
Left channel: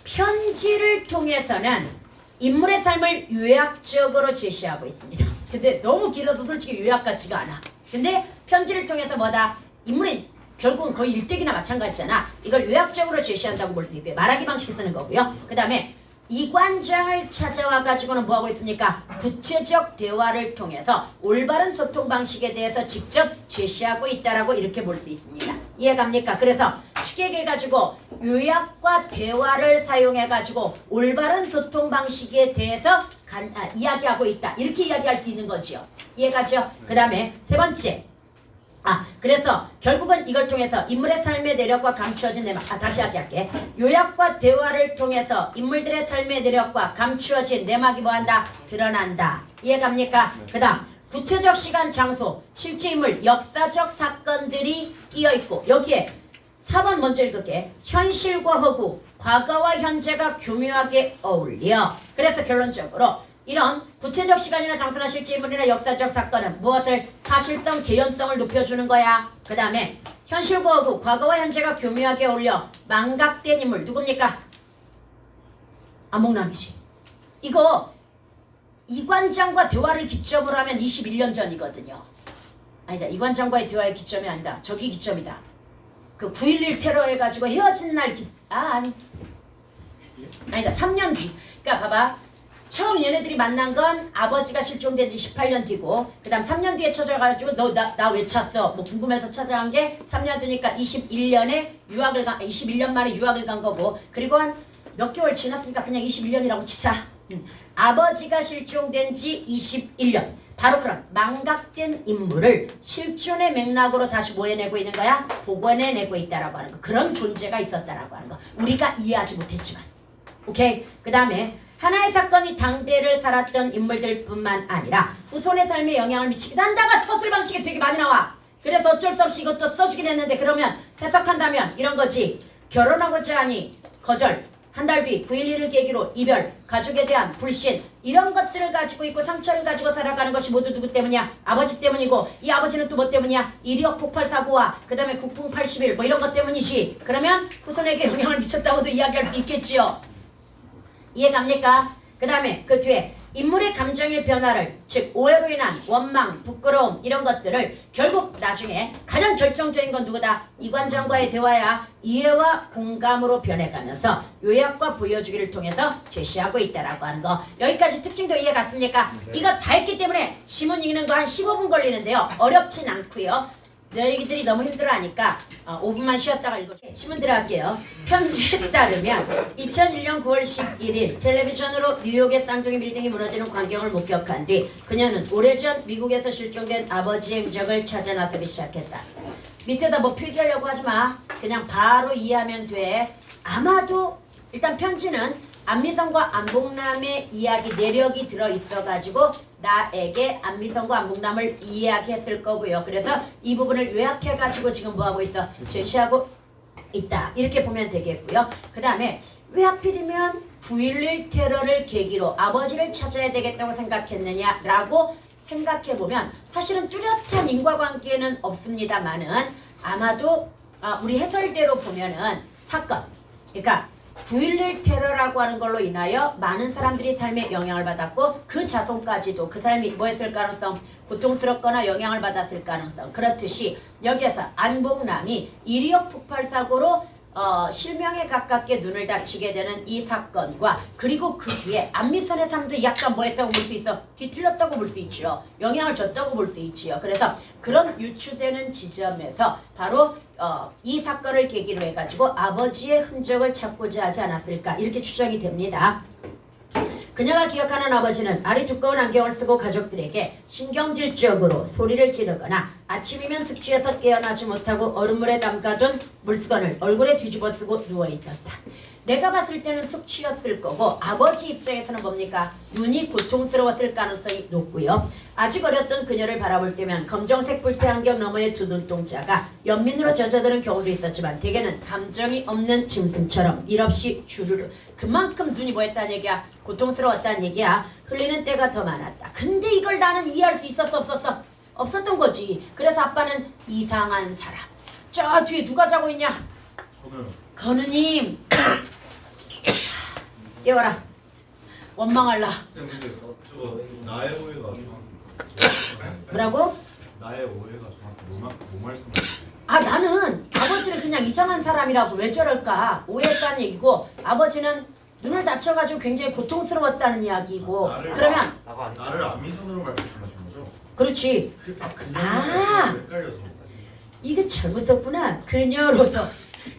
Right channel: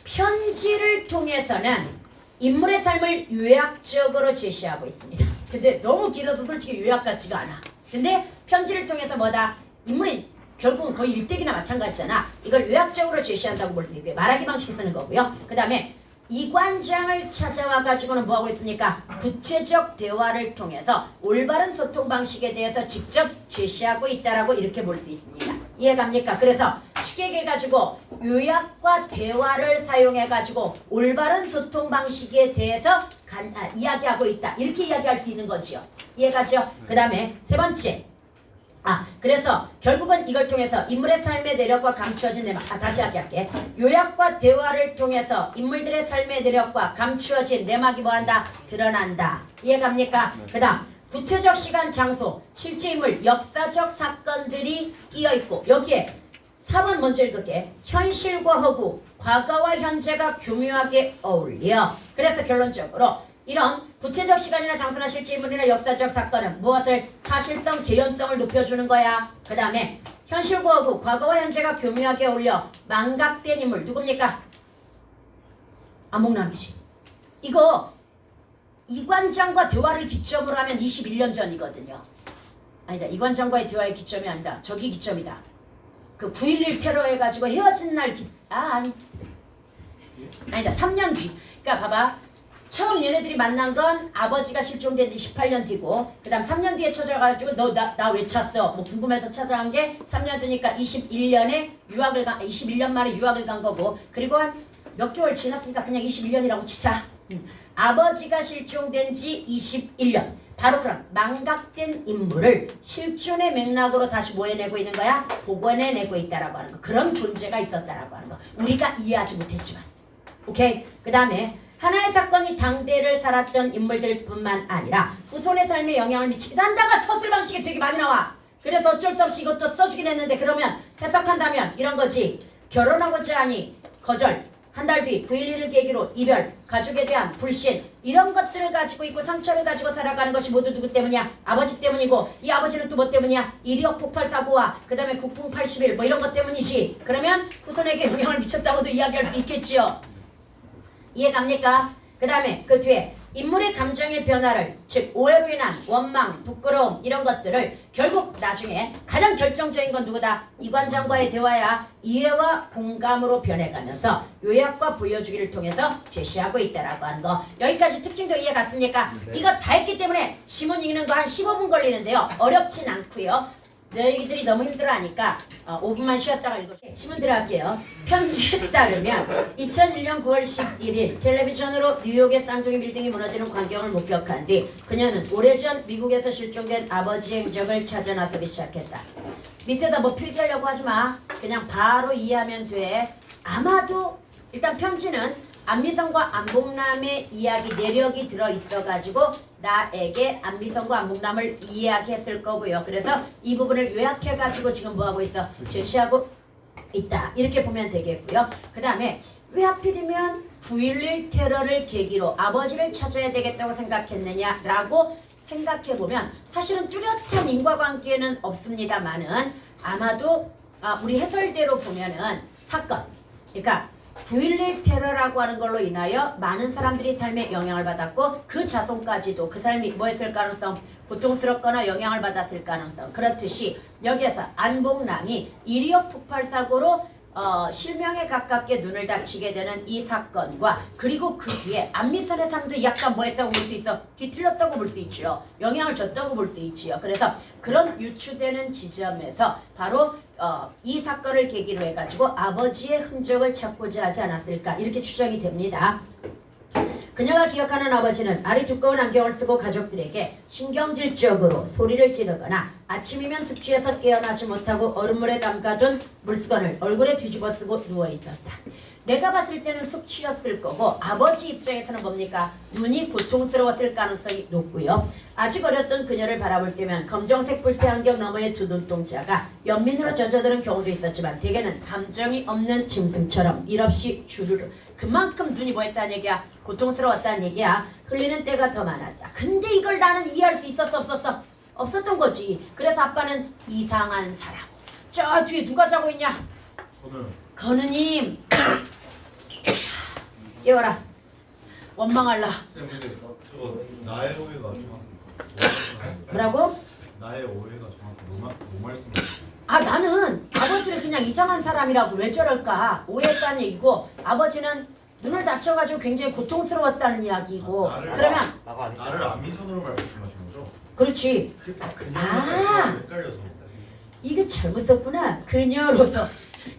편지를 통해서는 인물의 삶을 요약적으로 제시하고 있습니다. 근데 너무 길어서 솔직히 요약 같지가 않아. 근데 편지를 통해서 뭐다? 인물이 결국은 거의 일대기나 마찬가지잖아. 이걸 요약적으로 제시한다고 볼 수 있고요. 말하기 방식 쓰는 거고요. 그 다음에 이관장을 찾아와 가지고는 뭐하고 있습니까? 구체적 대화를 통해서 올바른 소통 방식에 대해서 직접 제시하고 있다라고 이렇게 볼 수 있습니다. 이해갑니까? 그래서 추격해가지고 요약과 대화를 사용해가지고 올바른 소통 방식에 대해서 이야기하고 있다. 이렇게 이야기할 수 있는 거지요. 이해가죠? 그 다음에 세 번째. 그래서 결국은 이걸 통해서 인물의 삶의 내력과 감추어진 내막 다시 할게. 요약과 대화를 통해서 인물들의 삶의 내력과 감추어진 내막이 뭐한다? 드러난다. 이해갑니까? 그 다음 구체적 시간, 장소, 실제 인물, 역사적 사건들이 끼어있고 여기에 4번 먼저 읽을게. 현실과 허구, 과거와 현재가 교묘하게 어울려. 그래서 결론적으로 이런 구체적 시간이나 장소나 실제 인물이나 역사적 사건은 무엇을? 사실성, 개연성을 높여주는 거야. 그 다음에 현실과 허구, 과거와 현재가 교묘하게 어울려 망각된 인물 누굽니까? 안목남이지. 이거 이관장과 대화를 기점으로 하면 21년 전이거든요. 아니다. 이관장과의 대화의 기점이 아니다. 저기 기점이다. 그 9.11 테러 해가지고 헤어진 날 아니다. 3년 뒤. 그러니까 봐봐. 처음 얘네들이 만난 건 아버지가 실종된 지 18년 뒤고 그 다음 3년 뒤에 찾아가지고 너 나 왜 찾았어? 뭐 궁금해서 찾아간 게 3년 뒤니까 21년 만에 유학을 간 거고 그리고 한 몇 개월 지났으니까 그냥 21년이라고 치자. 아버지가 실종된 지 21년. 바로 그런 망각된 인물을 실존의 맥락으로 다시 뭐 해내고 있는 거야? 복원해내고 있다라고 하는 거. 그런 존재가 있었다라고 하는 거. 우리가 이해하지 못했지만. 오케이? 그 다음에 하나의 사건이 당대를 살았던 인물들뿐만 아니라 후손의 삶에 영향을 미치기도 한다가 서술 방식에 되게 많이 나와. 그래서 어쩔 수 없이 이것도 써주긴 했는데 그러면 해석한다면 이런 거지. 결혼하고자 하니 거절. 한 달 뒤 9.11을 계기로 이별, 가족에 대한 불신 이런 것들을 가지고 있고 상처를 가지고 살아가는 것이 모두 누구 때문이야? 아버지 때문이고 이 아버지는 또 뭐 때문이야? 이리역 폭발 사고와 그 다음에 국풍 80일 뭐 이런 것 때문이지. 그러면 후손에게 영향을 미쳤다고도 이야기할 수 있겠지요. 이해갑니까? 그 다음에 그 뒤에 인물의 감정의 변화를 즉 오해로 인한 원망, 부끄러움 이런 것들을 결국 나중에 가장 결정적인 건 누구다? 이관장과의 대화야. 이해와 공감으로 변해가면서 요약과 보여주기를 통해서 제시하고 있다라고 하는 거. 여기까지 특징도 이해 갔습니까? 네. 이거 다 했기 때문에 지문 읽는 거 한 15분 걸리는데요. 어렵진 않고요. 너희들이 너무 힘들어하니까 5분만 쉬었다가 읽을게요. 지문 들어갈게요. 편지에 따르면 2001년 9월 11일 텔레비전으로 뉴욕의 쌍둥이 빌딩이 무너지는 광경을 목격한 뒤 그녀는 오래전 미국에서 실종된 아버지의 흔적을 찾아 나서기 시작했다. 밑에다 뭐 필기하려고 하지 마. 그냥 바로 이해하면 돼. 아마도 일단 편지는 안미선과 안복남의 이야기 내력이 들어있어가지고 나에게 안미선과 안복남을 이야기했을 거고요. 그래서 이 부분을 요약해가지고 지금 뭐하고 있어? 제시하고 있다. 이렇게 보면 되겠고요. 그 다음에 왜 하필이면 9.11 테러를 계기로 아버지를 찾아야 되겠다고 생각했느냐라고 생각해보면 사실은 뚜렷한 인과관계는 없습니다만은 아마도 우리 해설대로 보면은 사건 그러니까 9.11 테러라고 하는 걸로 인하여 많은 사람들이 삶에 영향을 받았고 그 자손까지도 그 사람이 뭐 했을 가능성? 고통스럽거나 영향을 받았을 가능성. 그렇듯이 여기에서 안복남이 이리역 폭발 사고로 실명에 가깝게 눈을 다치게 되는 이 사건과 그리고 그 뒤에 안미선의 삶도 약간 뭐 했다고 볼 수 있어? 뒤틀렸다고 볼 수 있지요. 영향을 줬다고 볼 수 있지요. 그래서 그런 유추되는 지점에서 바로 이 사건을 계기로 해가지고 아버지의 흔적을 찾고자 하지 않았을까 이렇게 추정이 됩니다. 그녀가 기억하는 아버지는 알이 두꺼운 안경을 쓰고 가족들에게 신경질적으로 소리를 지르거나 아침이면 숙취해서 깨어나지 못하고 얼음물에 담가둔 물수건을 얼굴에 뒤집어 쓰고 누워있었다. 내가 봤을 때는 숙취였을 거고 아버지 입장에서는 뭡니까? 눈이 고통스러웠을 가능성이 높고요. 아직 어렸던 그녀를 바라볼 때면 검정색 뿔테 안경 너머의 두 눈동자가 연민으로 젖어드는 경우도 있었지만 대개는 감정이 없는 짐승처럼 일없이 주르르 그만큼 눈이 뭐했다는 얘기야? 고통스러웠다는 얘기야. 흘리는 때가 더 많았다. 근데 이걸 나는 이해할 수 있었어 없었어? 없었던 거지. 그래서 아빠는 이상한 사람. 저 뒤에 누가 자고 있냐? 건우님 깨워라. 원망할라. 근데 저거 나의 오해가 뭐라고? 나의 오해가 정확히 뭐 말씀하시는 아 나는 아버지를 그냥 이상한 사람이라고 왜 저럴까 오해했다는 얘기고 아버지는 눈을 다쳐가지고 굉장히 고통스러웠다는 이야기고 그러면 나를 안미선으로 말씀하신 거죠? 그렇지. 그냥만 헷갈려서 이게 잘못 썼구나.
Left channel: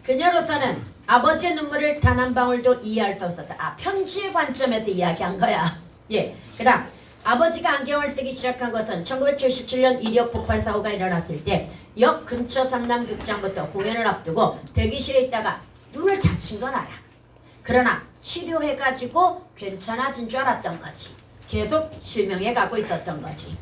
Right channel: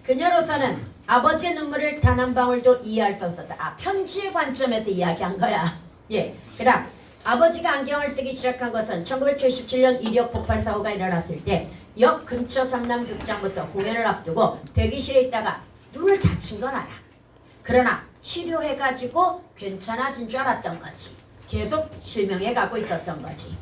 그녀로서는 아버지의 눈물을 단 한 방울도 이해할 수 없었다. 아 편지의 관점에서 이야기한 거야. 예. 그다음 아버지가 안경을 쓰기 시작한 것은 1977년 이력 폭발 사고가 일어났을 때 역 근처 상남극장부터 공연을 앞두고 대기실에 있다가 눈을 다친 건 알아. 그러나 치료해가지고 괜찮아진 줄 알았던 거지. 계속 실명해가고 있었던 거지.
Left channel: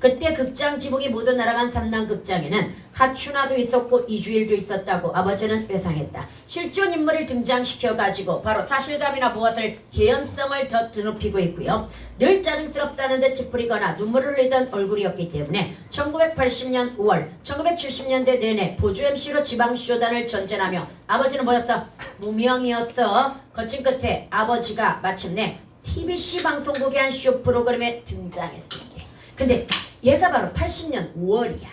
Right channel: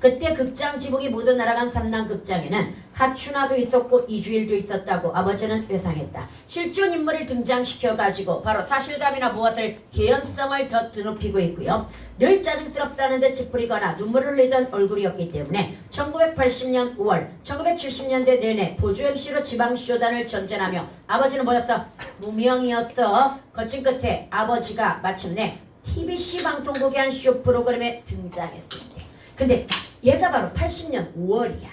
그때 극장 지붕이 모두 날아간 삼남극장에는 하춘화도 있었고 이주일도 있었다고 아버지는 회상했다. 실존 인물을 등장시켜가지고 바로 사실감이나 무엇을 개연성을 더 드높이고 있고요. 늘 짜증스럽다는 듯 찌푸리거나 눈물을 흘리던 얼굴이었기 때문에 1980년 5월 1970년대 내내 보조 MC로 지방쇼단을 전전하며 아버지는 뭐였어? 무명이었어. 거친 끝에 아버지가 마침내 TBC 방송국의 한 쇼 프로그램에 등장했을 때 근데 얘가 바로 80년 5월이야.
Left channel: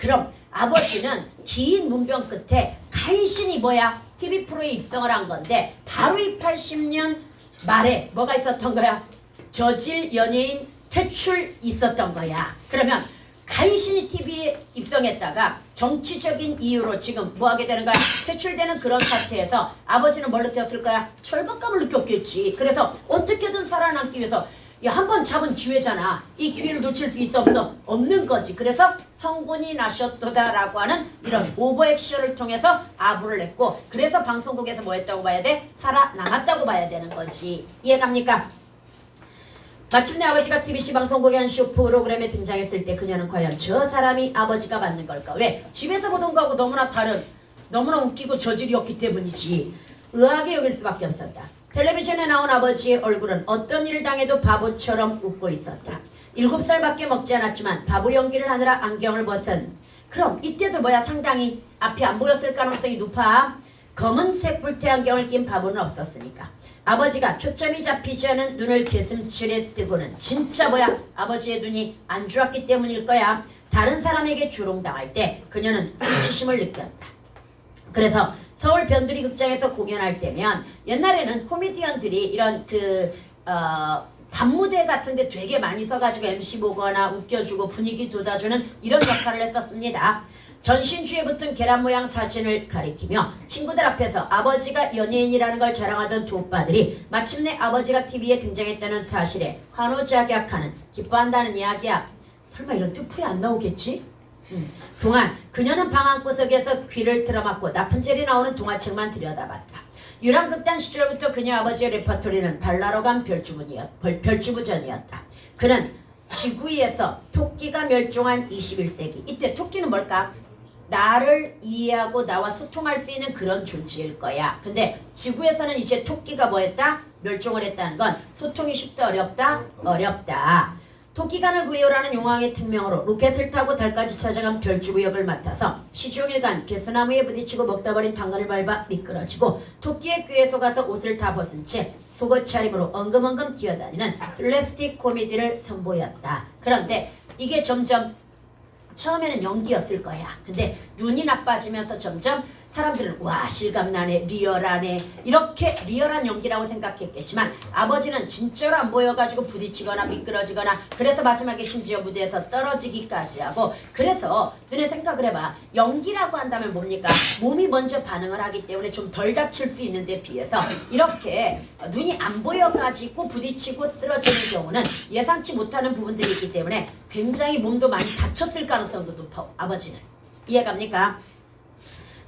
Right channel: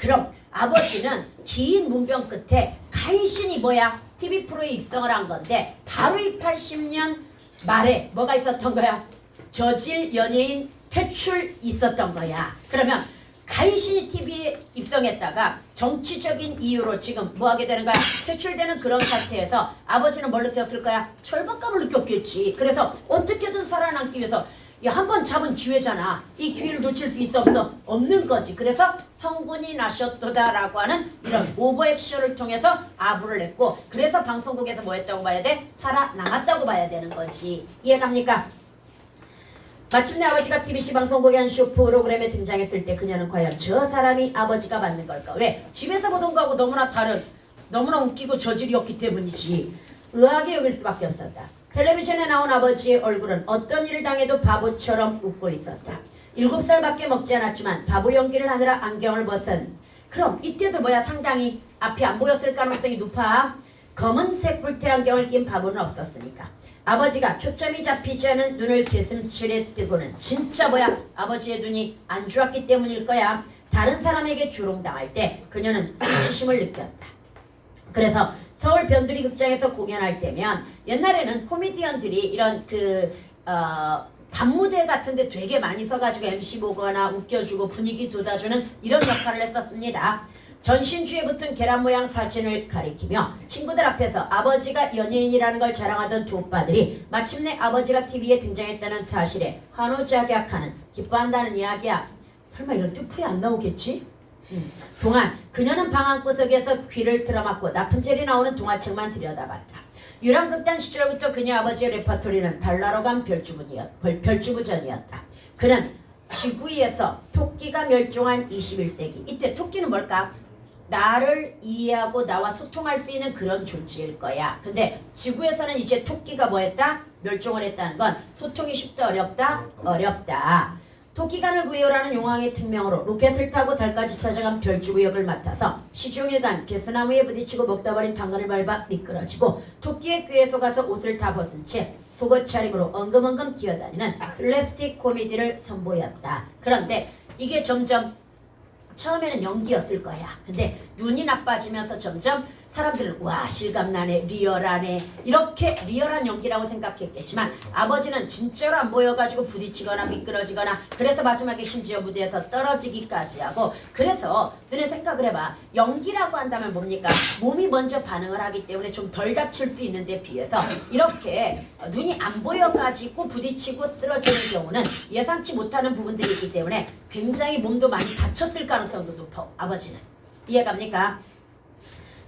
그럼 아버지는 긴 문병 끝에 간신히 뭐야? TV 프로에 입성을 한 건데 바로 이 80년 말에 뭐가 있었던 거야? 저질 연예인 퇴출 있었던 거야. 그러면 간신히 TV에 입성했다가 정치적인 이유로 지금 뭐 하게 되는 거야? 퇴출되는 그런 상태에서 아버지는 뭘 느꼈을 거야? 절박감을 느꼈겠지. 그래서 어떻게든 살아남기 위해서 한 번 잡은 기회잖아. 이 기회를 놓칠 수 있어 없어? 없는 거지. 그래서 성분이 나셨도다라고 하는 이런 오버액션을 통해서 아부를 냈고 그래서 방송국에서 뭐 했다고 봐야 돼? 살아남았다고 봐야 되는 거지. 이해갑니까? 마침내 아버지가 TBC 방송국의 한 쇼 프로그램에 등장했을 때 그녀는 과연 저 사람이 아버지가 맞는 걸까? 왜? 집에서 보던 거하고 너무나 다른 너무나 웃기고 저질이었기 때문이지. 의아하게 여길 수밖에 없었다. 텔레비전에 나온 아버지의 얼굴은 어떤 일을 당해도 바보처럼 웃고 있었다. 7살밖에 먹지 않았지만 바보 연기를 하느라 안경을 벗은 그럼 이때도 뭐야 상당히 앞이 안 보였을 가능성이 높아. 검은색 뿔테 안경을 낀 바보는 없었으니까. 아버지가 초점이 잡히지 않은 눈을 개슴츠레 뜨고는 진짜 뭐야 아버지의 눈이 안 좋았기 때문일 거야. 다른 사람에게 조롱당할 때 그녀는 수치심을 느꼈다. 그래서 서울 변두리 극장에서 공연할 때면 옛날에는 코미디언들이 이런 밤무대 같은데 되게 많이 서가지고 MC 보거나 웃겨주고 분위기 돋아주는 이런 역할을 했었습니다. 전신주에 붙은 계란 모양 사진을 가리키며 친구들 앞에서 아버지가 연예인이라는 걸 자랑하던 두 오빠들이 마침내 아버지가 TV에 등장했다는 사실에 환호작약하는 기뻐한다는 이야기야. 설마 이런 뜻풀이 안 나오겠지? 동안 그녀는 방 한구석에서 귀를 틀어막고 나푼젤이 나오는 동화책만 들여다봤다. 유랑극단 시절부터 그녀 아버지의 레퍼토리는 달나러 간 별주부전이었다. 그는 지구 위에서 토끼가 멸종한 21세기. 이때 토끼는 뭘까? 나를 이해하고 나와 소통할 수 있는 그런 존재일 거야. 근데 지구에서는 이제 토끼가 뭐했다? 멸종을 했다는 건 소통이 쉽다 어렵다? 어렵다. 토끼간을 구해오라는 용왕의 특명으로 로켓을 타고 달까지 찾아간 별주부 역을 맡아서 시종일관 개수나무에 부딪히고 먹다 버린 당근을 밟아 미끄러지고 토끼의 꾀에 속아서 옷을 다 벗은 채 속옷 차림으로 엉금엉금 기어다니는 슬랩스틱 코미디를 선보였다. 그런데 이게 점점 처음에는 연기였을 거야. 근데 눈이 나빠지면서 점점 사람들은 와 실감나네 리얼하네 이렇게 리얼한 연기라고 생각했겠지만 아버지는 진짜로 안 보여가지고 부딪히거나 미끄러지거나 그래서 마지막에 심지어 무대에서 떨어지기까지 하고 그래서 너네 생각을 해봐. 연기라고 한다면 뭡니까? 몸이 먼저 반응을 하기 때문에 좀 덜 다칠 수 있는데 비해서 이렇게 눈이 안 보여가지고 부딪히고 쓰러지는 경우는 예상치 못하는 부분들이 있기 때문에 굉장히 몸도 많이 다쳤을 가능성도 높아. 아버지는 이해갑니까?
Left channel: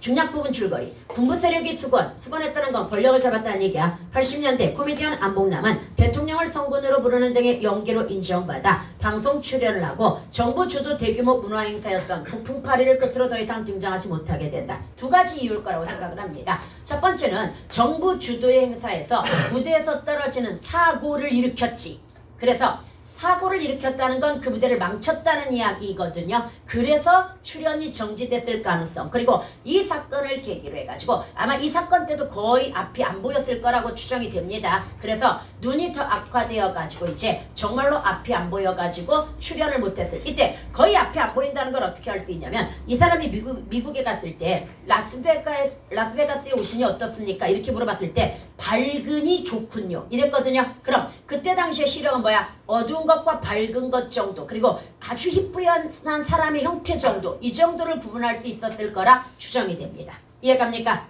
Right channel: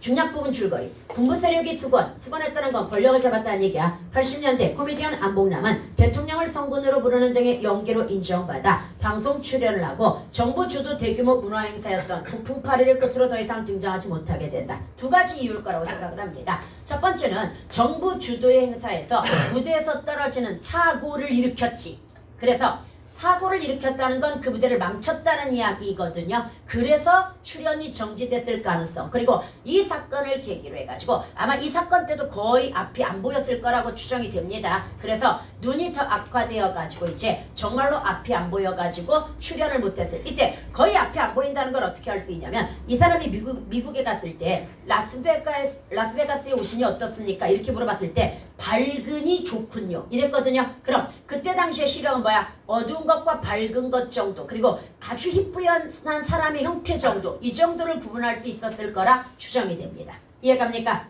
중략 부분 줄거리. 군부 세력이 수건했다는 건 권력을 잡았다는 얘기야. 80년대 코미디언 안봉남은 대통령을 성군으로 부르는 등의 연기로 인정받아 방송 출연을 하고 정부 주도 대규모 문화 행사였던 북풍 파리를 끝으로 더 이상 등장하지 못하게 된다. 두 가지 이유일 거라고 생각을 합니다. 첫 번째는 정부 주도의 행사에서 무대에서 떨어지는 사고를 일으켰지. 그래서 사고를 일으켰다는 건 그 무대를 망쳤다는 이야기거든요. 그래서 출연이 정지됐을 가능성. 그리고 이 사건을 계기로 해가지고 아마 이 사건 때도 거의 앞이 안 보였을 거라고 추정이 됩니다. 그래서 눈이 더 악화되어가지고 이제 정말로 앞이 안 보여가지고 출연을 못했을 이때 거의 앞이 안 보인다는 걸 어떻게 알 수 있냐면 이 사람이 미국에 갔을 때 라스베가스에 오시니 어떻습니까? 이렇게 물어봤을 때 밝으니 좋군요. 이랬거든요. 그럼 그때 당시의 시력은 뭐야? 어두운 것과 밝은 것 정도 그리고 아주 희뿌연한 사람의 형태 정도 이 정도를 구분할 수 있었을 거라 추정이 됩니다. 이해갑니까?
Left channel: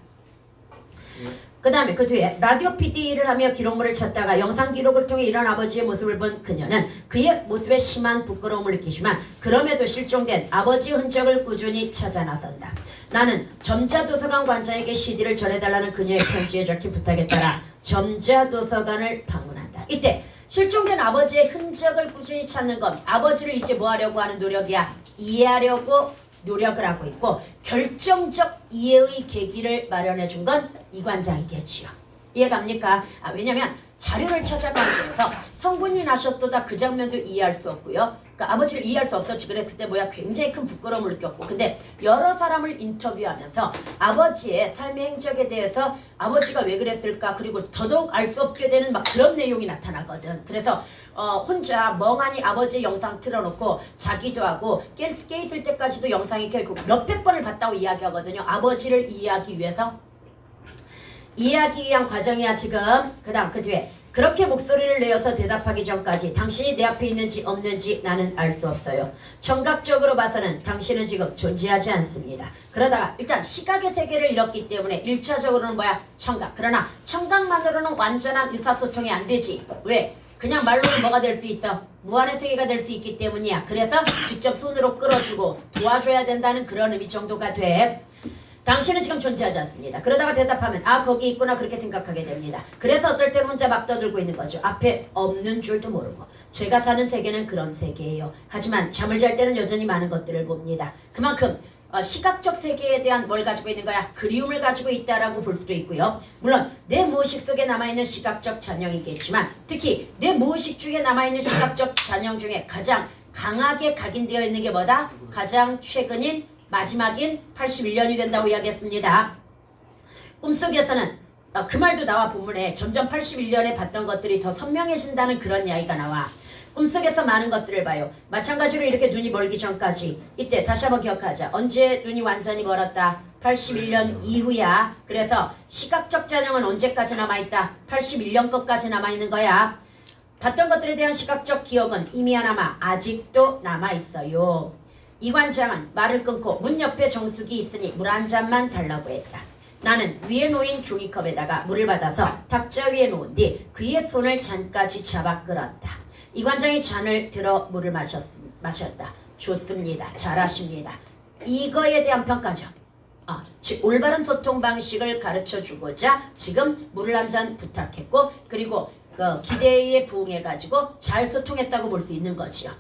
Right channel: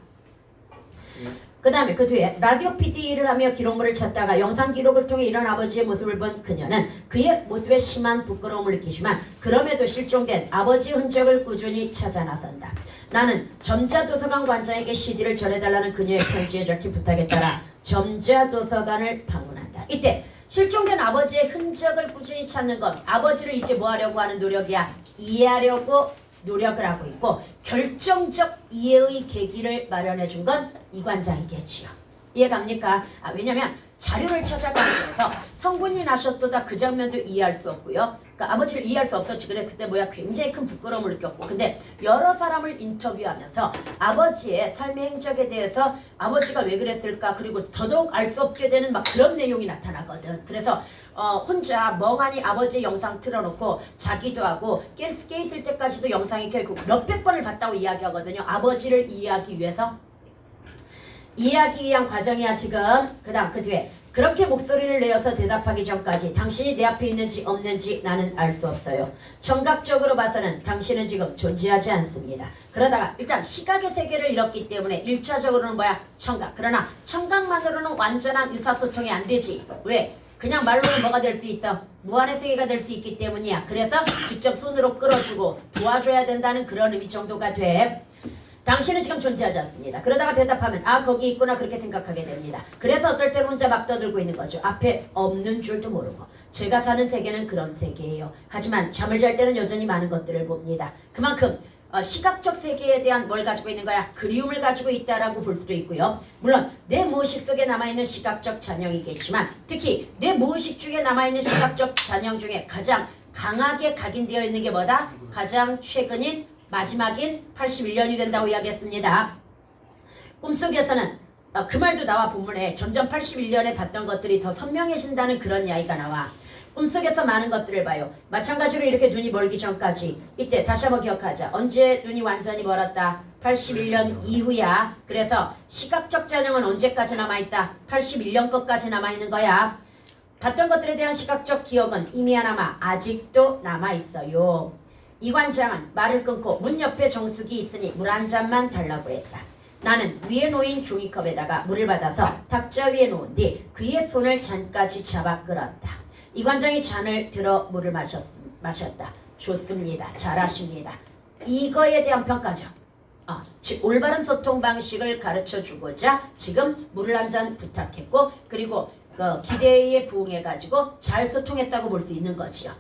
그 다음에 그 뒤에 라디오 PD를 하며 기록물을 찾다가 영상 기록을 통해 이런 아버지의 모습을 본 그녀는 그의 모습에 심한 부끄러움을 느끼지만 그럼에도 실종된 아버지의 흔적을 꾸준히 찾아 나선다. 나는 점자도서관 관장에게 CD를 전해달라는 그녀의 편지에 적힌 부탁에 따라 점자도서관을 방문한다. 이때 실종된 아버지의 흔적을 꾸준히 찾는 건 아버지를 이제 뭐 하려고 하는 노력이야? 이해하려고 노력을 하고 있고 결정적 이해의 계기를 마련해 준 건 이 관장이겠지요. 이해갑니까? 왜냐면 자료를 찾아가면서 성군이 나셨도다 그 장면도 이해할 수 없고요. 그러니까 아버지를 이해할 수 없었지. 그래 그때 뭐야 굉장히 큰 부끄러움을 느꼈고 근데 여러 사람을 인터뷰하면서 아버지의 삶의 행적에 대해서 아버지가 왜 그랬을까 그리고 더더욱 알 수 없게 되는 막 그런 내용이 나타나거든. 그래서 혼자 멍하니 아버지의 영상 틀어놓고 자기도 하고 깨 있을 때까지도 영상이 결국 몇백 번을 봤다고 이야기하거든요. 아버지를 이해하기 위해서 이해하기 위한 과정이야 지금. 그 다음 그 뒤에 그렇게 목소리를 내어서 대답하기 전까지 당신이 내 앞에 있는지 없는지 나는 알 수 없어요. 청각적으로 봐서는 당신은 지금 존재하지 않습니다. 그러다가 일단 시각의 세계를 잃었기 때문에 1차적으로는 뭐야? 청각. 그러나 청각만으로는 완전한 의사소통이 안 되지. 왜? 그냥 말로는 뭐가 될 수 있어? 무한의 세계가 될 수 있기 때문이야. 그래서 직접 손으로 끌어주고 도와줘야 된다는 그런 의미 정도가 돼. 당신은 지금 존재하지 않습니다. 그러다가 대답하면 거기 있구나 그렇게 생각하게 됩니다. 그래서 어떨 때는 혼자 막 떠들고 있는 거죠. 앞에 없는 줄도 모르고. 제가 사는 세계는 그런 세계예요. 하지만 잠을 잘 때는 여전히 많은 것들을 봅니다. 그만큼 시각적 세계에 대한 뭘 가지고 있는 거야? 그리움을 가지고 있다라고 볼 수도 있고요. 물론 내 무의식 속에 남아있는 시각적 잔영이겠지만 특히 내 무의식 중에 남아있는 시각적 잔영 중에 가장 강하게 각인되어 있는 게 뭐다? 가장 최근인 마지막인 81년이 된다고 이야기했습니다. 꿈속에서는 그 말도 나와 본문에 점점 81년에 봤던 것들이 더 선명해진다는 그런 이야기가 나와. 꿈속에서 많은 것들을 봐요. 마찬가지로 이렇게 눈이 멀기 전까지 이때 다시 한번 기억하자. 언제 눈이 완전히 멀었다? 81년 이후야. 그래서 시각적 잔영은 언제까지 남아있다? 81년 것까지 남아있는 거야. 봤던 것들에 대한 시각적 기억은 희미하나마 아직도 남아있어요. 이 관장은 말을 끊고 문 옆에 정수기 있으니 물 한 잔만 달라고 했다. 나는 위에 놓인 종이컵에다가 물을 받아서 탁자 위에 놓은 뒤 그의 손을 잔까지 잡아 끌었다. 이 관장이 잔을 들어 물을 마셨다. 좋습니다. 잘하십니다. 이거에 대한 평가죠. 즉 올바른 소통 방식을 가르쳐주고자 지금 물을 한 잔 부탁했고 그리고 기대에 부응해가지고 잘 소통했다고 볼 수 있는 거지요.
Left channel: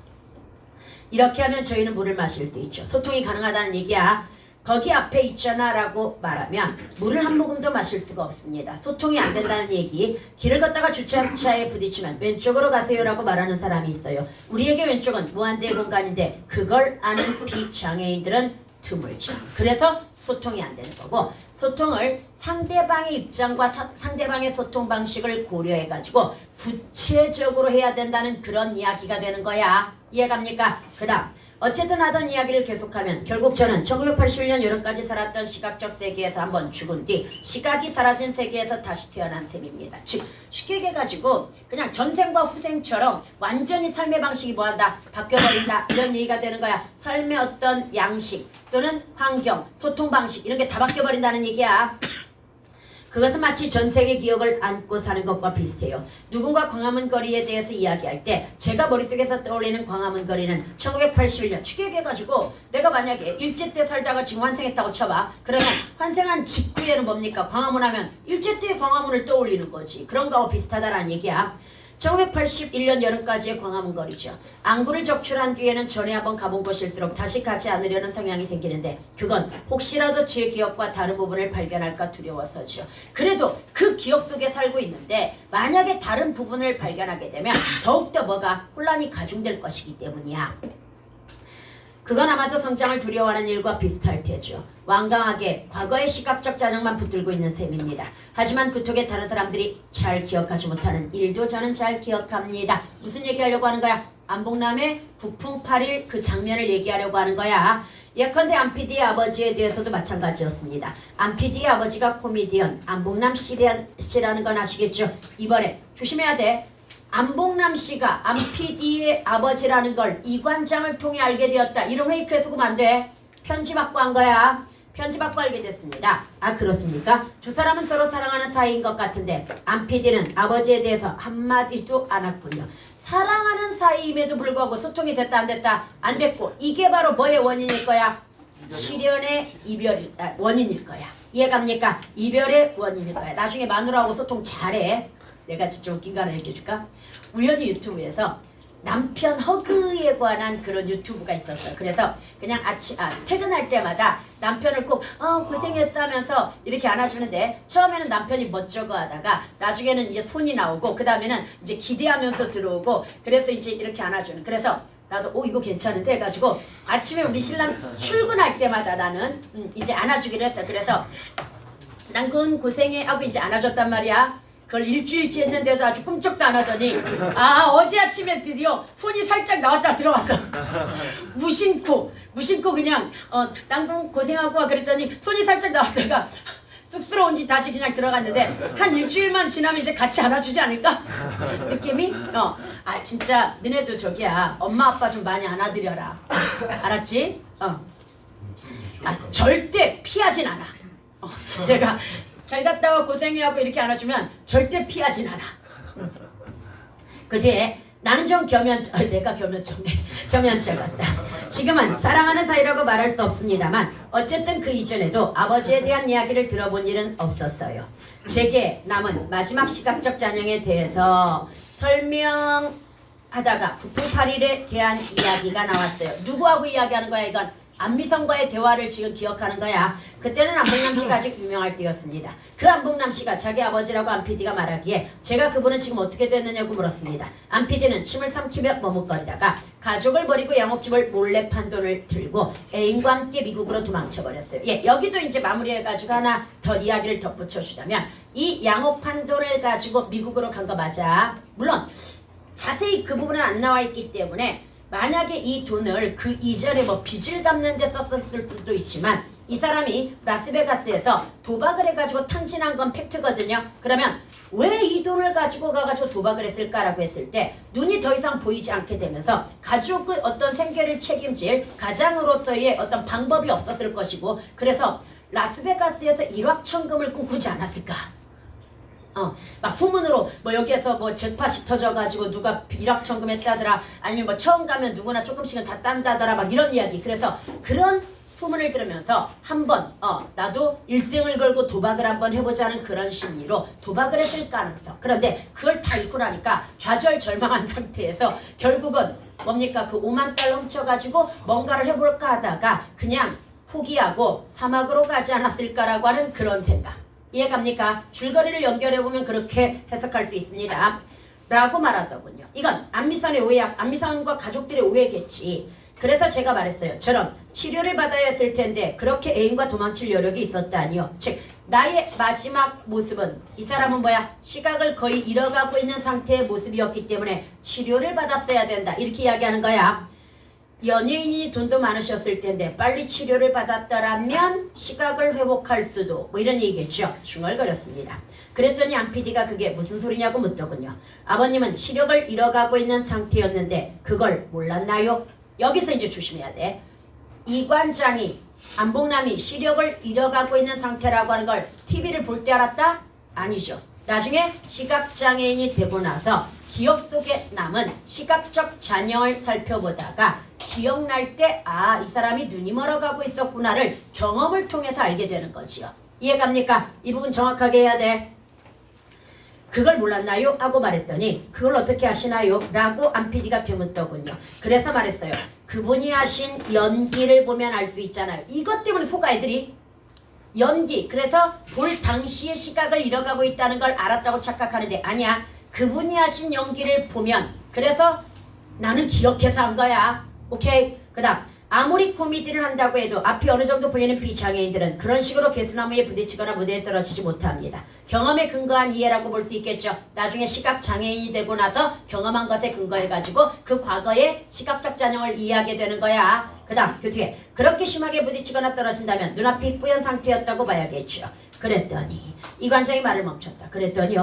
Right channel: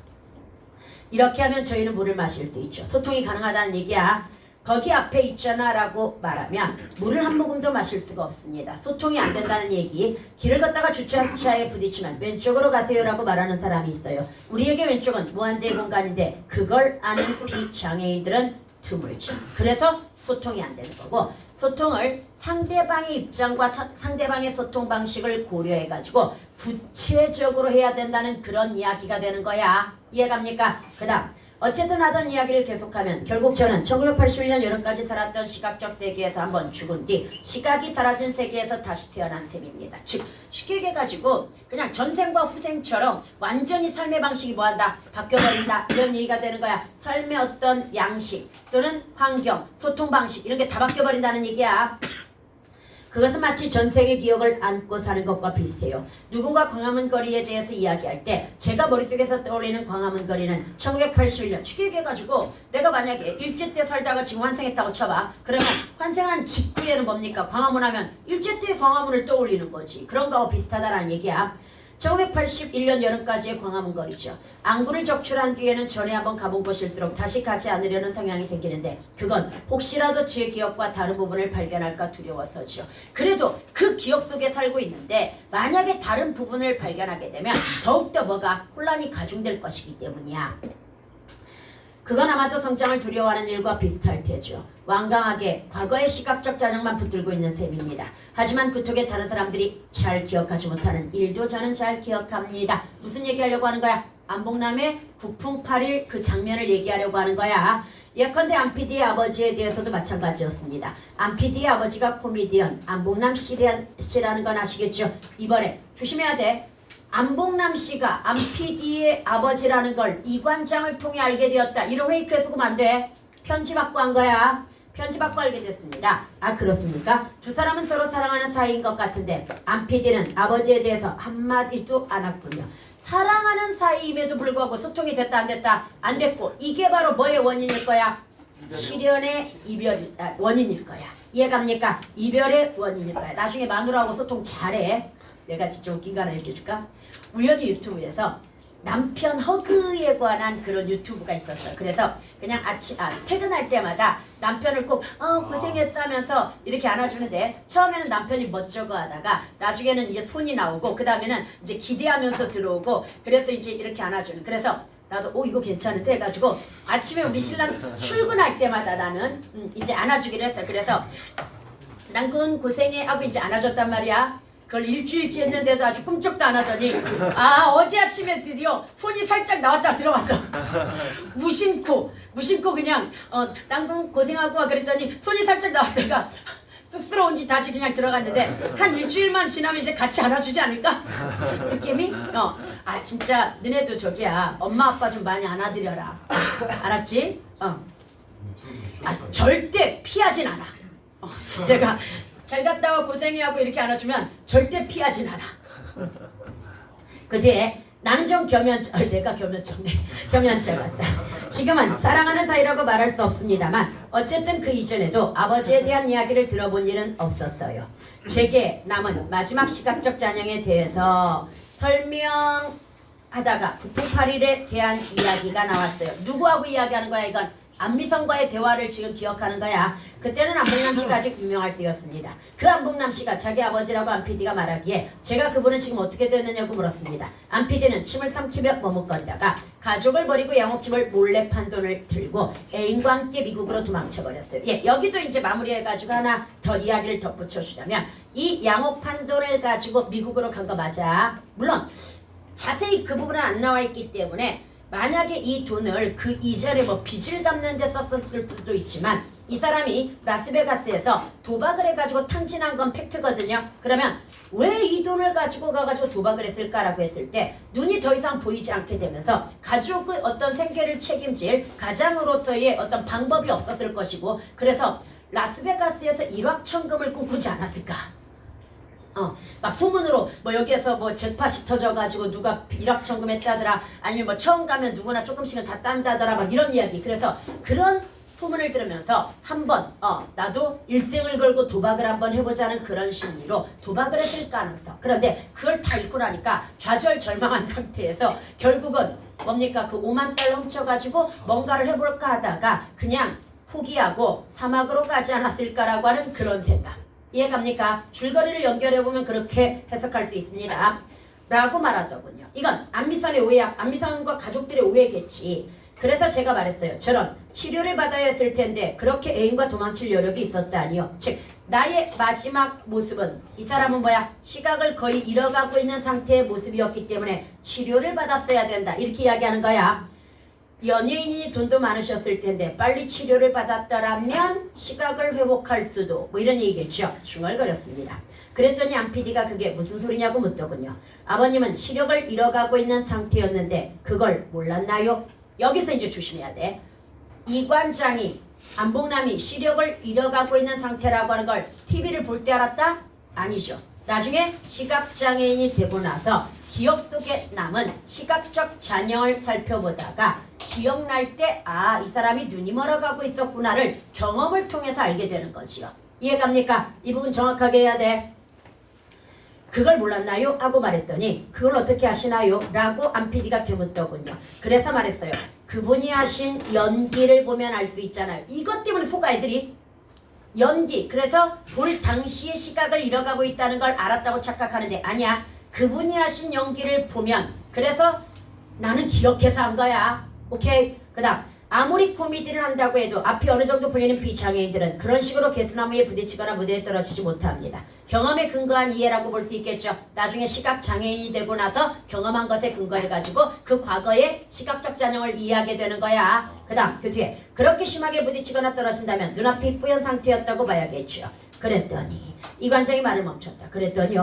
이렇게 하면 저희는 물을 마실 수 있죠. 소통이 가능하다는 얘기야. 거기 앞에 있잖아 라고 말하면 물을 한 모금도 마실 수가 없습니다. 소통이 안 된다는 얘기. 길을 걷다가 주차차에 부딪히면 왼쪽으로 가세요 라고 말하는 사람이 있어요. 우리에게 왼쪽은 무한대의 공간인데 그걸 아는 비장애인들은 드물죠. 그래서 소통이 안 되는 거고 소통을 상대방의 입장과 상대방의 소통 방식을 고려해가지고 구체적으로 해야 된다는 그런 이야기가 되는 거야. 이해갑니까? 그 다음 어쨌든 하던 이야기를 계속하면 결국 저는 1981년 여름까지 살았던 시각적 세계에서 한번 죽은 뒤 시각이 사라진 세계에서 다시 태어난 셈입니다. 즉 쉽게 얘기해가지고 그냥 전생과 후생처럼 완전히 삶의 방식이 뭐한다? 바뀌어버린다. 이런 얘기가 되는 거야. 삶의 어떤 양식 또는 환경, 소통 방식 이런 게 다 바뀌어버린다는 얘기야. 그것은 마치 전생의 기억을 안고 사는 것과 비슷해요. 누군가 광화문 거리에 대해서 이야기할 때 제가 머릿속에서 떠올리는 광화문 거리는 1981년 추계해가지고 내가 만약에 일제 때 살다가 지금 환생했다고 쳐봐. 그러면 환생한 직후에는 뭡니까? 광화문 하면 일제 때의 광화문을 떠올리는 거지. 그런 거하고 비슷하다라는 얘기야. 1981년 여름까지의 광화문 거리죠. 안구를 적출한 뒤에는 전에 한번 가본 곳일수록 다시 가지 않으려는 성향이 생기는데 그건 혹시라도 제 기억과 다른 부분을 발견할까 두려워서죠. 그래도 그 기억 속에 살고 있는데 만약에 다른 부분을 발견하게 되면 더욱더 뭐가 혼란이 가중될 것이기 때문이야. 그건 아마도 성장을 두려워하는 일과 비슷할 테죠. 완강하게 과거의 시각적 자정만 붙들고 있는 셈입니다. 하지만 그쪽에 다른 사람들이 잘 기억하지 못하는 일도 저는 잘 기억합니다. 무슨 얘기하려고 하는 거야? 안봉남의 북풍 8일 그 장면을 얘기하려고 하는 거야. 예컨대 안PD의 아버지에 대해서도 마찬가지였습니다. 안PD의 아버지가 코미디언 안봉남 씨라는 건 아시겠죠? 이번에 조심해야 돼. 안봉남 씨가 안PD의 아버지라는 걸 이관장을 통해 알게 되었다. 이런 페이크에 속으면 안 돼. 편지 받고 한 거야. 편지 받고 알게 됐습니다. 아 그렇습니까? 두 사람은 서로 사랑하는 사이인 것 같은데 안PD는 아버지에 대해서 한마디도 안 했군요. 사랑하는 사이임에도 불구하고 소통이 됐다 안 됐다? 안 됐고 이게 바로 뭐의 원인일 거야? 실연의 이별의 원인일 거야. 이해갑니까? 이별의 원인일 거야. 나중에 마누라하고 소통 잘해. 내가 진짜 웃긴 거 하나 얘기해줄까? 우연히 유튜브에서 남편 허그에 관한 그런 유튜브가 있었어. 그래서 그냥 퇴근할 때마다 남편을 꼭 고생했어 하면서 이렇게 안아주는데 처음에는 남편이 멋쩍어 하다가 나중에는 이제 손이 나오고 그 다음에는 이제 기대하면서 들어오고 그래서 이제 이렇게 안아주는. 그래서 나도 이거 괜찮은데 해가지고 아침에 우리 신랑 출근할 때마다 나는 이제 안아주기로 했어. 그래서 난 그건 고생해 하고 이제 안아줬단 말이야. 그걸 일주일째 했는데도 아주 꿈쩍도 안 하더니 어제 아침에 드디어 손이 살짝 나왔다 들어왔어. 무심코 그냥 난 고생하고 와 그랬더니 손이 살짝 나왔다가 쑥스러운지 다시 그냥 들어갔는데 한 일주일만 지나면 이제 같이 안아주지 않을까? 느낌이? 진짜 너네도 저기야 엄마 아빠 좀 많이 안아드려라. 알았지? 절대 피하진 않아. 내가 잘 갔다 와 고생해하고 이렇게 안아주면 절대 피하진 않아. 그 뒤에 나는 좀 내가 겸연체 같다. 지금은 사랑하는 사이라고 말할 수 없습니다만 어쨌든 그 이전에도 아버지에 대한 이야기를 들어본 일은 없었어요. 제게 남은 마지막 시각적 잔영에 대해서 설명하다가 북풍 8일에 대한 이야기가 나왔어요. 누구하고 이야기하는 거야 이건? 안미성과의 대화를 지금 기억하는 거야. 그때는 안봉남 씨가 아직 유명할 때였습니다. 그 안봉남 씨가 자기 아버지라고 안PD가 말하기에 제가 그분은 지금 어떻게 됐느냐고 물었습니다. 안PD는 침을 삼키며 머뭇거리다가 가족을 버리고 양옥집을 몰래 판 돈을 들고 애인과 함께 미국으로 도망쳐버렸어요. 여기도 이제 마무리해가지고 하나 더 이야기를 덧붙여주자면 이 양옥 판 돈을 가지고 미국으로 간 거 맞아. 물론 자세히 그 부분은 안 나와 있기 때문에 만약에 이 돈을 그 이전에 빚을 갚는 데 썼을 수도 있지만 이 사람이 라스베가스에서 도박을 해가지고 탕진한 건 팩트거든요. 그러면 왜 이 돈을 가지고 가가지고 도박을 했을까라고 했을 때 눈이 더 이상 보이지 않게 되면서 가족의 어떤 생계를 책임질 가장으로서의 어떤 방법이 없었을 것이고 그래서 라스베가스에서 일확천금을 꿈꾸지 않았을까? 막 소문으로 여기에서 잭팟이 터져가지고 누가 일확천금 했다더라 아니면 처음 가면 누구나 조금씩은 다 딴다더라 막 이런 이야기. 그래서 그런 소문을 들으면서 한번 나도 일생을 걸고 도박을 한번 해보자는 그런 심리로 도박을 했을 가능성. 그런데 그걸 다 잊고 나니까 좌절절망한 상태에서 결국은 뭡니까? 그 5만 달러 훔쳐가지고 뭔가를 해볼까 하다가 그냥 포기하고 사막으로 가지 않았을까라고 하는 그런 생각. 이해갑니까? 줄거리를 연결해보면 그렇게 해석할 수 있습니다. 라고 말하더군요. 이건 안미선의 오해야. 안미선과 가족들의 오해겠지. 그래서 제가 말했어요. 저런 치료를 받아야 했을 텐데 그렇게 애인과 도망칠 여력이 있었다니요. 즉 나의 마지막 모습은 이 사람은 시각을 거의 잃어가고 있는 상태의 모습이었기 때문에 치료를 받았어야 된다. 이렇게 이야기하는 거야. 연예인이 돈도 많으셨을 텐데 빨리 치료를 받았더라면 시각을 회복할 수도 이런 얘기겠죠. 중얼거렸습니다. 그랬더니 안PD가 그게 무슨 소리냐고 묻더군요. 아버님은 시력을 잃어가고 있는 상태였는데 그걸 몰랐나요? 여기서 이제 조심해야 돼. 이관장이 안봉남이 시력을 잃어가고 있는 상태라고 하는 걸 TV를 볼 때 알았다? 아니죠. 나중에 시각장애인이 되고 나서 기억 속에 남은 시각적 잔여를 살펴보다가 기억날 때 아, 이 사람이 눈이 멀어가고 있었구나를 경험을 통해서 알게 되는 거지요. 이해갑니까? 이 부분 정확하게 해야 돼. 그걸 몰랐나요? 하고 말했더니 그걸 어떻게 하시나요? 라고 안 PD가 되묻더군요. 그래서 말했어요. 그분이 하신 연기를 보면 알 수 있잖아요. 이것 때문에 속아 애들이 연기. 그래서 볼 당시의 시각을 잃어가고 있다는 걸 알았다고 착각하는데 아니야. 그분이 하신 연기를 보면 그래서 나는 기억해서 한 거야. 오케이? 그 다음 아무리 코미디를 한다고 해도 앞이 어느 정도 보이는 비장애인들은 그런 식으로 개수나무에 부딪히거나 무대에 떨어지지 못합니다. 경험에 근거한 이해라고 볼 수 있겠죠. 나중에 시각장애인이 되고 나서 경험한 것에 근거해가지고 그 과거의 시각적 잔영을 이해하게 되는 거야. 그 다음 그 뒤에 그렇게 심하게 부딪히거나 떨어진다면 눈앞이 뿌연 상태였다고 봐야겠죠. 그랬더니 이 관장이 말을 멈췄다. 그랬더니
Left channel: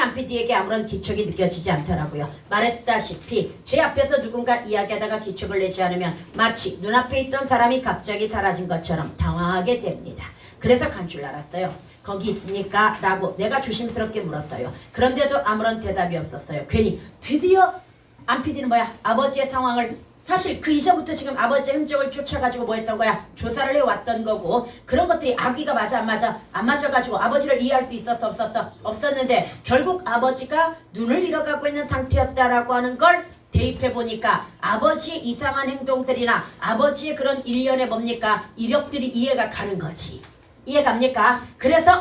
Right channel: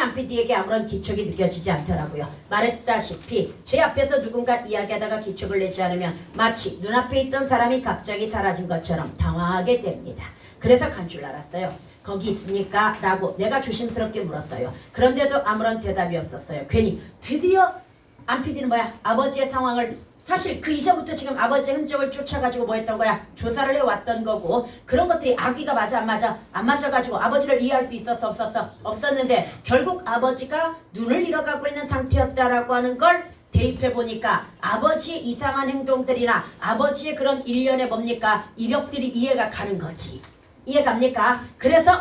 안 PD에게 아무런 기척이 느껴지지 않더라고요. 말했다시피 제 앞에서 누군가 이야기하다가 기척을 내지 않으면 마치 눈앞에 있던 사람이 갑자기 사라진 것처럼 당황하게 됩니다. 그래서 간 줄 알았어요. 거기 있습니까? 라고 내가 조심스럽게 물었어요. 그런데도 아무런 대답이 없었어요. 괜히 드디어 안 PD는 뭐야? 아버지의 상황을 사실 그 이전부터 지금 아버지의 흔적을 쫓아가지고 뭐 했던 거야? 조사를 해왔던 거고 그런 것들이 아기가 맞아 안 맞아가지고 아버지를 이해할 수 있었어 없었어? 없었는데 결국 아버지가 눈을 잃어가고 있는 상태였다라고 하는 걸 대입해보니까 아버지의 이상한 행동들이나 아버지의 그런 일련의 뭡니까? 이력들이 이해가 가는 거지. 이해갑니까? 그래서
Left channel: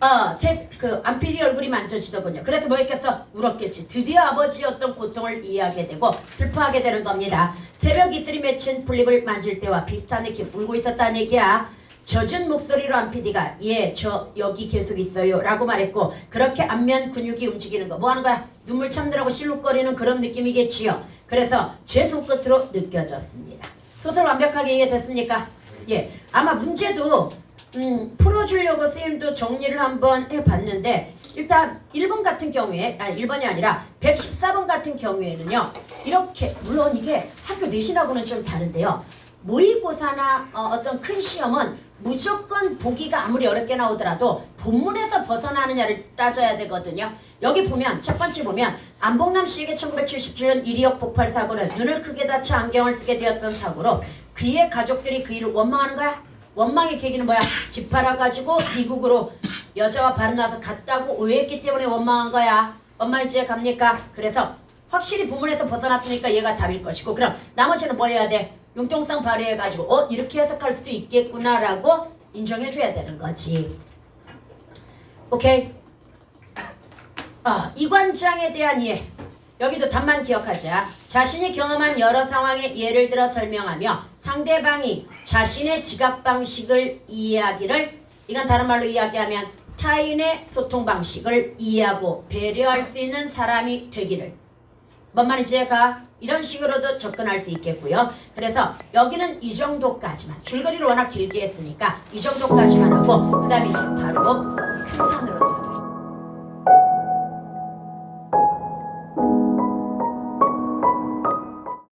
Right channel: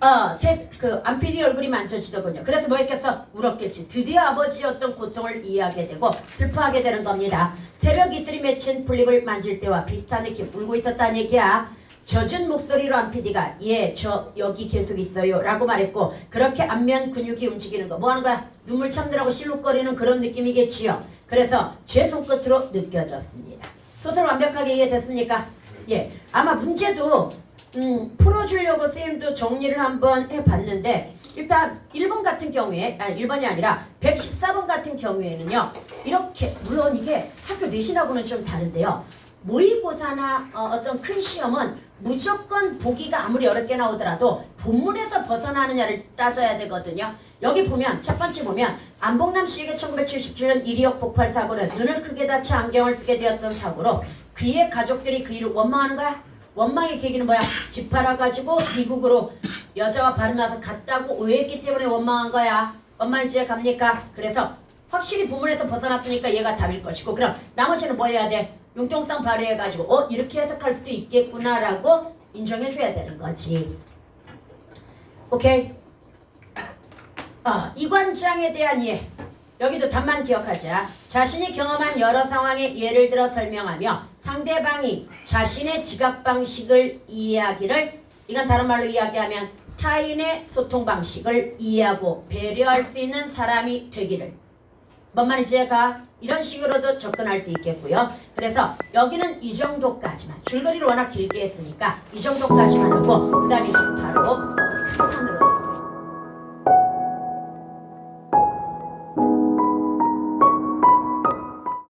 안 PD 얼굴이 만져지더군요. 그래서 뭐 했겠어? 울었겠지. 드디어 아버지의 어떤 고통을 이해하게 되고 슬퍼하게 되는 겁니다. 새벽 이슬이 맺힌 풀잎을 만질 때와 비슷한 느낌 울고 있었다는 얘기야. 젖은 목소리로 안 PD가 예, 저 여기 계속 있어요 라고 말했고 그렇게 안면 근육이 움직이는 거 뭐 하는 거야? 눈물 참느라고 실룩거리는 그런 느낌이겠지요. 그래서 제 손끝으로 느껴졌습니다. 소설 완벽하게 이해됐습니까? 예, 아마 문제도 풀어주려고 선생님도 정리를 한번 해봤는데 일단 1번 같은 경우에 아니 1번이 아니라 114번 같은 경우에는요 이렇게 물론 이게 학교 내신하고는 좀 다른데요 모의고사나 어떤 큰 시험은 무조건 보기가 아무리 어렵게 나오더라도 본문에서 벗어나느냐를 따져야 되거든요. 여기 보면 첫 번째 보면 안봉남 씨에게 1977년 이리역 폭발 사고는 눈을 크게 다쳐 안경을 쓰게 되었던 사고로 그의 가족들이 그 일을 원망하는 거야. 원망의 계기는 뭐야? 집 팔아가지고 미국으로 여자와 바르나서 갔다고 오해했기 때문에 원망한 거야. 뭔 말인지 갑니까? 그래서 확실히 본문에서 벗어났으니까 얘가 답일 것이고 그럼 나머지는 뭐 해야 돼? 융통성 발휘해가지고 이렇게 해석할 수도 있겠구나라고 인정해줘야 되는 거지. 오케이? 이관장에 대한 이해. 여기도 답만 기억하자. 자신이 경험한 여러 상황의 예를 들어 설명하며 상대방이 자신의 지각 방식을 이해하기를 이건 다른 말로 이야기하면 타인의 소통 방식을 이해하고 배려할 수 있는 사람이 되기를. 뭔 말인지 가 이런 식으로도 접근할 수 있겠고요. 그래서 여기는 이 정도까지만 줄거리를 워낙 길게 했으니까 이 정도까지만 하고 그 다음에 이제 바로 큰 산으로